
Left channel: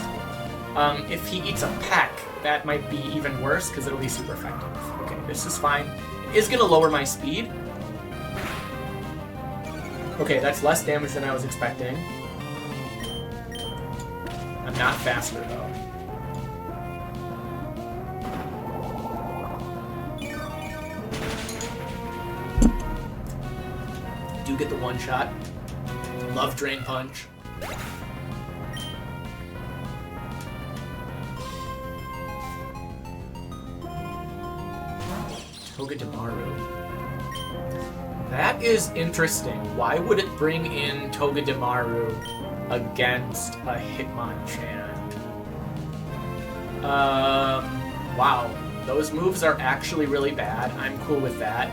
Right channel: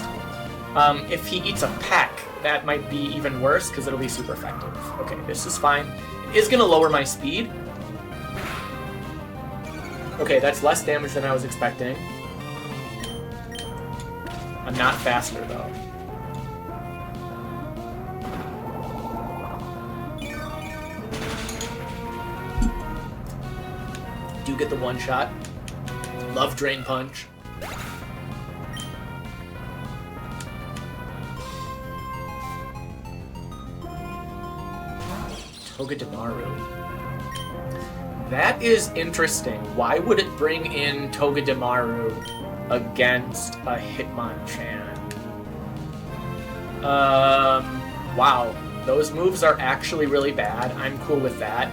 If he eats a Peck, that might be even worse, because it'll be super effective. Okay, this is fine. It is going to lower my speed. Okay, that's less damage than I was expecting. I'm not faster, though. Do get the one-shot. Love Drain Punch. Togedemaru. That is interesting. Why would it bring in Togedemaru against a Hitmonchan? Wow. Those moves are actually really bad. I'm cool with that.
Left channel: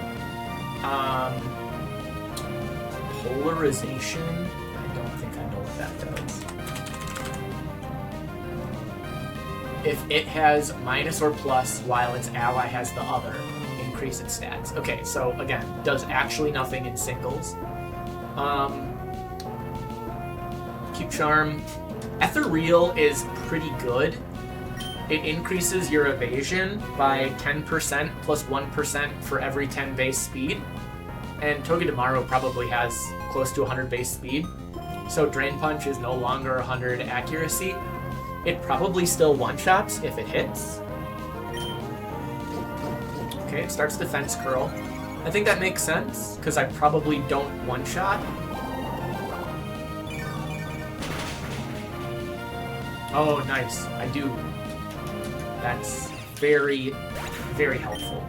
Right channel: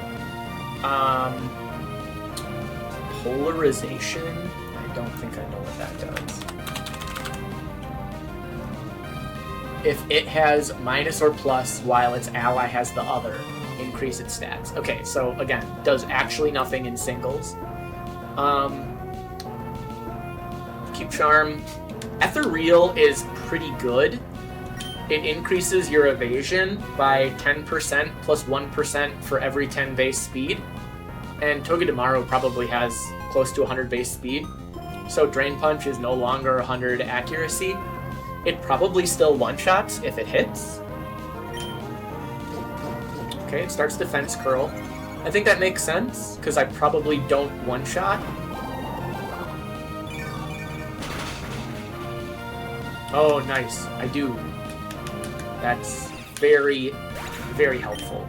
Polarization? I don't think I know what that does. If it has minus or plus while its ally has the other, increase its stats. Okay, so again, does actually nothing in singles. Keep Charm. Ethereal is pretty good. It increases your evasion by 10% plus 1% for every 10 base speed. And Togedemaru probably has close to 100 base speed. So Drain Punch is no longer 100 accuracy. It probably still one-shots if it hits. Okay, it starts Defense Curl. I think that makes sense, because I probably don't one-shot. Oh, nice. I do. That's very, very helpful.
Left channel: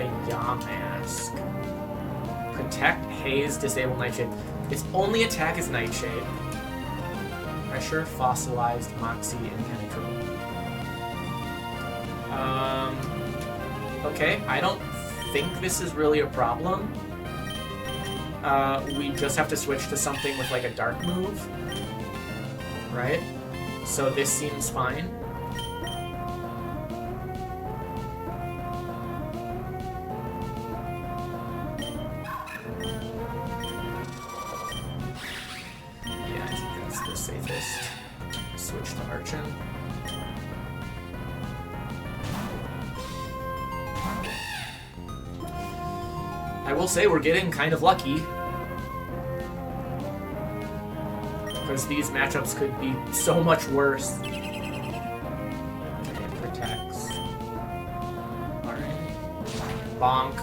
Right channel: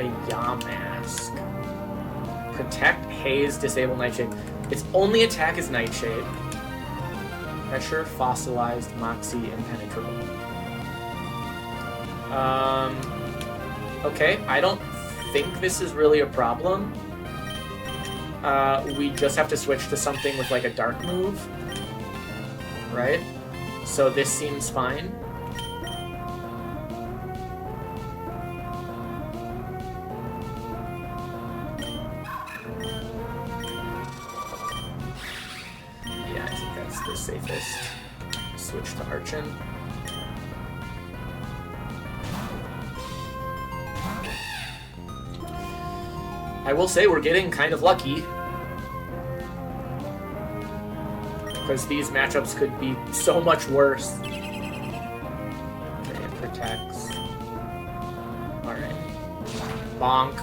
a Yamask. Protect, Haze, disable Nightshade. Its only attack is Nightshade. Pressure, Fossilized, Moxie, Impenetrable. Okay, I don't think this is really a problem. We just have to switch to something with like a dark move. Right? So this seems fine. Yeah, I think that's the safest. Switch to Archon. I will say we're getting kind of lucky. Because these matchups could be so much worse. Okay, it protects. Alright. Bonk.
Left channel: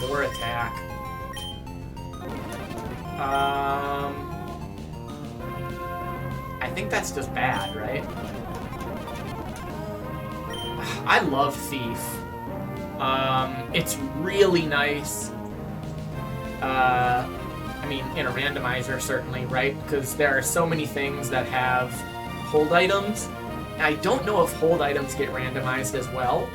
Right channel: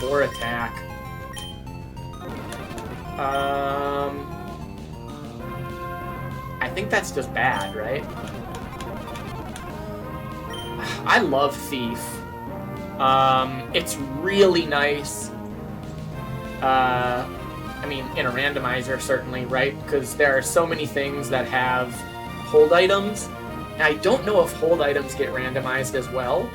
Four attack. I think that's just bad, right? I love Thief. It's really nice. I mean, in a randomizer, certainly, right? Because there are so many things that have hold items. And I don't know if hold items get randomized as well.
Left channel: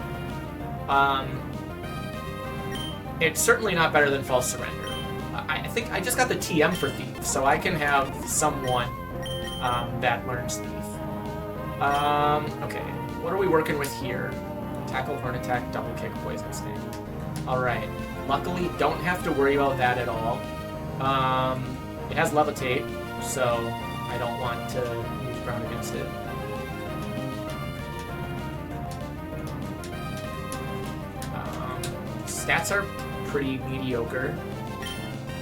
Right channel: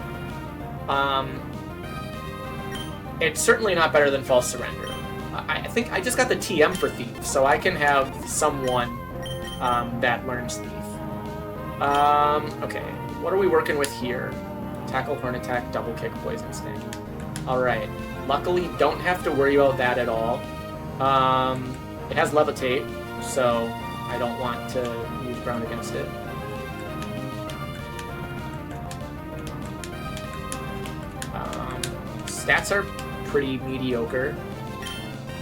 It's certainly not better than False Surrender. I think I just got the TM for Thief, so I can have someone that learns Thief. Okay. What are we working with here? Tackle, Horn Attack, Double Kick, Poison Sting. Alright. Luckily, don't have to worry about that at all. It has Levitate, so I don't want to use Brown against it. Stats are pretty mediocre,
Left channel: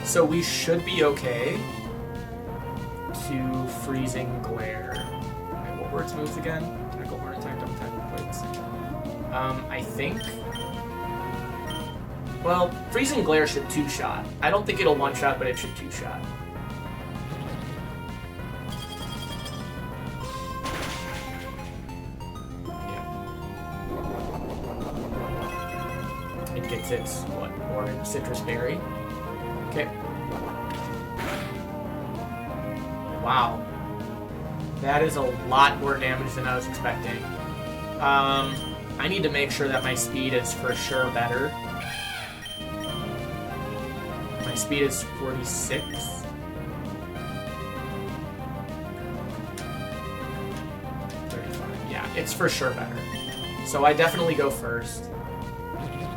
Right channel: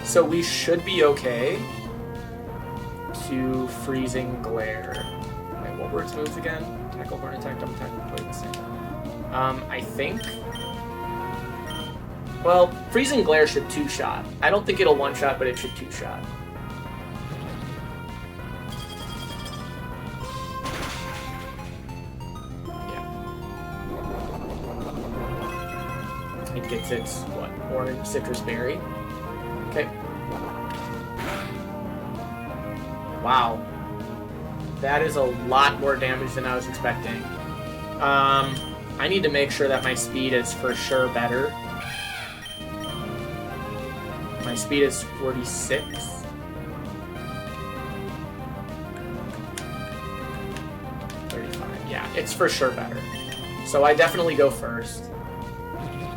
so we should be okay to Freezing Glare. Okay, what were its moves again? Tackle, Horn Attack, Double Attack, Poison Sting. I think... Well, Freezing Glare should two-shot. I don't think it'll one-shot, but it should two-shot. Yeah. It gets its, what, orange citrus berry. Okay. Wow. That is a lot more damage than I was expecting. I need to make sure that my speed is for sure better. My speed is 46. 35. Yeah, it's for sure better. So I definitely go first.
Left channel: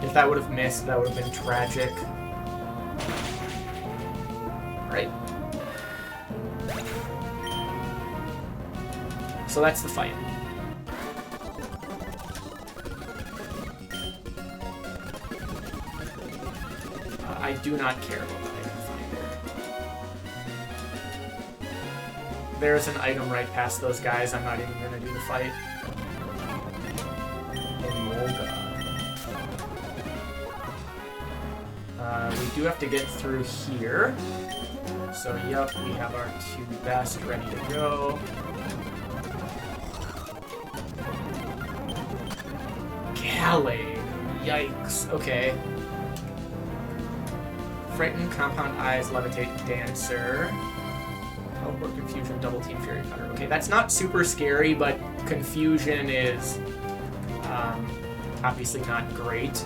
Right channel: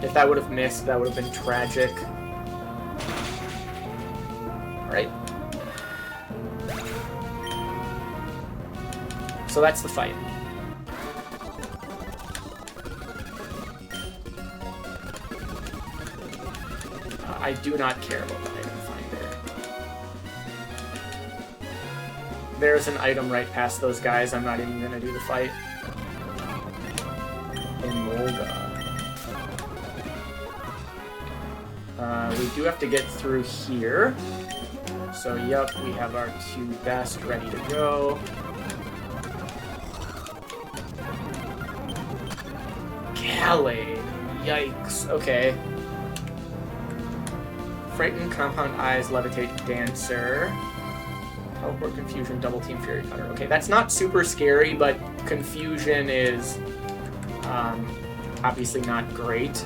If that would have missed, that would have been tragic. Alright. So that's the fight. I do not care about the item finder. There's an item right past those guys. I'm not even going to do the fight. Emolga. We do have to get through here. So, yep, we have our two best ready to go. Gallade. Yikes. Okay. Frighten, Compound Eyes, Levitate, Dancer. Teleport, Confusion, Double Team, Fury Cutter. Okay, that's not super scary, but Confusion is obviously not great.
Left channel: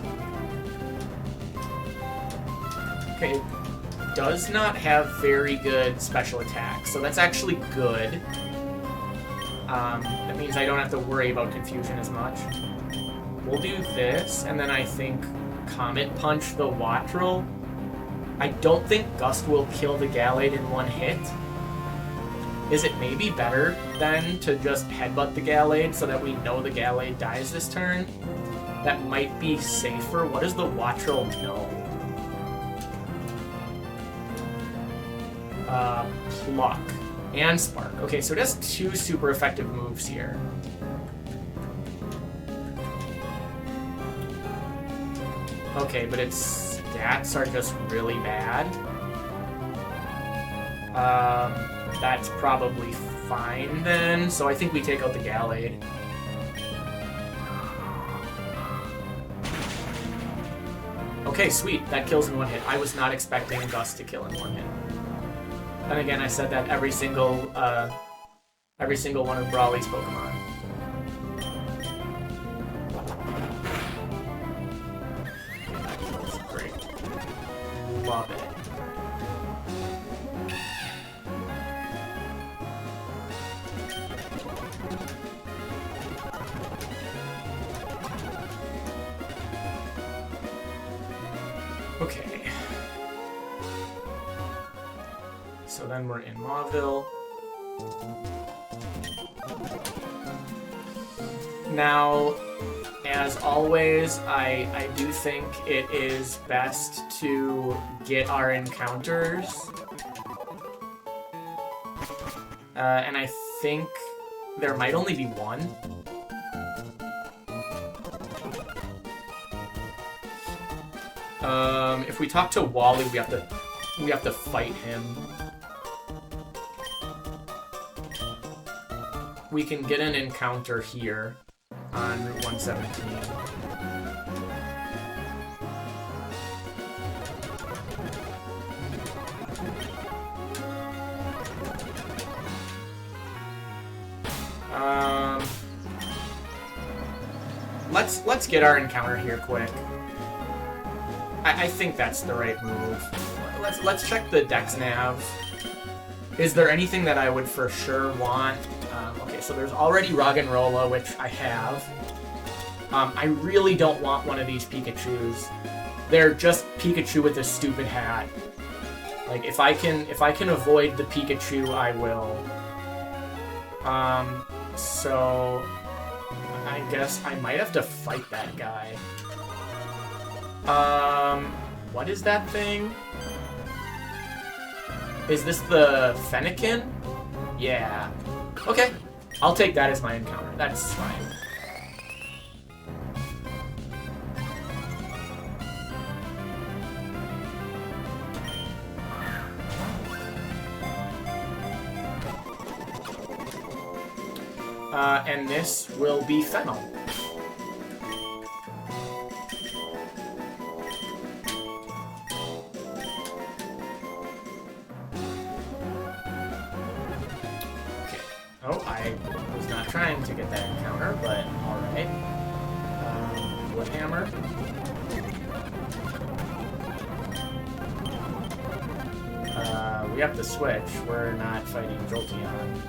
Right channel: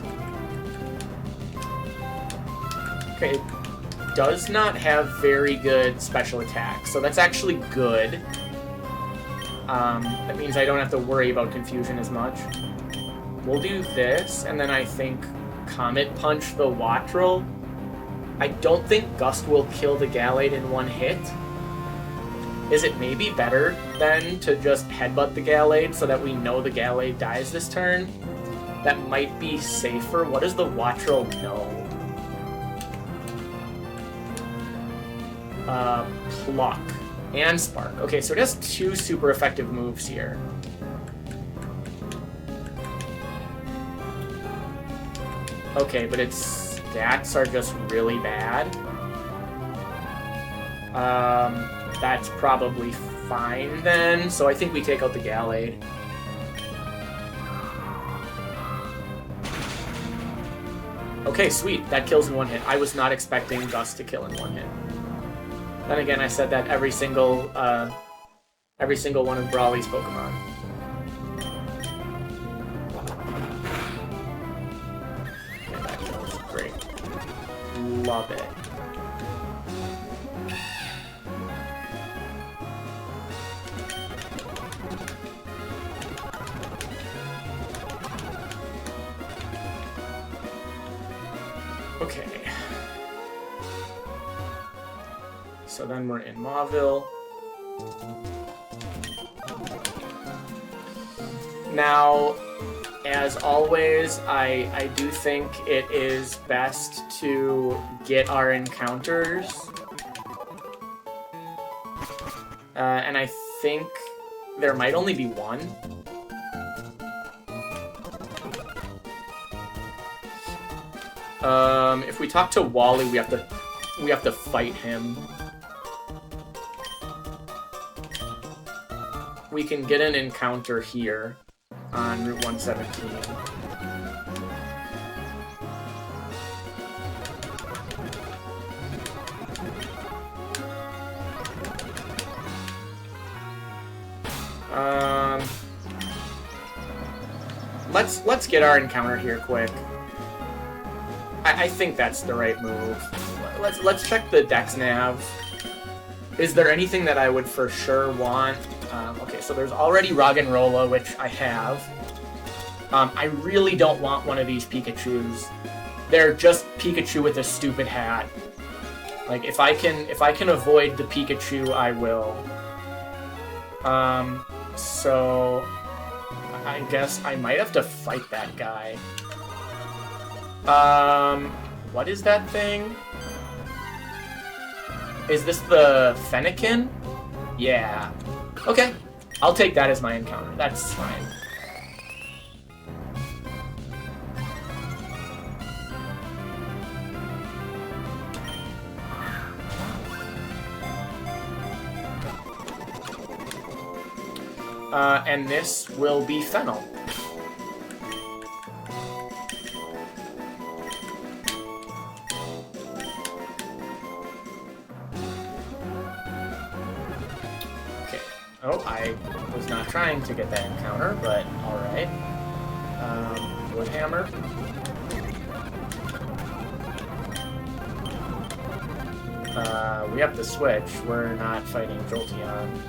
Okay, it does not have very good special attacks, so that's actually good. That means I don't have to worry about Confusion as much. We'll do this, and then I think Comet Punch the Wattrel. I don't think Gust will kill the Gallade in one hit. Is it maybe better, then, to just headbutt the Gallade so that we know the Gallade dies this turn? That might be safer. What does the Wattrel know? Pluck and Spark. Okay, so it has two super effective moves here. Okay, but its stats are just really bad. That's probably fine then. So I think we take out the Gallade. Okay, sweet. That kills in one hit. I was not expecting Gus to kill in one hit. Then again, I said that every single one of Brawly's Pokemon. Great. Love it. Okay. So then we're in Mauville. Now, as always, I do think it is best to get our encounters. And I think there might only be one. If we talk to Wally, we have to fight him. We can get an encounter here on Route 117. Let's get our encounter here quick. I think that's the right move. Let's check the Dex Nav. Is there anything that I would for sure want? Okay, so there's already Roggenrola, which I have. I really don't want one of these Pikachus. They're just Pikachu with a stupid hat. Like if I can avoid the Pikachu, I will. So I guess I might have to fight that guy. What is that thing? Is this the Fennekin? Yeah. Okay. I'll take that as my encounter. That's fine. And this will be Fennel. Oh, I was not trying to get that encounter, but alright. Wood Hammer. We have to switch. We're not fighting Jolteon.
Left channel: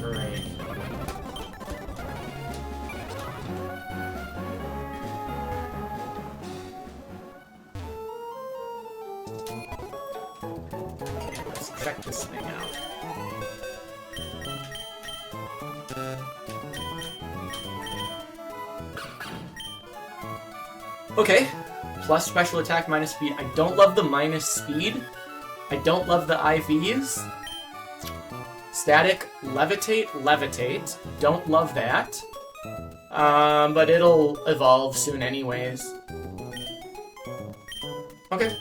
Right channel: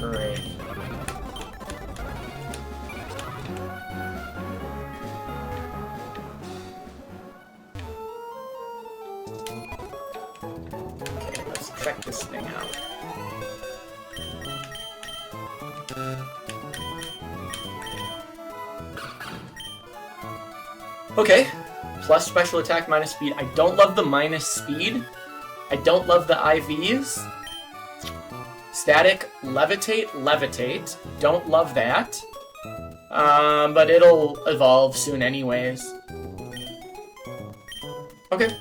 Great. Check this thing out. Okay, plus special attack, minus speed. I don't love the minus speed. I don't love the IVs. Static, levitate, levitate. Don't love that. But it'll evolve soon anyways. Okay.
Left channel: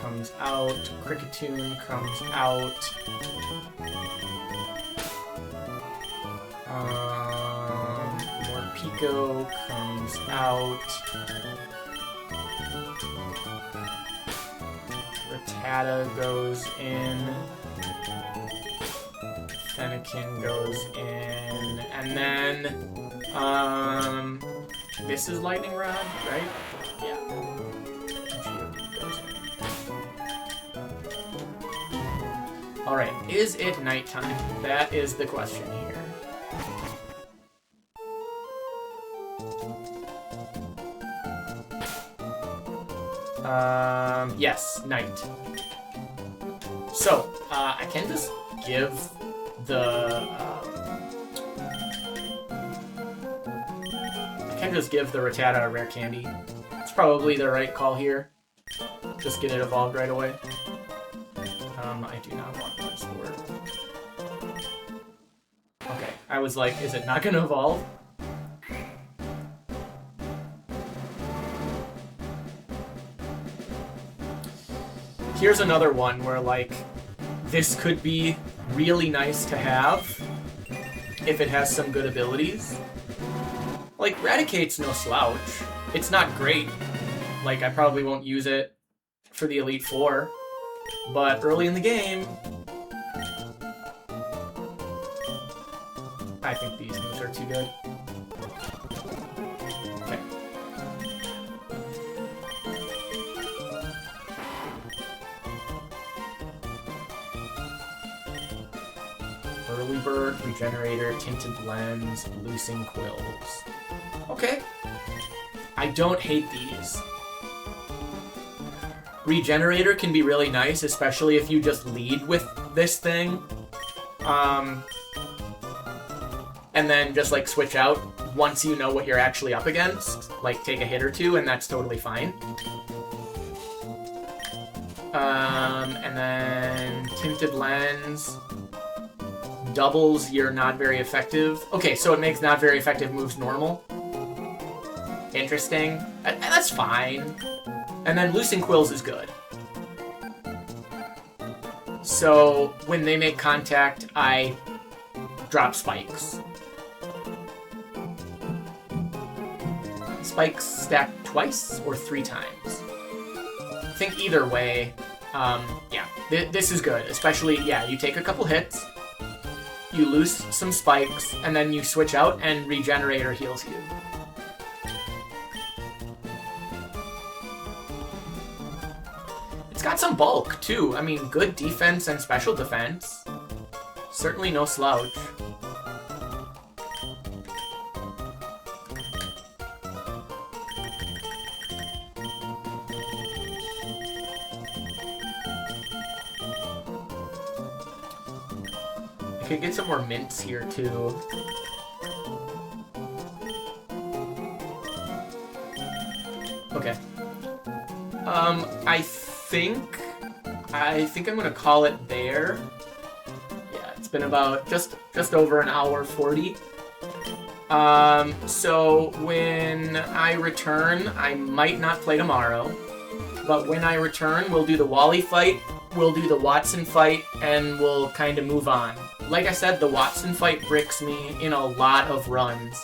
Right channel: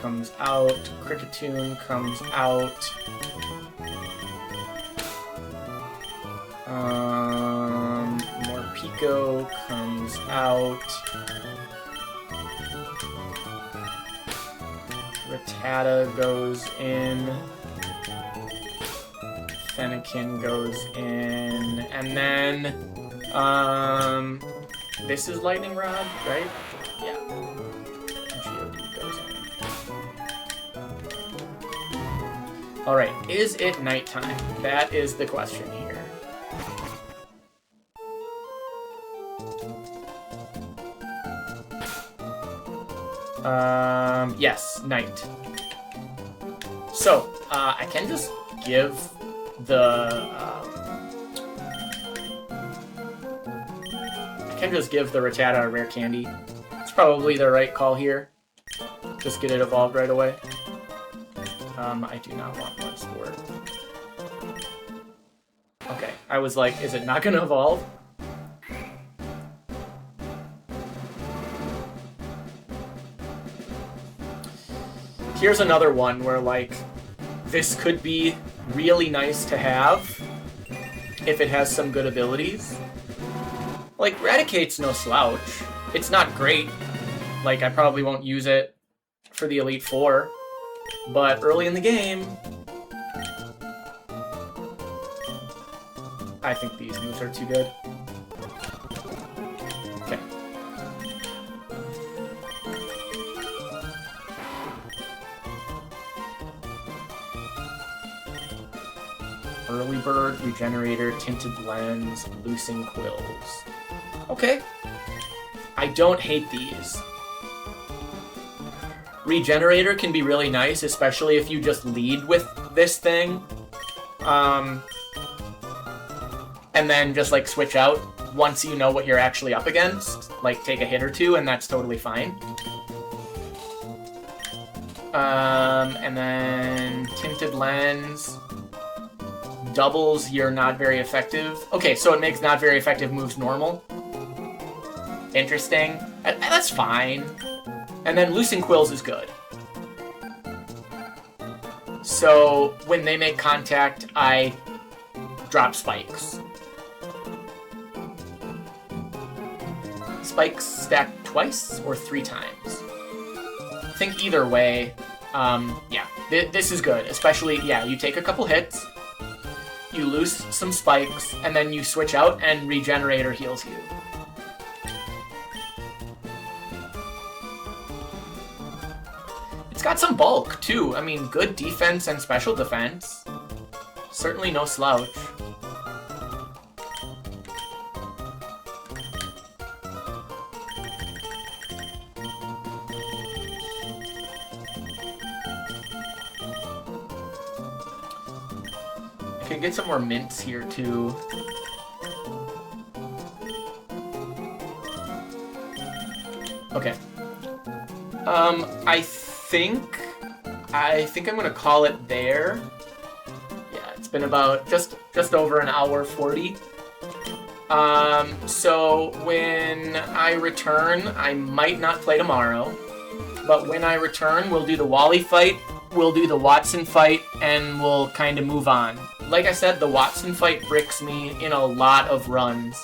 Comes out, Kricketune comes out. More Pico comes out. Rattata goes in. Fennekin goes in. And then, this is Lightning Rod, right? Yeah. Alright, is it nighttime? That is the question here. Yes, night. So, I can just give the, Rattata a rare candy. It's probably the right call here. Just get it evolved right away. I do not want this to work. Okay, I was like, is it not gonna evolve? Here's another one where, like, this could be really nice to have if it has some good abilities. Like, Raticate's no slouch. It's not great. Like, I probably won't use it for the Elite Four. But early in the game, I think these moves are too good. Okay. Early Bird, Regenerator, Tinted Lens, Loosing Quills. Okay. I don't hate these. Regenerator can be really nice, especially if you just lead with this thing. And then just, like, switch out once you know what you're actually up against. Like, take a hit or two, and that's totally fine. And then Tinted Lens doubles your not very effective. Okay, so it makes not very effective moves normal. Interesting. That's fine. And then Loosing Quills is good. So when they make contact, I drop spikes. Spikes stack twice or 3 times. I think either way, yeah, this is good. Especially, yeah, you take a couple hits, you lose some spikes, and then you switch out and Regenerator heals you. It's got some bulk, too. I mean, good defense and special defense. Certainly no slouch. I could get some more mints here, too. Okay. I think I'm gonna call it there. Yeah, it's been about just over an hour 40. So when I return, I might not play tomorrow, but when I return, we'll do the Wally fight, we'll do the Wattson fight, and we'll kind of move on. Like I said, the Wattson fight bricks me in a lot of runs.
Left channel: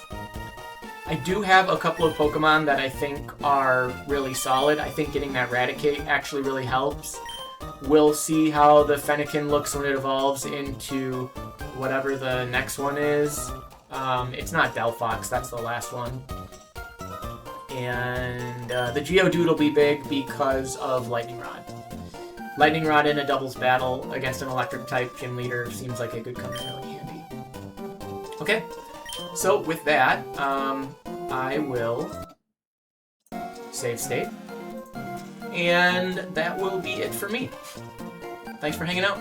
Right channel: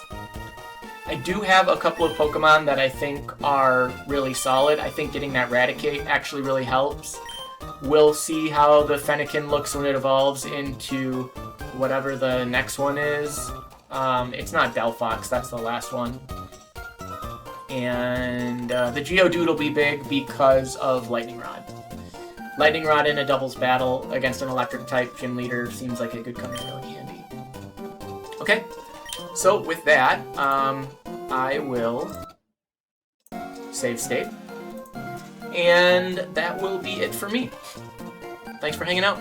I do have a couple of Pokemon that I think are really solid. I think getting that Raticate actually really helps. We'll see how the Fennekin looks when it evolves into whatever the next one is. It's not Delphox, that's the last one. And the Geodude will be big because of Lightning Rod. Lightning Rod in a doubles battle against an Electric-type gym leader seems like it could come in really handy. Okay, so with that, I will save state. And that will be it for me. Thanks for hanging out.